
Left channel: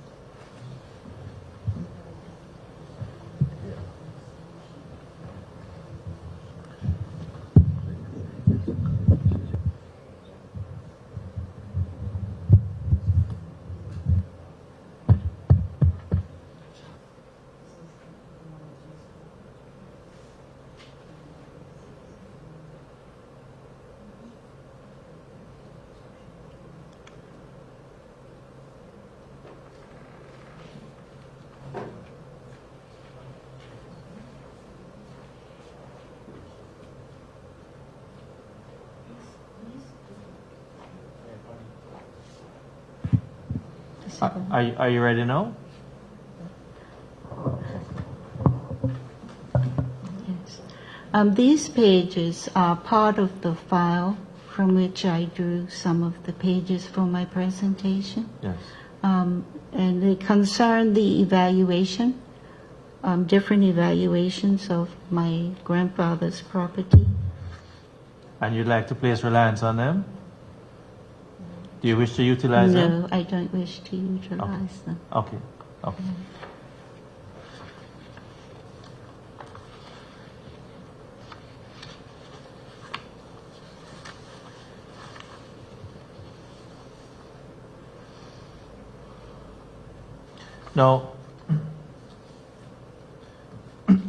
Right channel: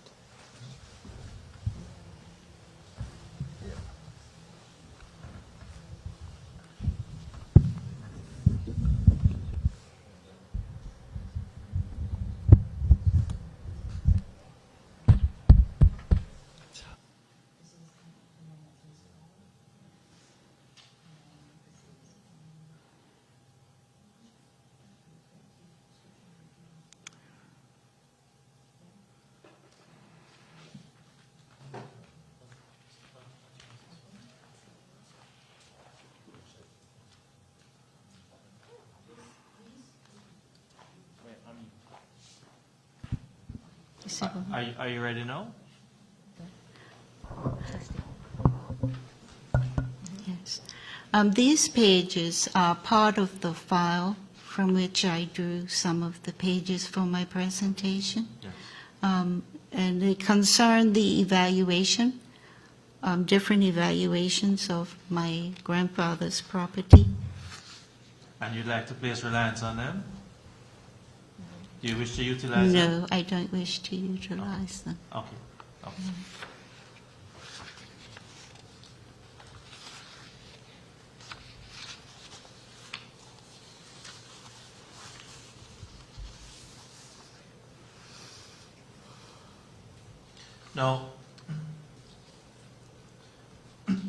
Are you ready now? Yes. These pages are part of the file from which I drew some of the pages for my presentation. Yes. And they concern the evaluation, different evaluations of my grandfather's property. And you'd like to place reliance on them? Do you wish to utilize them? No, I don't wish to utilize them. Okay. Okay. Now,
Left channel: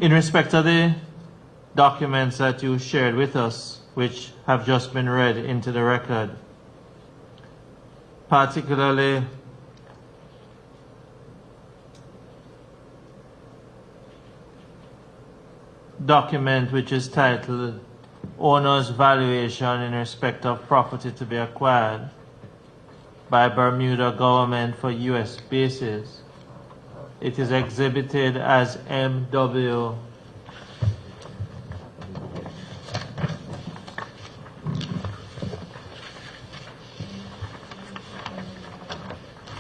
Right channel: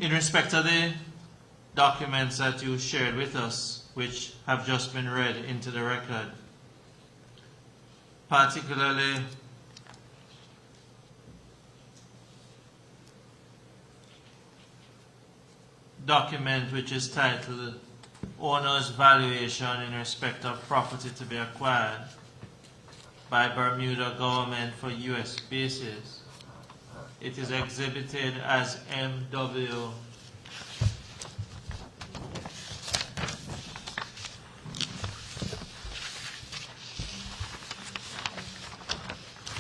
in respect of the documents that you shared with us, which have just been read into the record, particularly document which is titled Owner's Valuation in Respect of Property to be Acquired by Bermuda Government for U.S. Bases. It is exhibited as MW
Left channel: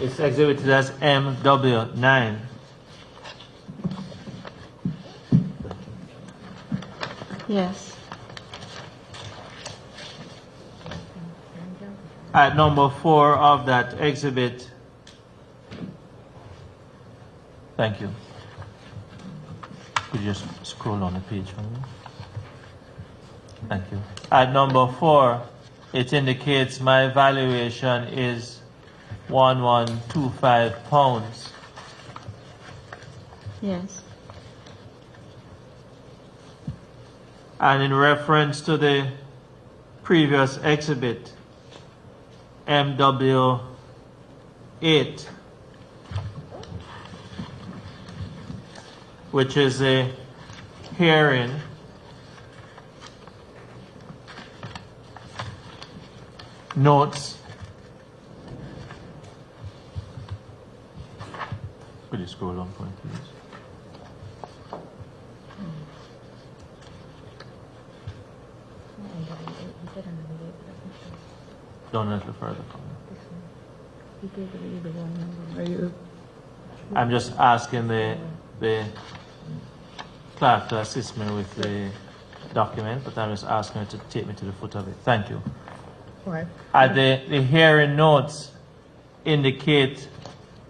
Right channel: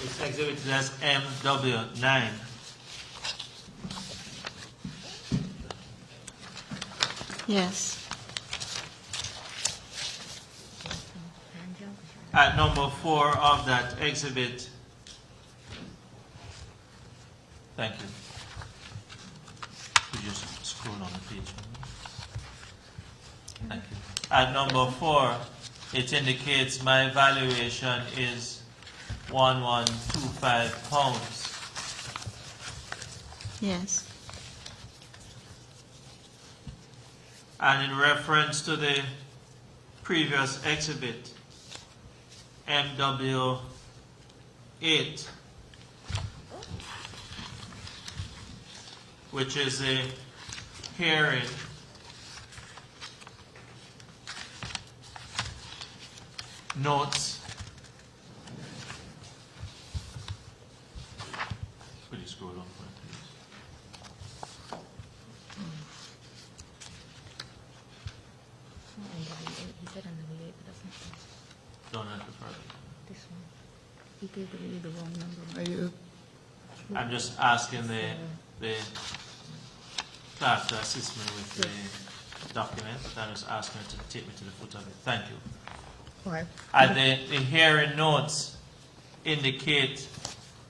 It's exhibited as MW9. Yes. At number 4 of that exhibit. Thank you. Could you just scroll on the page for me? Thank you. At number 4, it indicates my valuation is 1125 pounds. Yes. And in reference to the previous exhibit, MW8, which is a hearing notes. Could you scroll on for me, please? He said another date, but that's not Don't let the further. this one. He gave the wrong number. Are you, I'm just asking the clerk to assist me with the document, but I'm just asking her to take me to the foot of it. Thank you. all right, The hearing notes indicate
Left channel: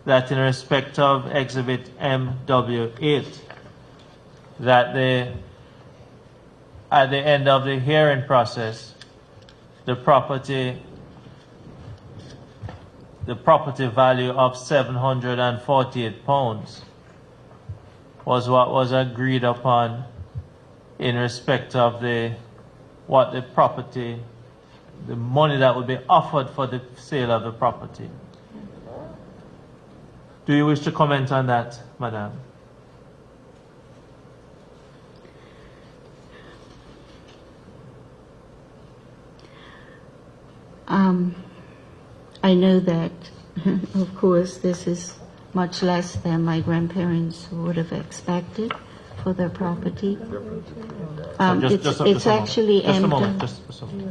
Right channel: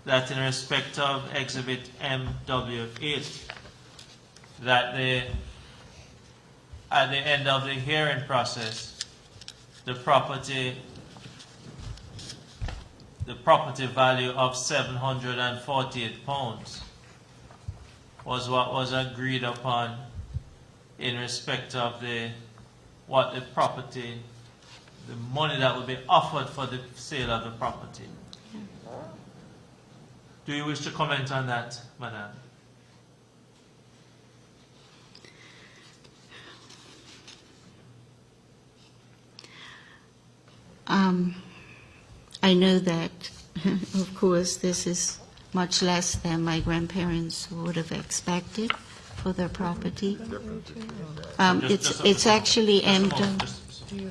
that in respect of exhibit MW8, that at the end of the hearing process, the property value of 748 pounds was what was agreed upon in respect of the money that would be offered for the sale of the property. Do you wish to comment on that, Madam? I know that, of course, this is much less than my grandparents would have expected for their property. It's actually just a moment. empty. Just a moment.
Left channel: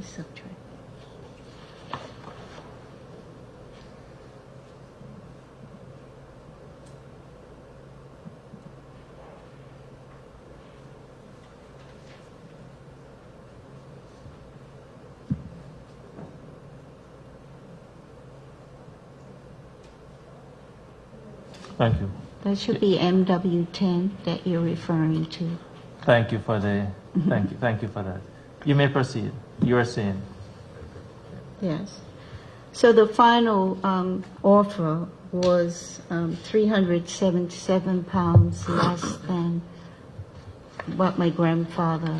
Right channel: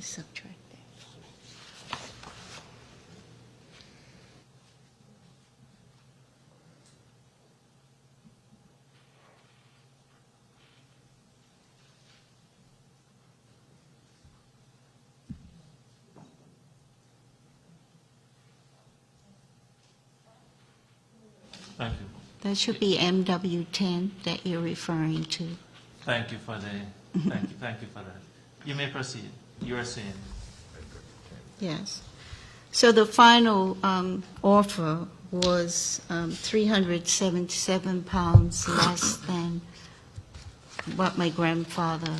Subtract. Thank you. That should be MW10 that you're referring to. Thank you for thank you for that. You may proceed. You are saying. Yes. So the final offer was 377 pounds less than what my grandfather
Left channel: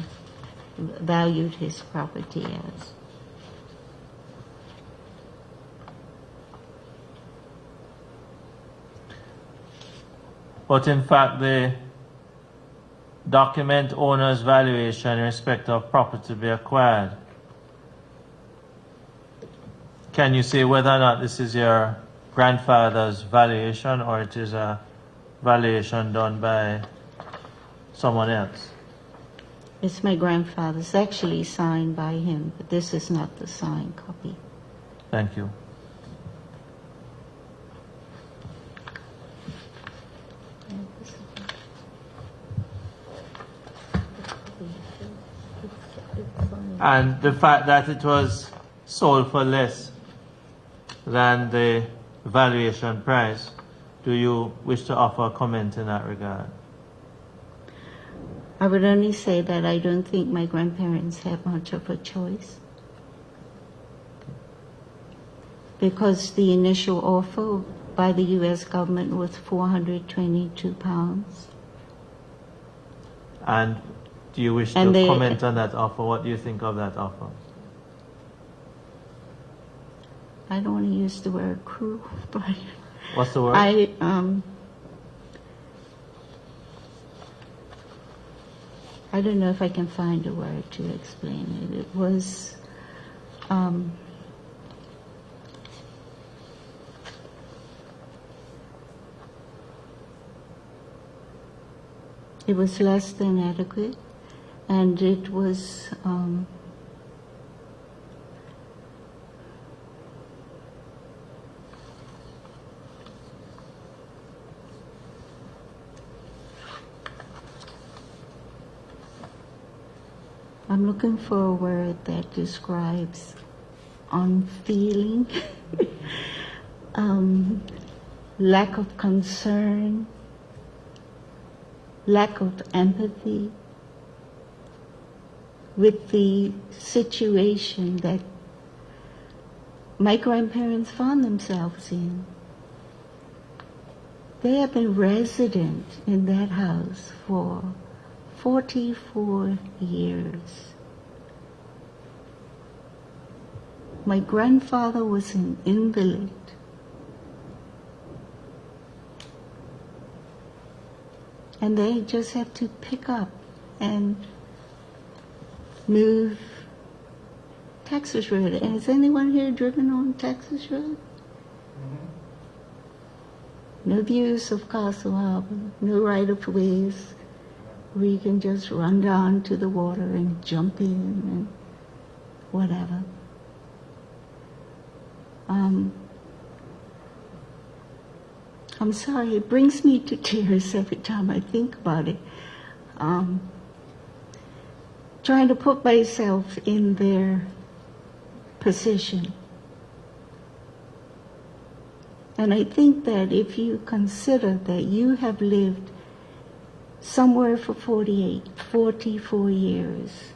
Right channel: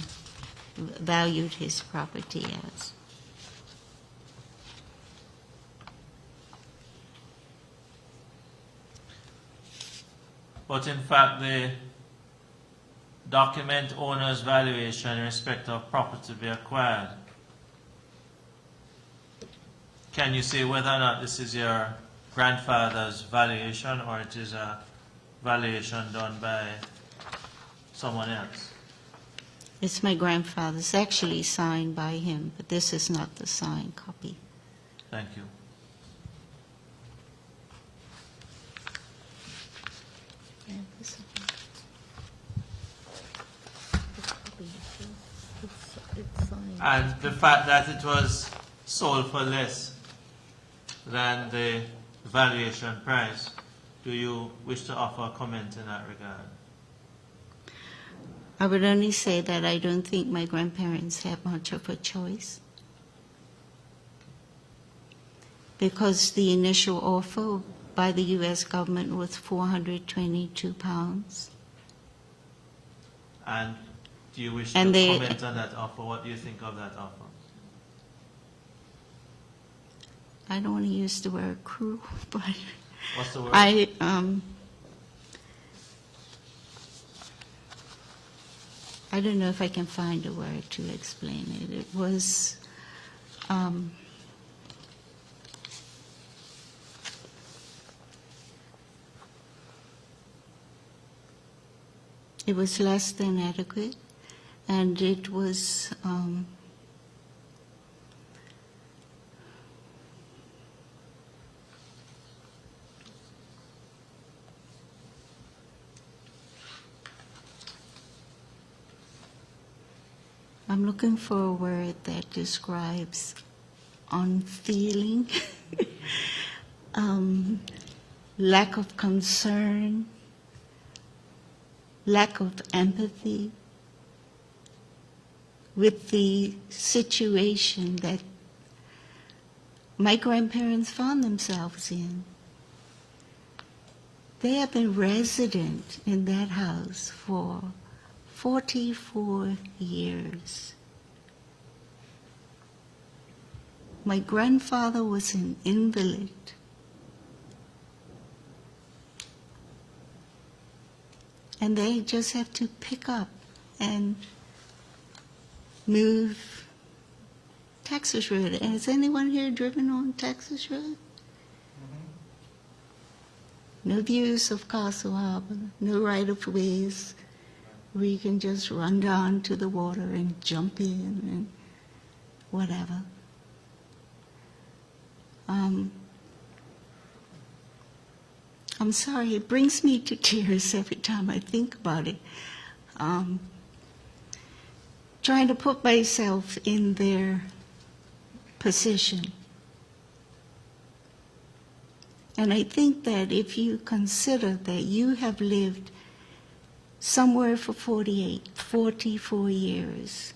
valued his property as. But in fact, the document owner's valuation in respect of property to be acquired. Can you say whether or not this is your grandfather's valuation or it is a valuation done by someone else? It's my grandfather's, actually signed by him, but this is not the signed copy. Thank you. It's fine. And the fact that it was sold for less than the valuation price, do you wish to offer a comment in that regard? I would only say that I don't think my grandparents had much of a choice. Because the initial offer by the U.S. government was 422 pounds. And do you wish to And they- comment on that offer? What do you think of that offer? I don't want to use the word cruel, but What's the word? I don't know if I can find a word to explain it. It was, it was less than adequate, and it was, I'm looking for a word that describes unfeeling, lack of concern, lack of empathy with the situation that my grandparents found themselves in. They have been resident in that house for 44 years. My grandfather was an invalid. And they just have to pick up and move Texas Road. And has anyone here driven on Texas Road? No views of Castle Harbor, no right-of-ways where you can just run down to the water and jump in and whatever. I'm sorry, it brings me to tears every time I think about it. Trying to put myself in their position. And I think that if you consider that you have lived somewhere for 44 years,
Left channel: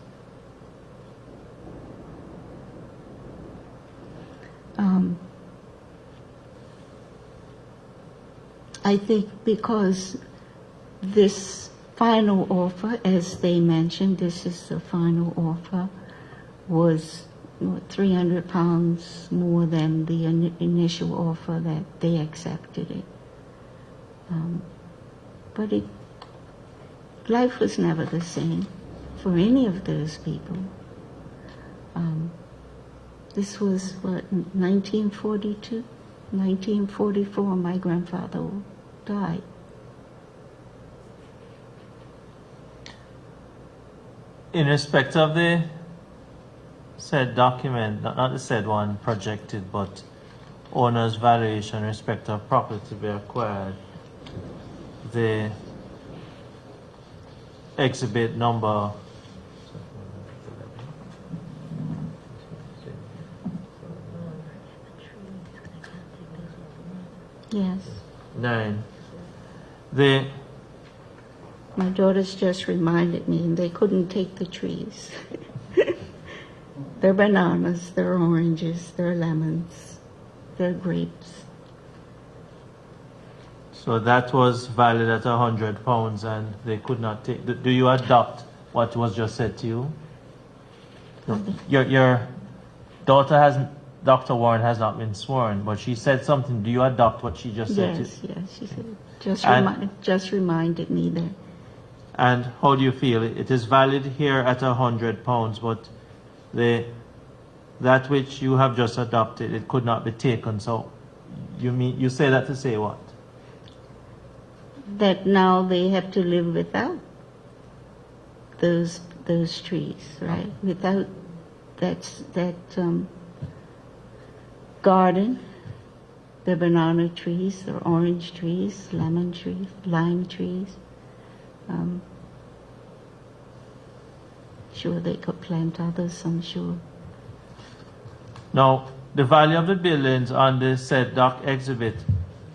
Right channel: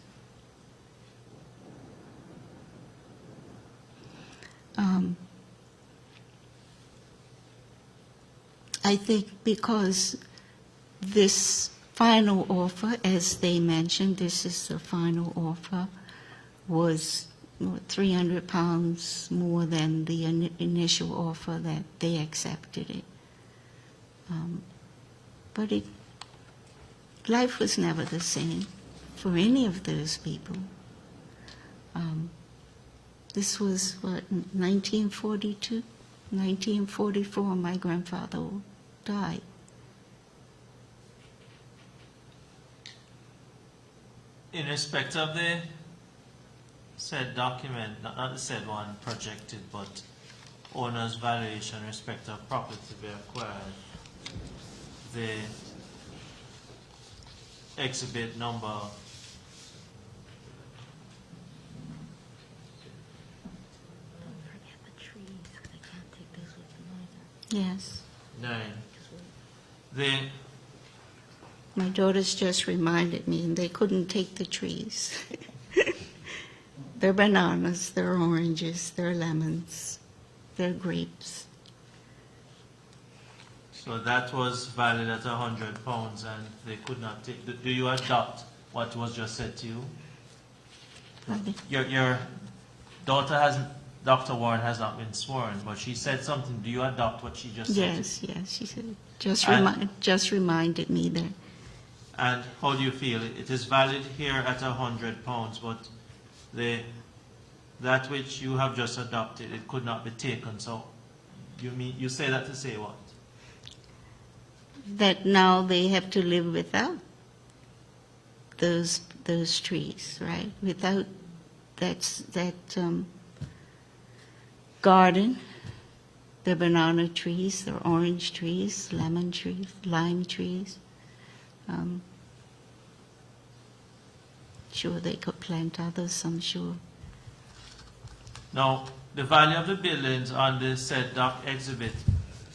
I think because this final offer, as they mentioned, this is the final offer, was 300 pounds more than the initial offer that they accepted it. But life was never the same for any of those people. This was, 1942? 1944, my grandfather died. In respect of the said document, not the said one projected, but owner's valuation in respect of property to be acquired, the exhibit number Yes. 9. My daughters just reminded me, and they couldn't take the trees. They're bananas, they're oranges, they're lemons, they're grapes. So that was valued at £100 and they could not take, do you adopt what was just said to you? Your daughter hasn't, Dr. Warren has not been sworn, but she said something. Do you adopt what she just said to you? Yes, yes, she said, And- just reminded me that, And how do you feel? It is valid here at £100, but that which you have just adopted, it could not be taken. So you say that to say what? that now they have to live without those trees, right? Without that garden, the banana trees, the orange trees, lemon trees, lime trees. Sure, they could plant others, I'm sure. Now, the value of the buildings on the said dock exhibit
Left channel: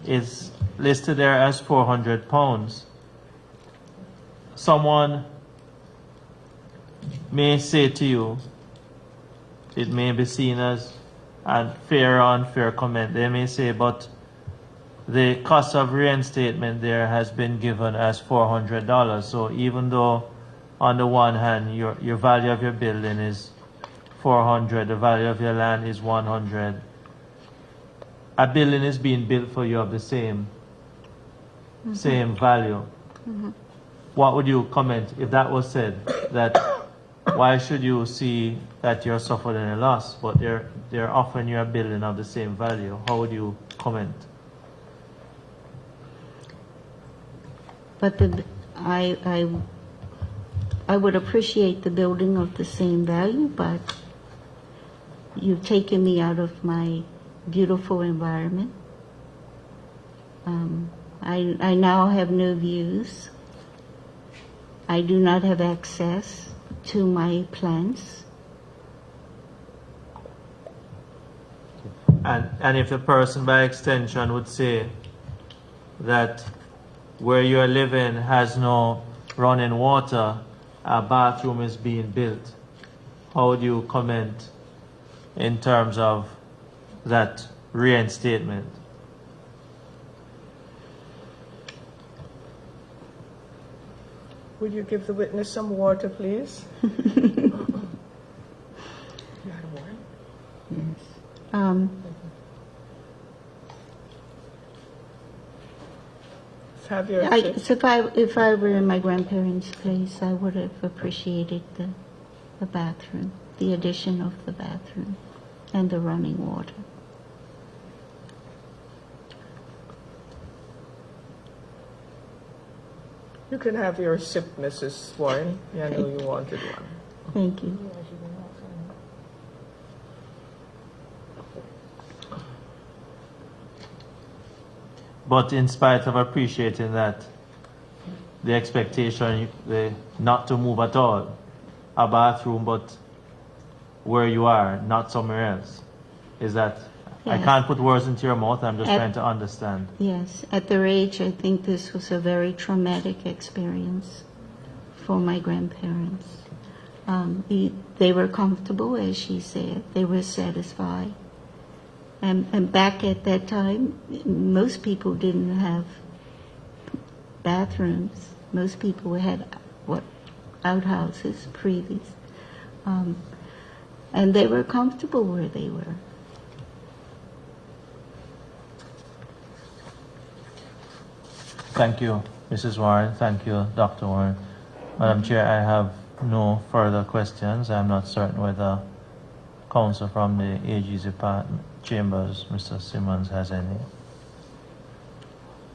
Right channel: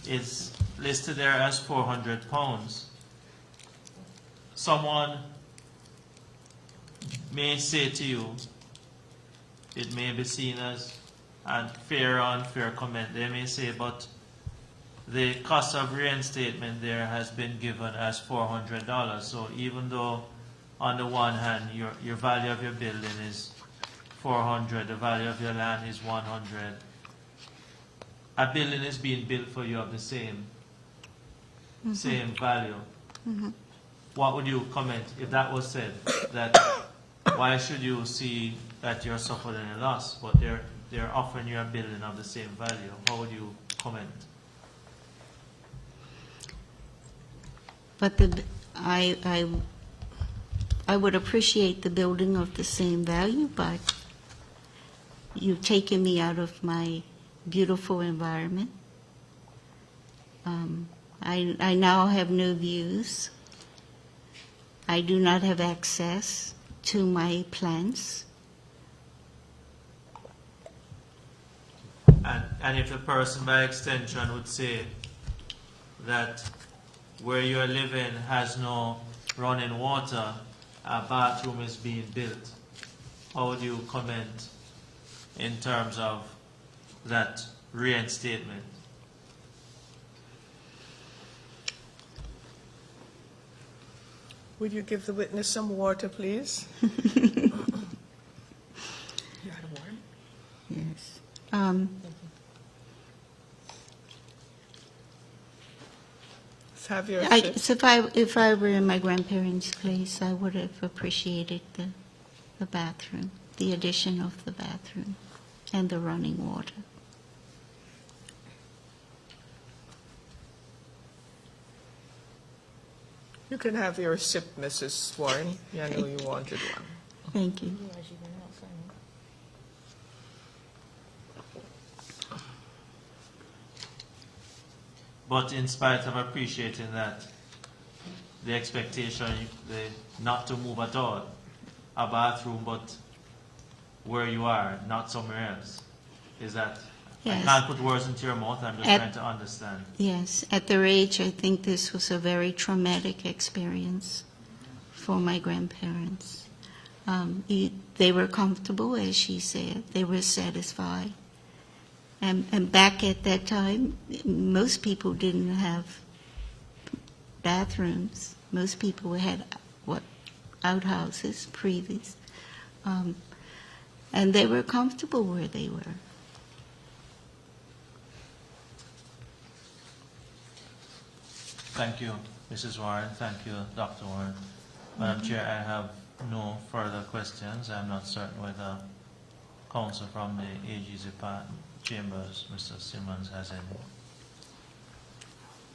is listed there as £400. Someone may say to you, it may be seen as a fair or unfair comment. They may say, but the cost of reinstatement there has been given as $400. So even though on the one hand your value of your building is 400, the value of your land is 100, a building is being built for you of the same value. What would you comment if that was said? That why should you see that you're suffering a loss, but they're offering you a building of the same value? How would you comment? But I would appreciate the building of the same value, but you've taken me out of my beautiful environment. I now have no views. I do not have access to my plants. And if the person by extension would say that where you are living has no running water, a bathroom is being built, how would you comment in terms of that reinstatement? Would you give the witness some water, please? Yes. Have your So if I were in my grandparents' place, I would have appreciated the bathroom, the addition of the bathroom, and the running water. You can have your sip, Mrs. Warren. I know you wanted one. Thank you. But in spite of appreciating that, the expectation not to move at all, a bathroom, but where you are, not somewhere else, is that I Yes. can't put words into your mouth. I'm just At- trying to understand. Yes, at their age, I think this was a very traumatic experience for my grandparents. They were comfortable, as she said. They were satisfied. And back at that time, most people didn't have bathrooms. Most people had outhouses previous. And they were comfortable where they were. Thank you, Mrs. Warren. Thank you, Dr. Warren. Madam Chair, I have no further questions. I'm not certain whether counsel from the AG's department, chambers, Mr. Simmons, has any.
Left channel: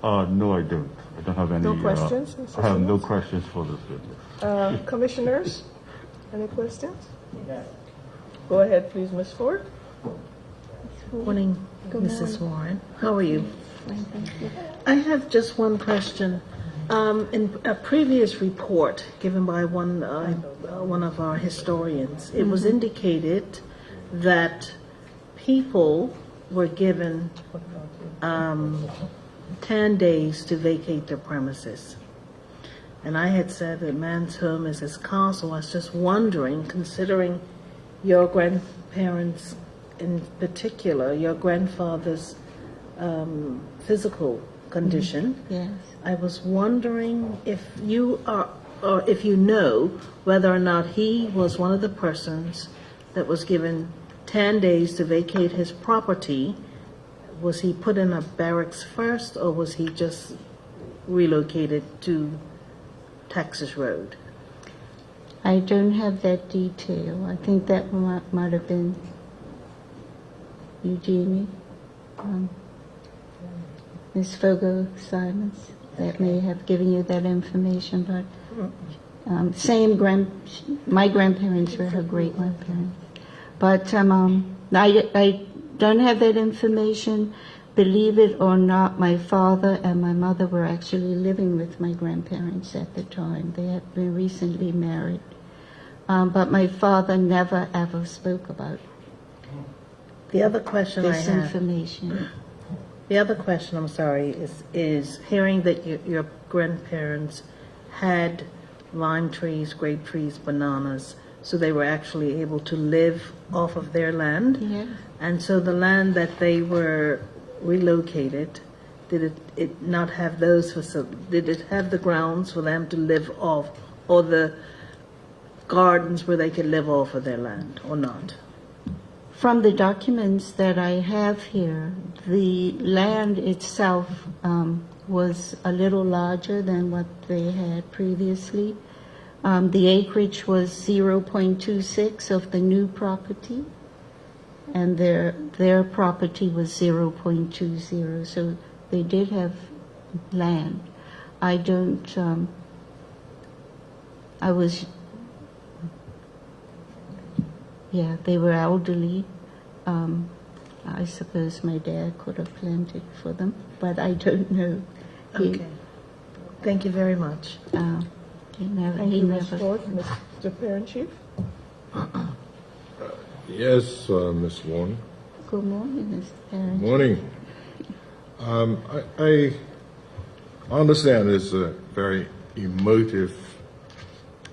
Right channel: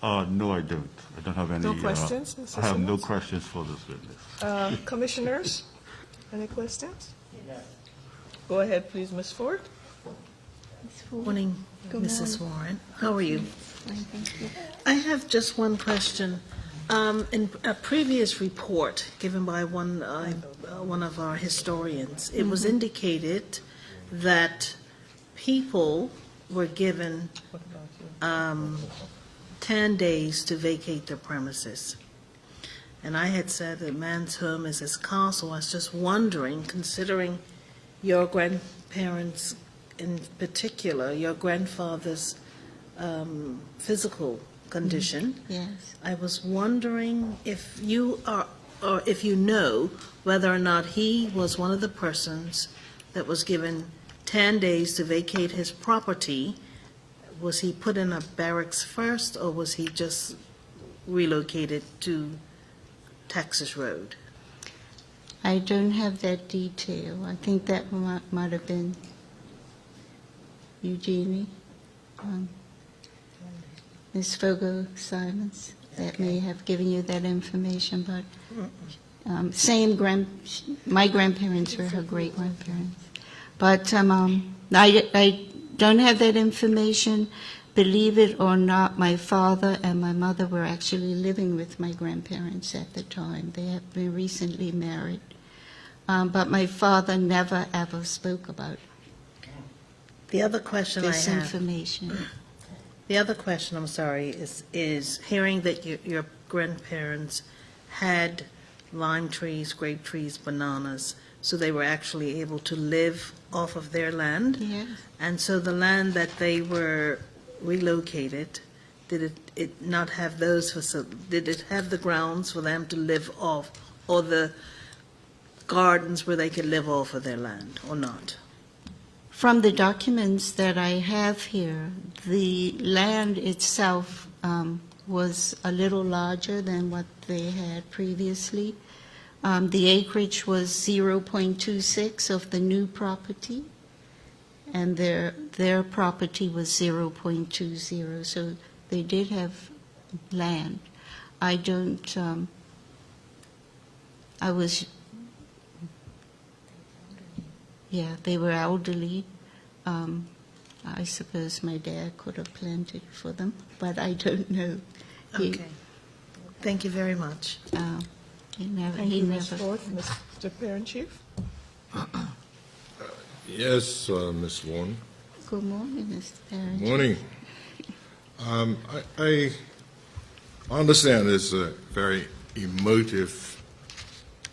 No, I don't. I don't have any. No questions, Mr. I have no Simmons? questions for this witness. Commissioners, any questions? Go ahead, please, Ms. Ford. Morning, Mrs. Warren. How are you? I have just one question. In a previous report given by one of our historians, it was indicated that people were given 10 days to vacate their premises. And I had said that man's home is his castle. I was just wondering, considering your grandparents in particular, your grandfather's physical condition. Yes. I was wondering if you are, or if you know whether or not he was one of the persons that was given 10 days to vacate his property. Was he put in a barracks first, or was he just relocated to Texas Road? I don't have that detail. I think that might have been Eugenie, Ms. Fogo-Simons, that may have given you that information, but my grandparents were her great-grandparents. But I don't have that information. Believe it or not, my father and my mother were actually living with my grandparents at the time. They had been recently married. But my father never ever spoke about The other question I this have, information. the other question, I'm sorry, is hearing that your grandparents had lime trees, grape trees, bananas, so they were actually able to live off of their land. Yes. And so the land that they were relocated, did it not have those did it have the grounds for them to live off, or the gardens where they could live off of their land, or not? From the documents that I have here, the land itself was a little larger than what they had previously. The acreage was 0.26 of the new property, and their property was 0.20, so they did have land. I don't, yeah, they were elderly. I suppose my dad could have planted for them, but I don't know. Okay. Thank you very much. He never, Thank he you, Ms. never. Ford. Mr. Parent Chief? Yes, Ms. Warren. Good morning, Mr. Parrish. Morning. I understand it's a very emotive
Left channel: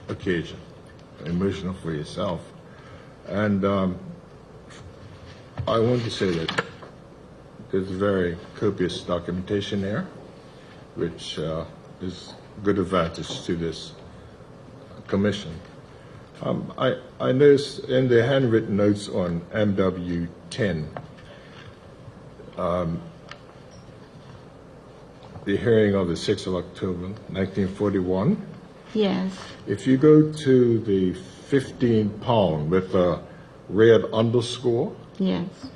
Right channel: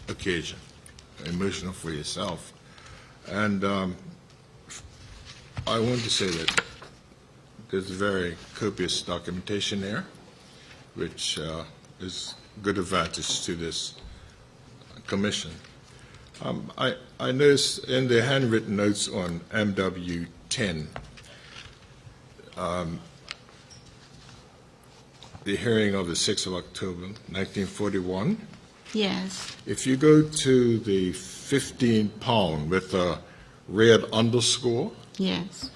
occasion, emotional for yourself. And I want to say that there's very copious documentation there, which is good advantage to this commission. I noticed in the handwritten notes on MW 10, the hearing of the 6th of October, 1941. Yes, If you go to the 15 pound with a red underscore, yes,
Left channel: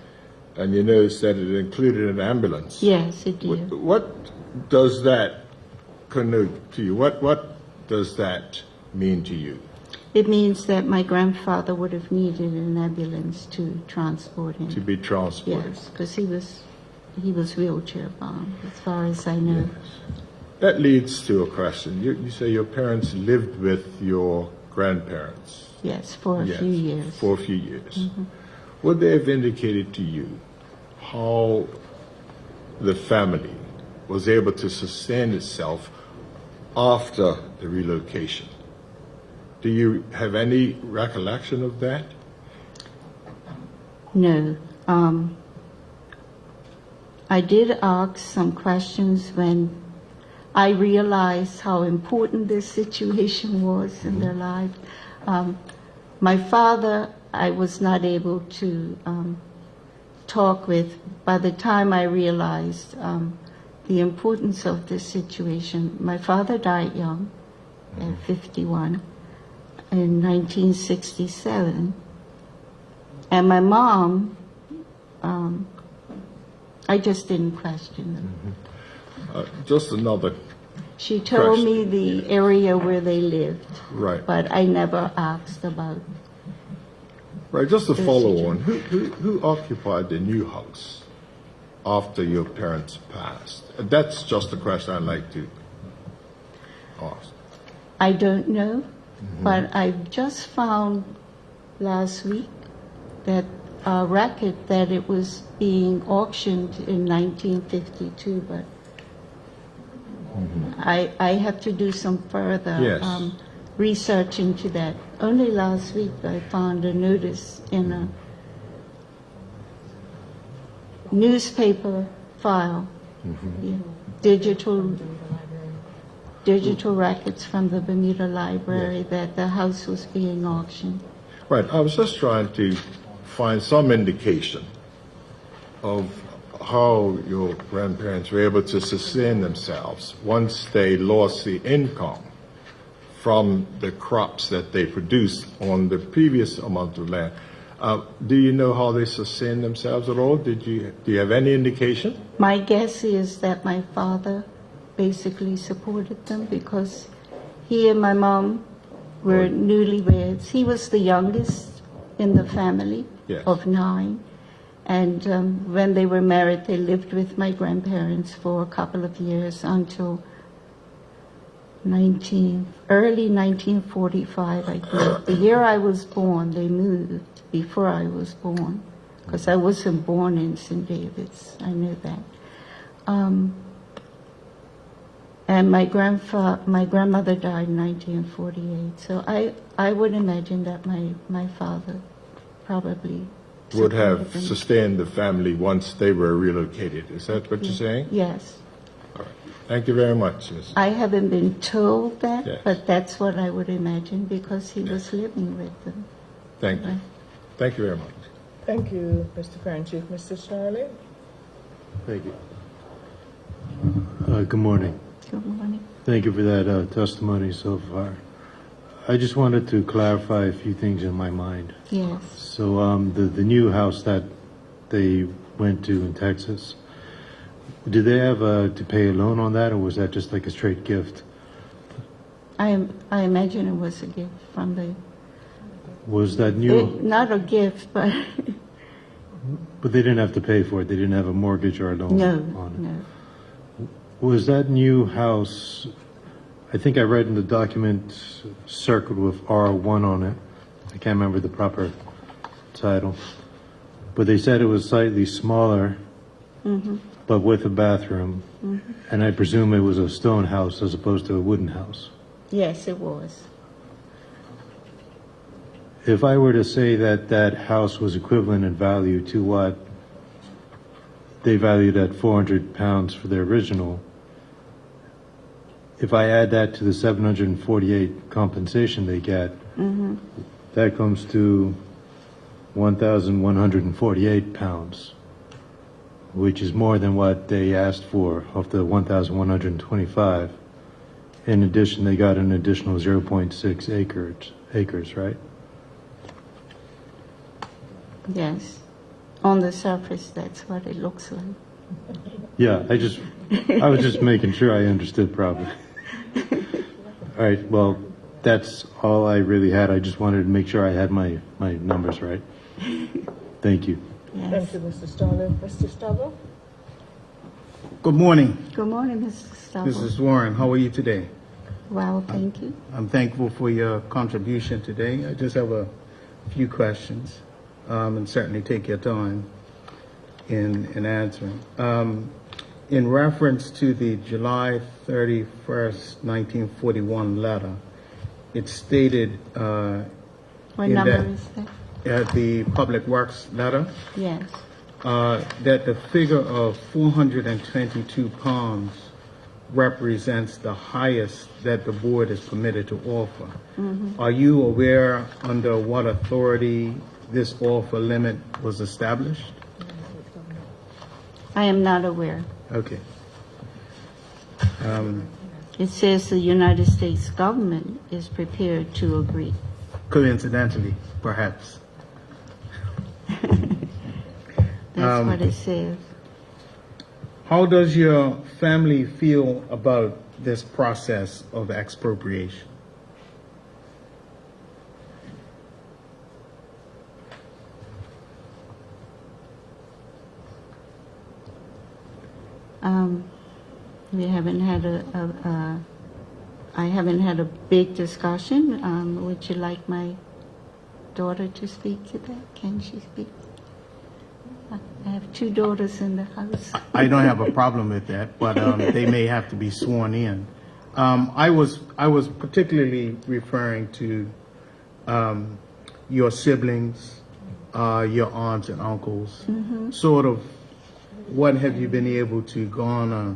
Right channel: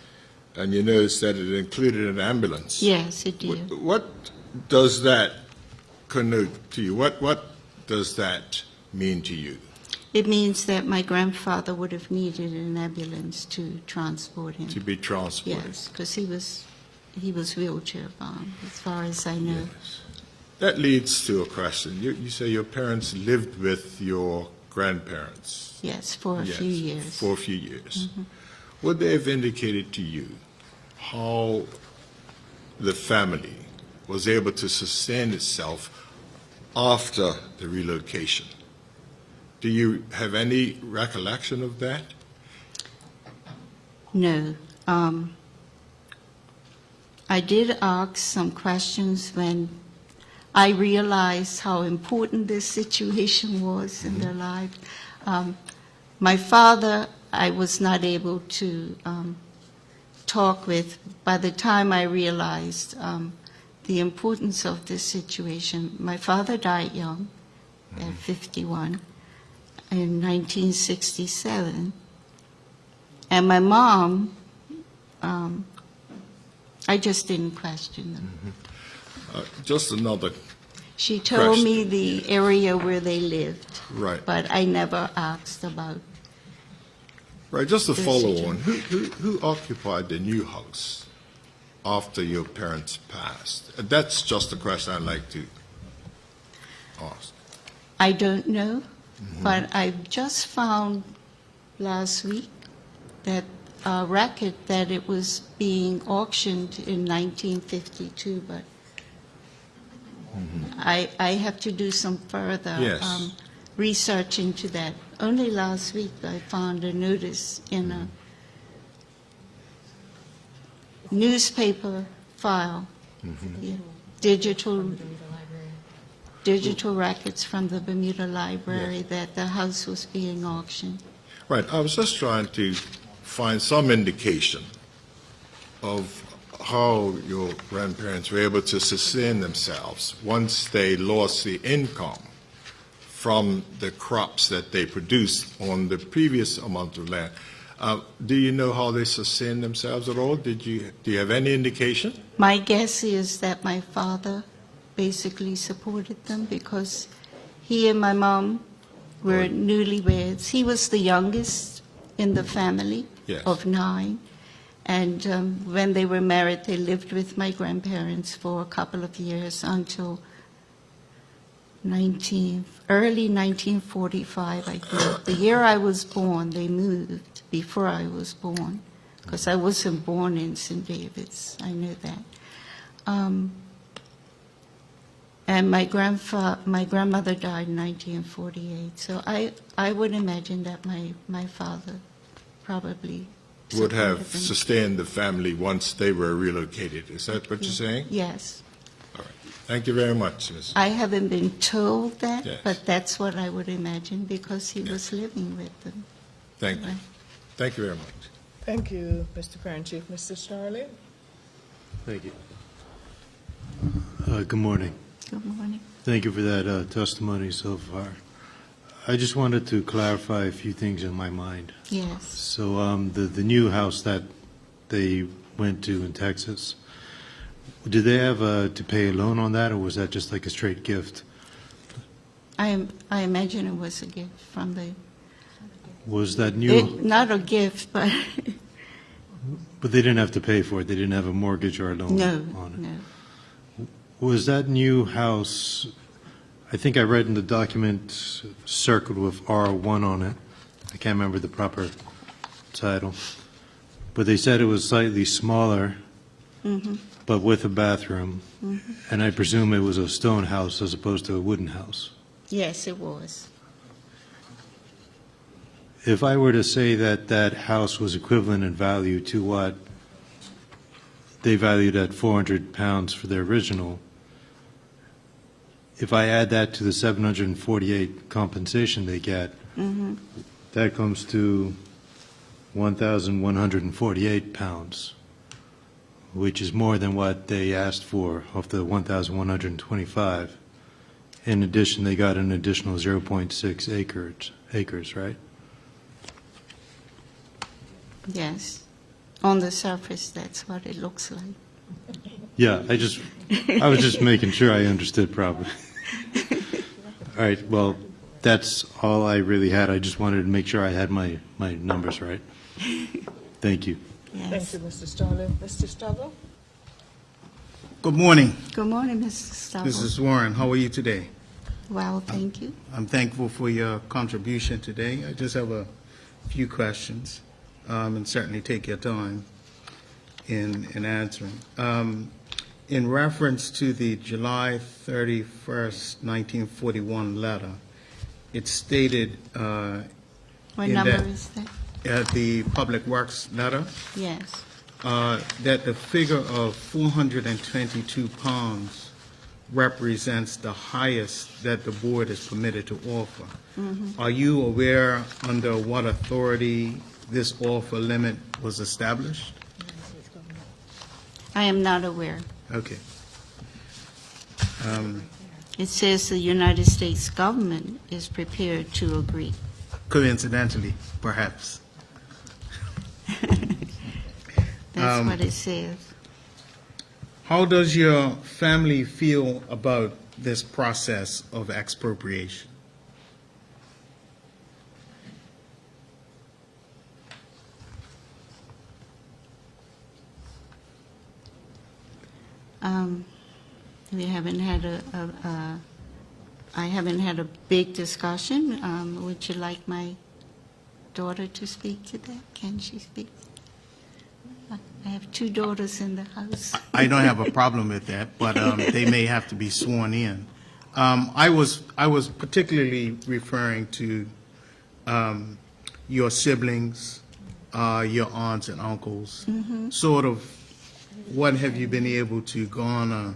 and you notice that it included an ambulance. yes, it did. What does that connote to you? What does that mean to you? It means that my grandfather would have needed an ambulance to transport him. To be transported? Yes, because he was wheelchair bound, as far as I know. That leads to a question. You say your parents lived with your grandparents? Yes, for a Yes, few years. For a few years. Would they have indicated to you how the family was able to sustain itself after the relocation? Do you have any recollection of that? No. I did ask some questions when I realized how important this situation was in their lives. My father, I was not able to talk with. By the time I realized the importance of this situation, my father died young, at 51, in 1967. And my mom, I just didn't question them. Just another, She told Question. me the area where they lived, right. but I never asked about. Right, just to the follow situ- on, who occupied the new house after your parents passed? That's just a question I'd like to ask. I don't know, but I just found last week that a record that it was being auctioned in 1952, but I have to do some further Yes. research into that. Only last week I found a notice in a newspaper file. Yeah. digital records from the Bermuda Library that the house was being auctioned. Right, I was just trying to find some indication of how your grandparents were able to sustain themselves once they lost the income from the crops that they produced on the previous amount of land. Do you know how they sustained themselves at all? Do you have any indication? My guess is that my father basically supported them because he and my mom were newlyweds. He was the youngest in the family Yes. of 9. And when they were married, they lived with my grandparents for a couple of years until early 1945, I think. The year I was born, they moved before I was born, because I wasn't born in St. David's. I knew that. And my grandmother died in 1948. So I would imagine that my father probably Would have supported them. sustained the family once they were relocated. Is that what you're saying? Yes. All right. Thank you very much, Ms. I haven't been told that, Yes. but that's what I would imagine because he was living with them. Thank you. Thank you very much. Thank you, Mr. Parent Chief. Mr. Charlie? Thank you. Good morning. Good morning. Thank you for that testimony so far. I just wanted to clarify a few things in my mind. Yes. So the new house that they went to in Texas, did they have to pay a loan on that, or was that just like a straight gift? I imagine it was a gift from the, Was that new? not a gift, but But they didn't have to pay for it. They didn't have a mortgage or a loan no, on it. no. Was that new house, I think I read in the document circled with R1 on it. I can't remember the proper title. But they said it was slightly smaller, but with a bathroom. And I presume it was a stone house as opposed to a wooden house. Yes, it was. If I were to say that that house was equivalent in value to what they valued at 400 pounds for their original, if I add that to the 748 compensation they get, that comes to 1,148 pounds, which is more than what they asked for of the 1,125. In addition, they got an additional 0.6 acres, right? Yes. On the surface, that's what it looks like. Yeah, I was just making sure I understood properly. All right, well, that's all I really had. I just wanted to make sure I had my numbers right. Thank you. Thank Yes. you, Mr. Starler. Mr. Starler? Good morning, Good morning, Mr. Starr. Mrs. Warren. How are you today? Well, thank you. I'm thankful for your contribution today. I just have a few questions, and certainly take your time in answering. In reference to the July 31st, 1941 letter, it stated What In number that- is that? the Public Works letter Yes. that the figure of 422 pounds represents the highest that the board is permitted to offer. Are you aware under what authority this offer limit was established? I am not aware. Okay. It says the United States government is prepared to agree. Coincidentally, perhaps. That's what it says. How does your family feel about this process of expropriation? We haven't had I haven't had a big discussion. Would you like my daughter to speak to that? Can she speak? I have 2 daughters in the house. I don't have a problem with that, but they may have to be sworn in. I was particularly referring to your siblings, your aunts and uncles. Sort of, what have you been able to garner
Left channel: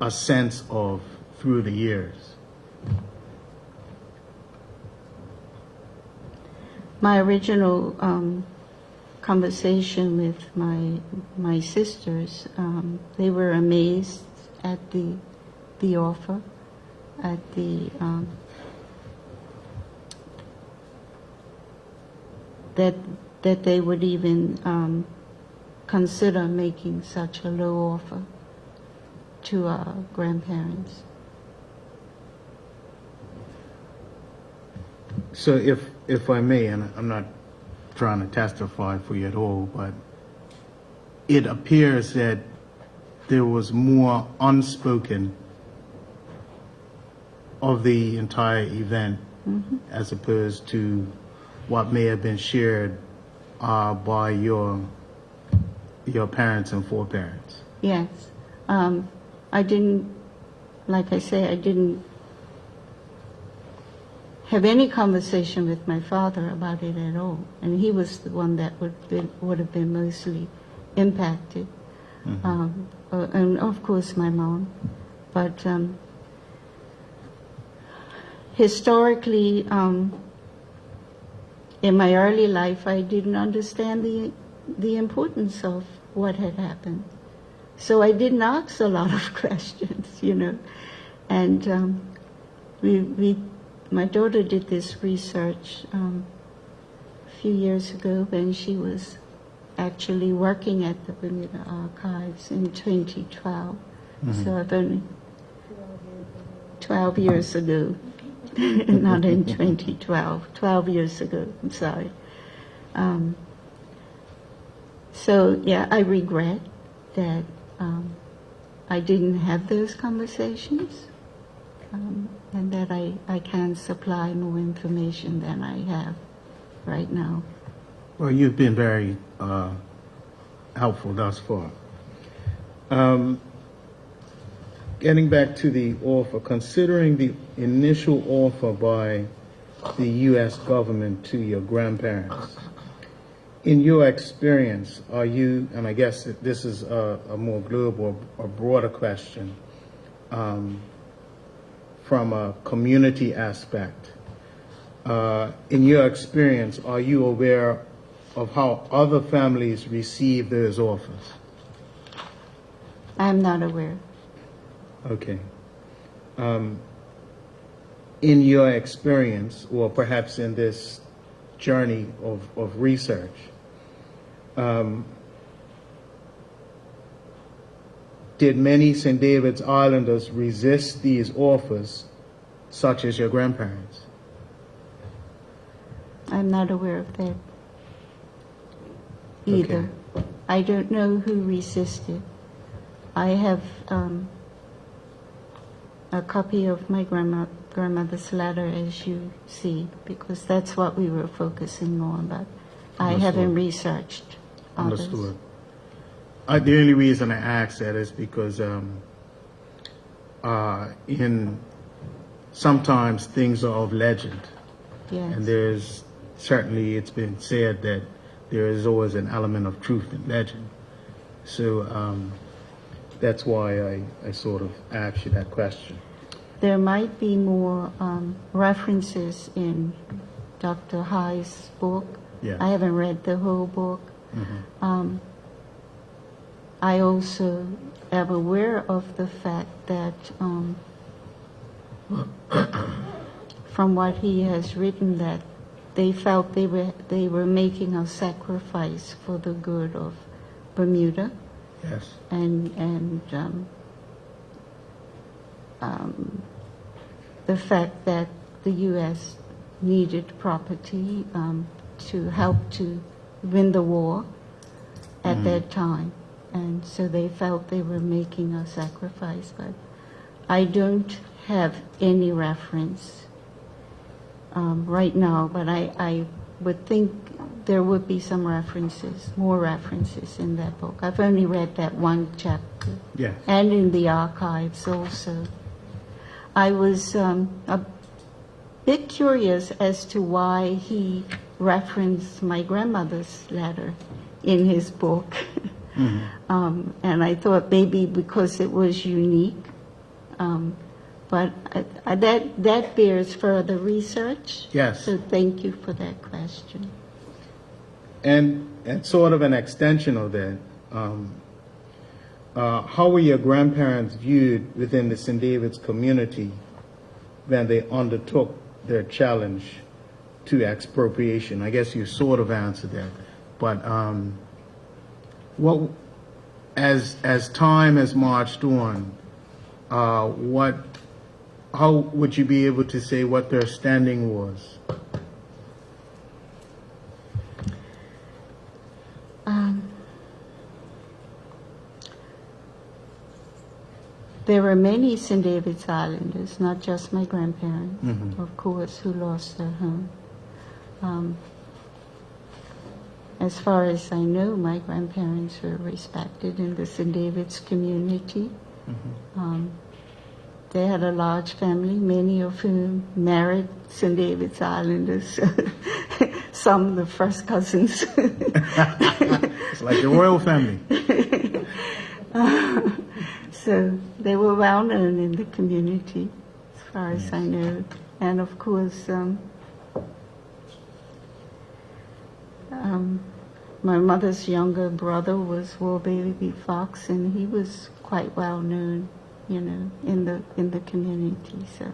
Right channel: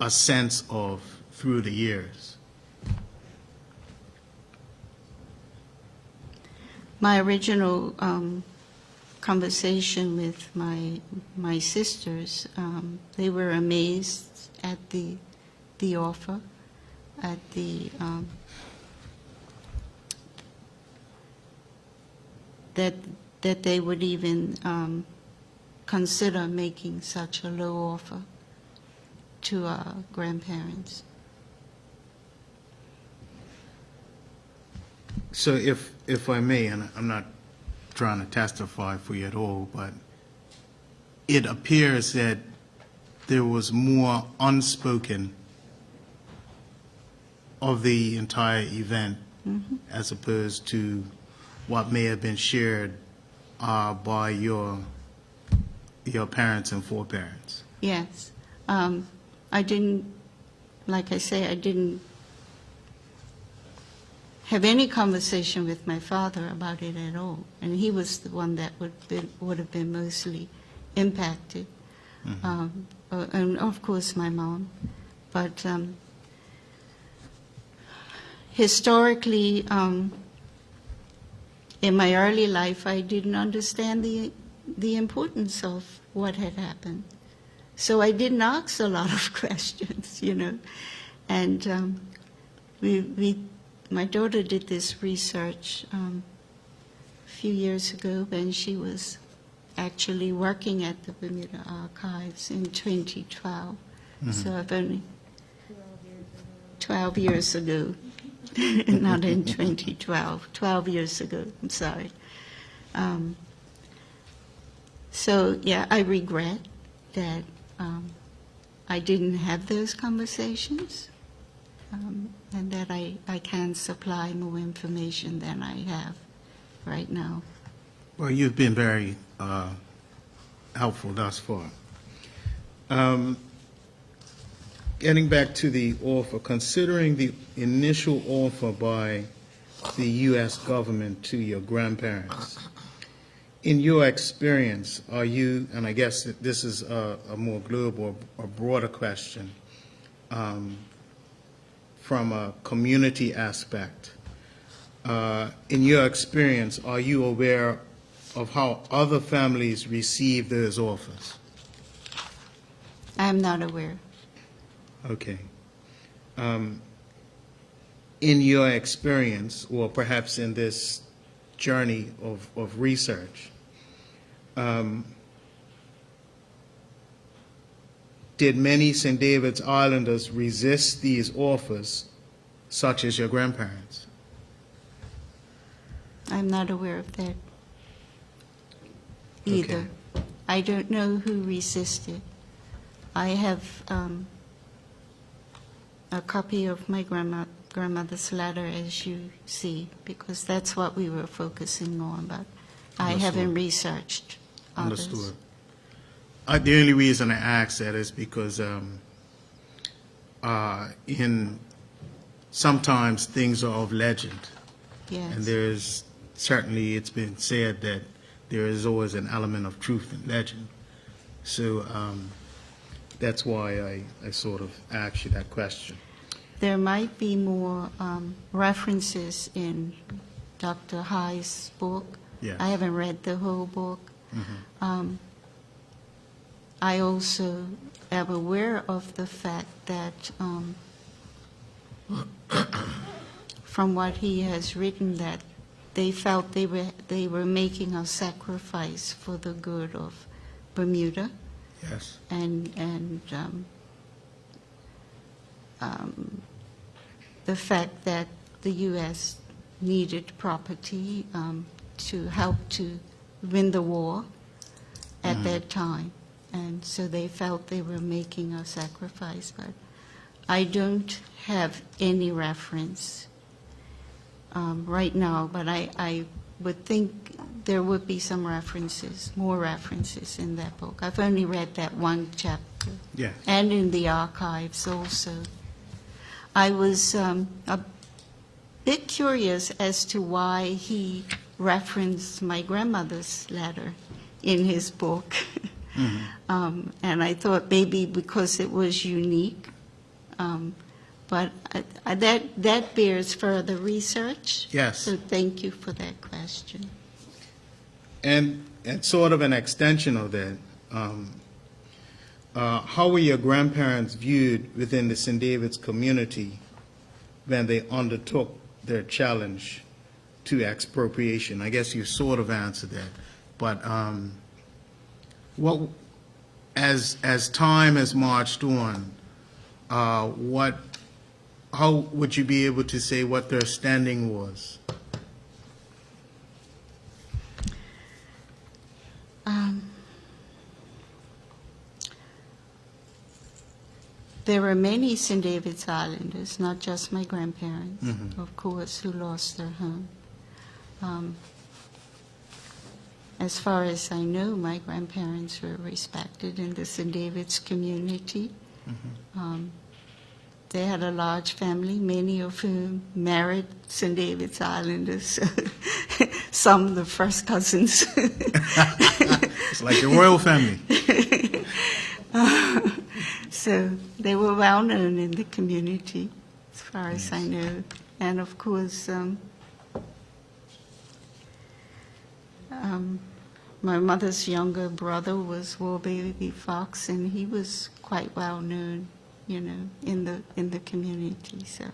a sense of through the years? My original conversation with my sisters, they were amazed at the offer, at that they would even consider making such a low offer to our grandparents. So if I may, and I'm not trying to testify for you at all, but it appears that there was more unspoken of the entire event as opposed to what may have been shared by your parents and foreparents. Yes. I didn't, like I say, I didn't have any conversation with my father about it at all. And he was the one that would have been mostly impacted. And of course my mom. But historically, in my early life, I didn't understand the importance of what had happened. So I didn't ask a lot of questions, you know. And my daughter did this research a few years ago when she was actually working at the Bermuda Archives in 2012. So I've only 12 years ago, not in 2012, 12 years ago, I'm sorry. So yeah, I regret that I didn't have those conversations, and that I can supply more information than I have right now. Well, you've been very helpful thus far. Getting back to the offer, considering the initial offer by the U.S. government to your grandparents, in your experience, are you, and I guess that this is a more global or broader question, from a community aspect, in your experience, are you aware of how other families receive those offers? I'm not aware. Okay. In your experience, or perhaps in this journey of research, did many St. David's Islanders resist these offers, such as your grandparents? I'm not aware of that either. Okay. I don't know who resisted. I have a copy of my grandmother's letter, as you see, because that's what we were focusing on, but I haven't researched others. Understood. The only reason I ask that is because sometimes things are of legend. Yes. And there's certainly, it's been said that there is always an element of truth in legend. So that's why I sort of asked you that question. There might be more references in Dr. High's book. Yes. I haven't read the whole book. I also am aware of the fact that from what he has written, that they felt they were making a sacrifice for the good of Bermuda, Yes. and the fact that the U.S. needed property to help to win the war at that time, and so they felt they were making a sacrifice. But I don't have any reference right now, but I would think there would be some references, more references in that book. I've only read that one chapter, Yes. and in the archives also. I was a bit curious as to why he referenced my grandmother's letter in his book. And I thought maybe because it was unique But that bears further research. Yes. So thank you for that question. And sort of an extension of that, how were your grandparents viewed within the St. David's community when they undertook their challenge to expropriation? I guess you sort of answered that, but what, as time has marched on, how would you be able to say what their standing was? There were many St. David's Islanders, not just my grandparents, of course, who lost their home. As far as I know, my grandparents were respected in the St. David's community. They had a large family, many of whom married St. David's Islanders, some the first cousins. It's like your royal family. So they were well known in the community, as far as I know. And of course, my mother's younger brother was War Baby Fox, and he was quite well known, you know, in the community. So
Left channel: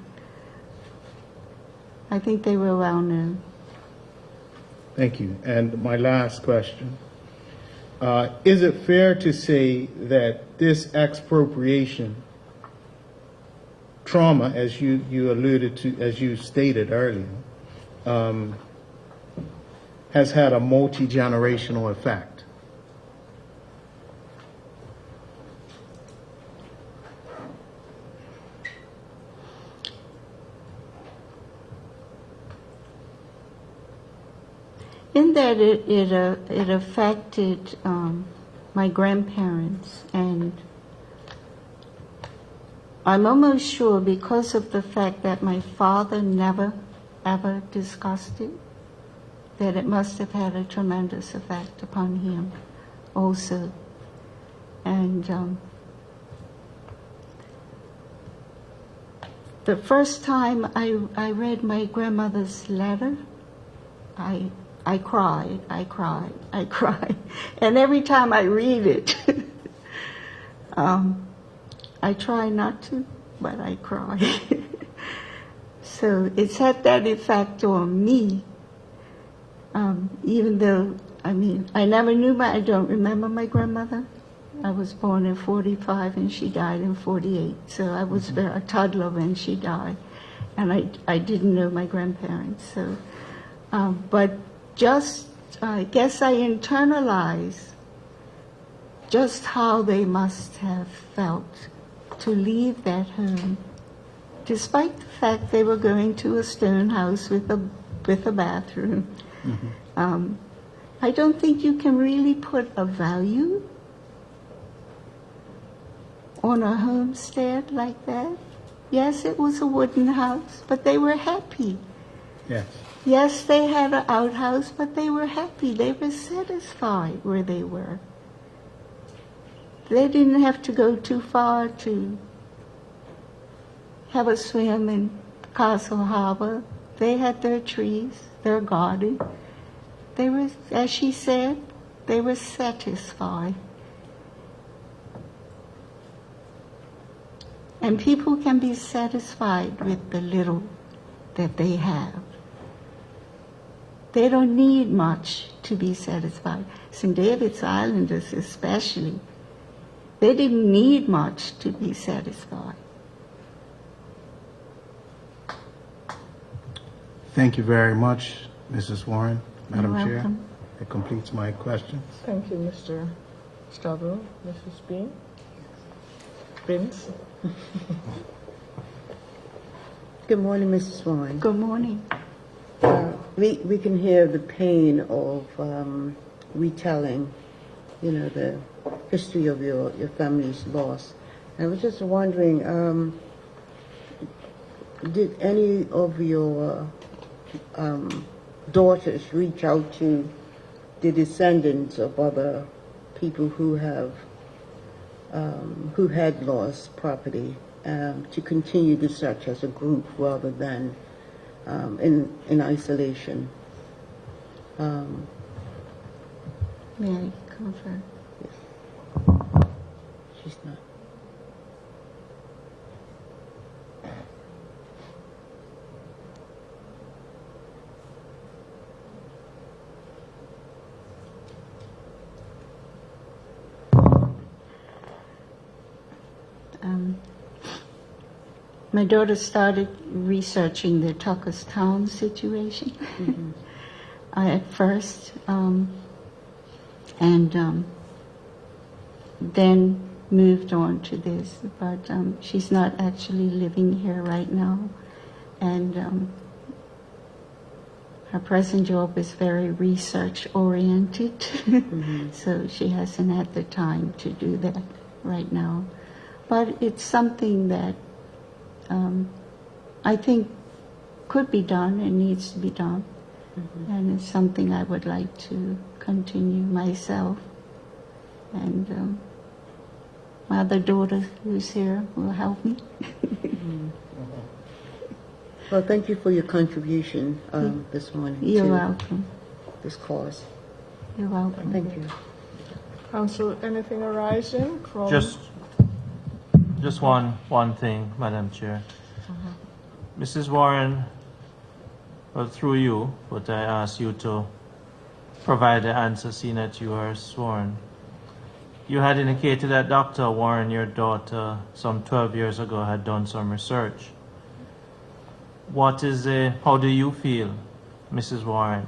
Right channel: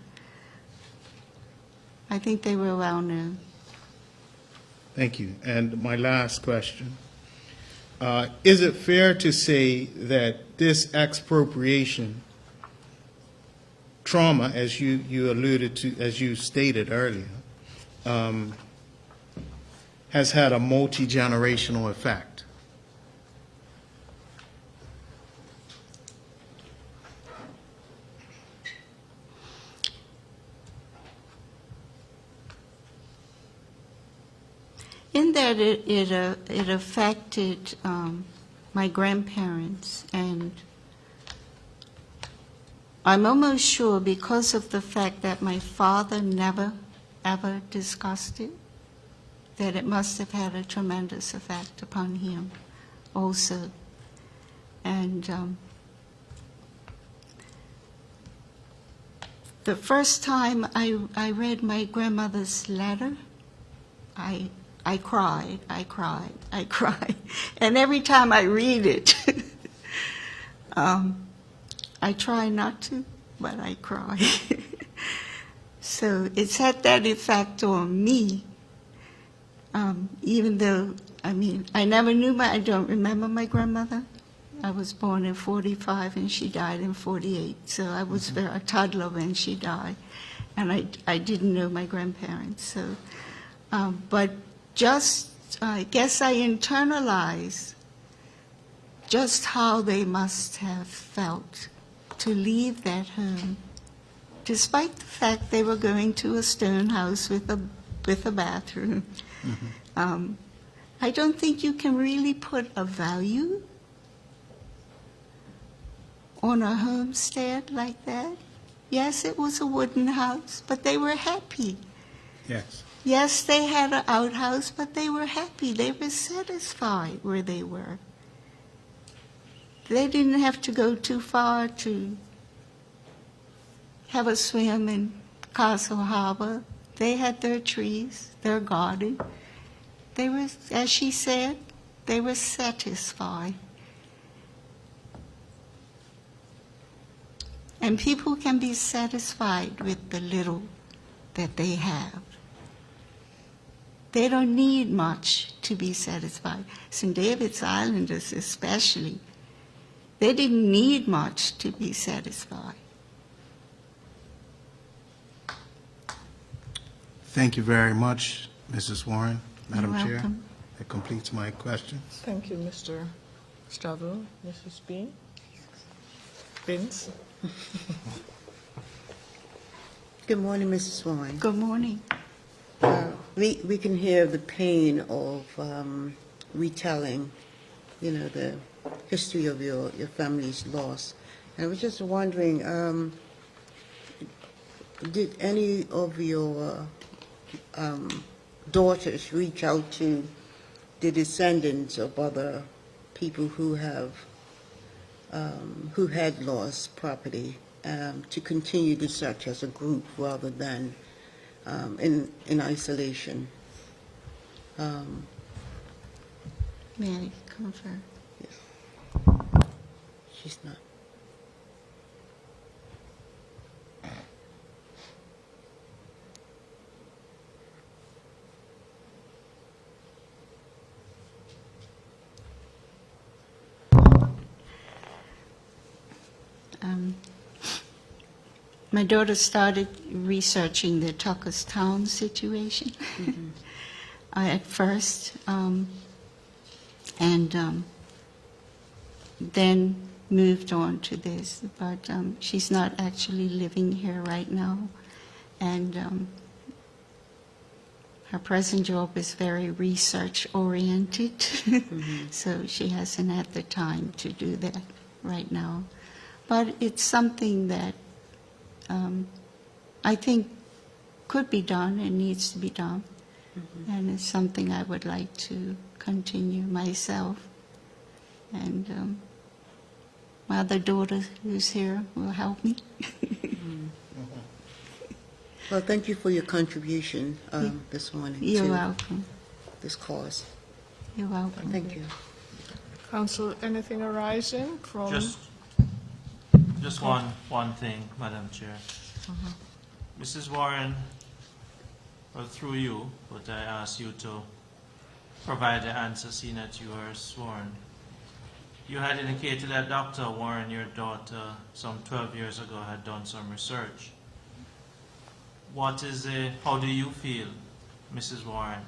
I think they were well known. Thank you. And my last question. Is it fair to say that this expropriation trauma, as you alluded to, as you stated earlier, has had a multi-generational effect? In that it affected my grandparents, and I'm almost sure because of the fact that my father never, ever discussed it, that it must have had a tremendous effect upon him also. And the first time I read my grandmother's letter, I cried. And every time I read it, I try not to, but I cry. So it's had that effect on me, even though, I mean, I don't remember my grandmother. I was born in 45 and she died in 48. So I was a toddler when she died. And I didn't know my grandparents. So, but I guess I internalized just how they must have felt to leave that home, despite the fact they were going to a stone house with a bathroom. I don't think you can really put a value on a homestead like that. Yes, it was a wooden house, but they were happy. Yes. Yes, they had an outhouse, but they were happy. They were satisfied where they were. They didn't have to go too far to have a swim in Castle Harbor. They had their trees, their garden. They were, as she said, they were satisfied. And people can be satisfied with the little that they have. They don't need much to be satisfied. St. David's Islanders especially, they didn't need much to be satisfied. Thank you very much, Mrs. Warren, Madam You're Chair. welcome. That completes my questions. Thank you, Mr. Stavro. Mrs. Bean? Vince? Good morning, Mrs. Warren. Good morning. We can hear the pain of retelling, you know, the history of your family's loss. And I was just wondering, did any of your daughters reach out to the descendants of other people who have who had lost property to continue the search as a group rather than in isolation. May I confirm? She's not. My daughter started researching the Tuckerstown situation at first, and then moved on to this. But she's not actually living here right now, and her present job is very research oriented, so she hasn't had the time to do that right now. But it's something that I think could be done and needs to be done. And it's something I would like to continue myself. And my other daughter who's here will help me. Well, thank you for your contribution this morning You're to welcome. this cause. You're welcome. Thank you. Council, anything arising from? Just one thing, Madam Chair. Mrs. Warren, well, through you, but I ask you to provide the answer, seeing that you are sworn. You had indicated that Dr. Warren, your daughter, some 12 years ago, had done some research. How do you feel, Mrs. Warren,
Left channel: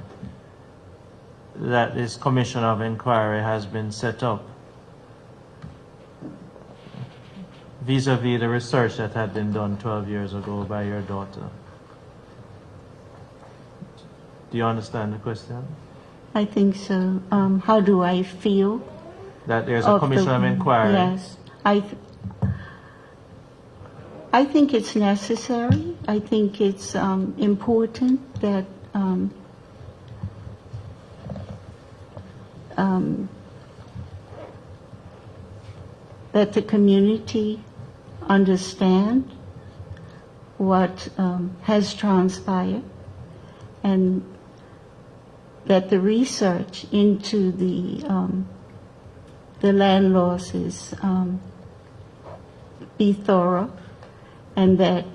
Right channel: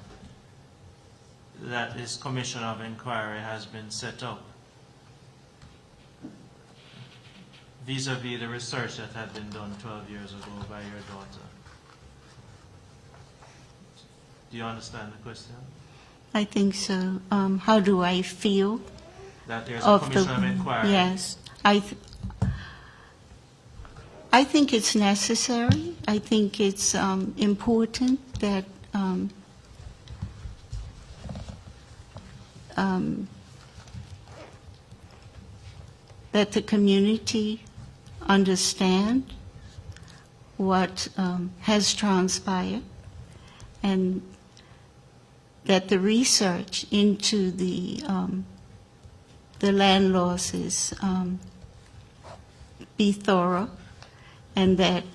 that this commission of inquiry has been set up vis-a-vis the research that had been done 12 years ago by your daughter? Do you understand the question? I think so. How do I feel? That there's a commission of inquiry? Yes. I think it's necessary. I think it's important that that the community understand what has transpired, and that the research into the land losses be thorough, and that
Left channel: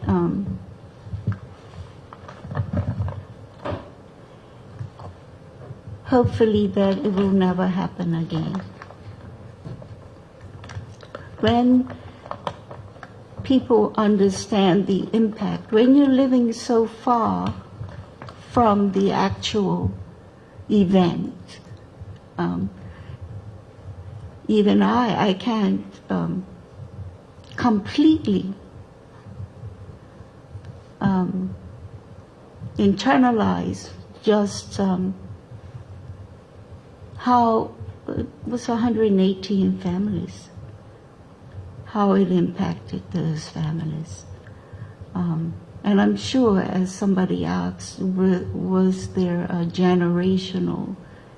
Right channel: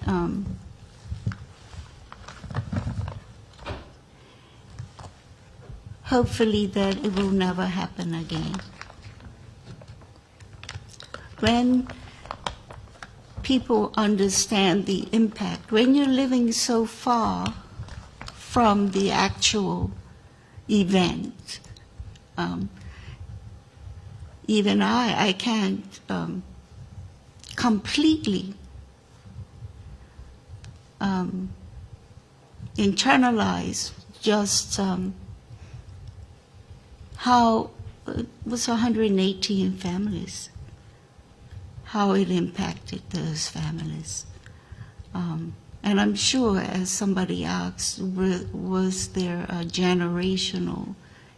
hopefully that it will never happen again. When people understand the impact, when you're living so far from the actual event, even I can't completely internalize just how it was 118 families, how it impacted those families. And I'm sure, as somebody asked, was there a generational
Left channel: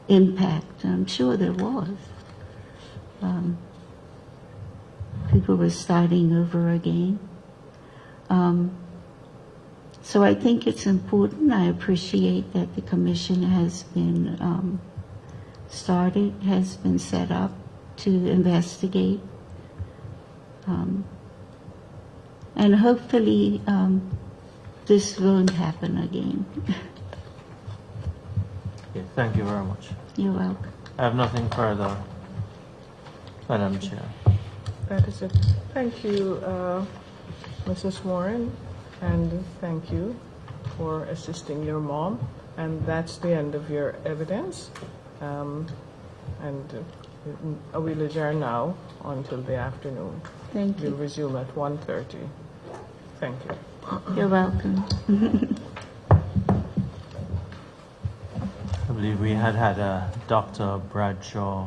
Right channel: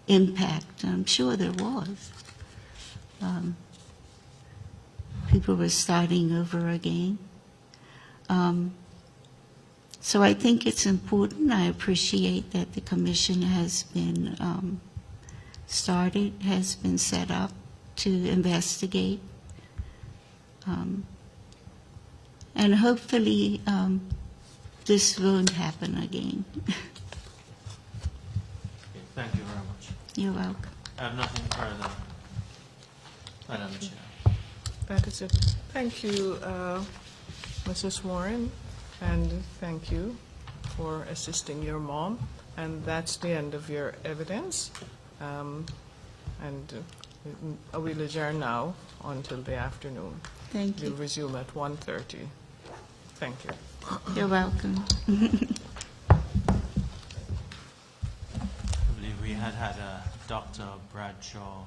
impact? I'm sure there was. People were starting over again. So I think it's important. I appreciate that the commission has been started, has been set up to investigate. And hopefully this won't happen again. Okay, thank you very much. You're welcome. I have nothing further, Madam Chair. That is it. Thank you, Mrs. Warren, and thank you for assisting your mom. And that's the end of your evidence. We'll adjourn now until the afternoon. Thank We'll you. resume at 1:30. Thank you. You're welcome. I believe we had a Dr. Bradshaw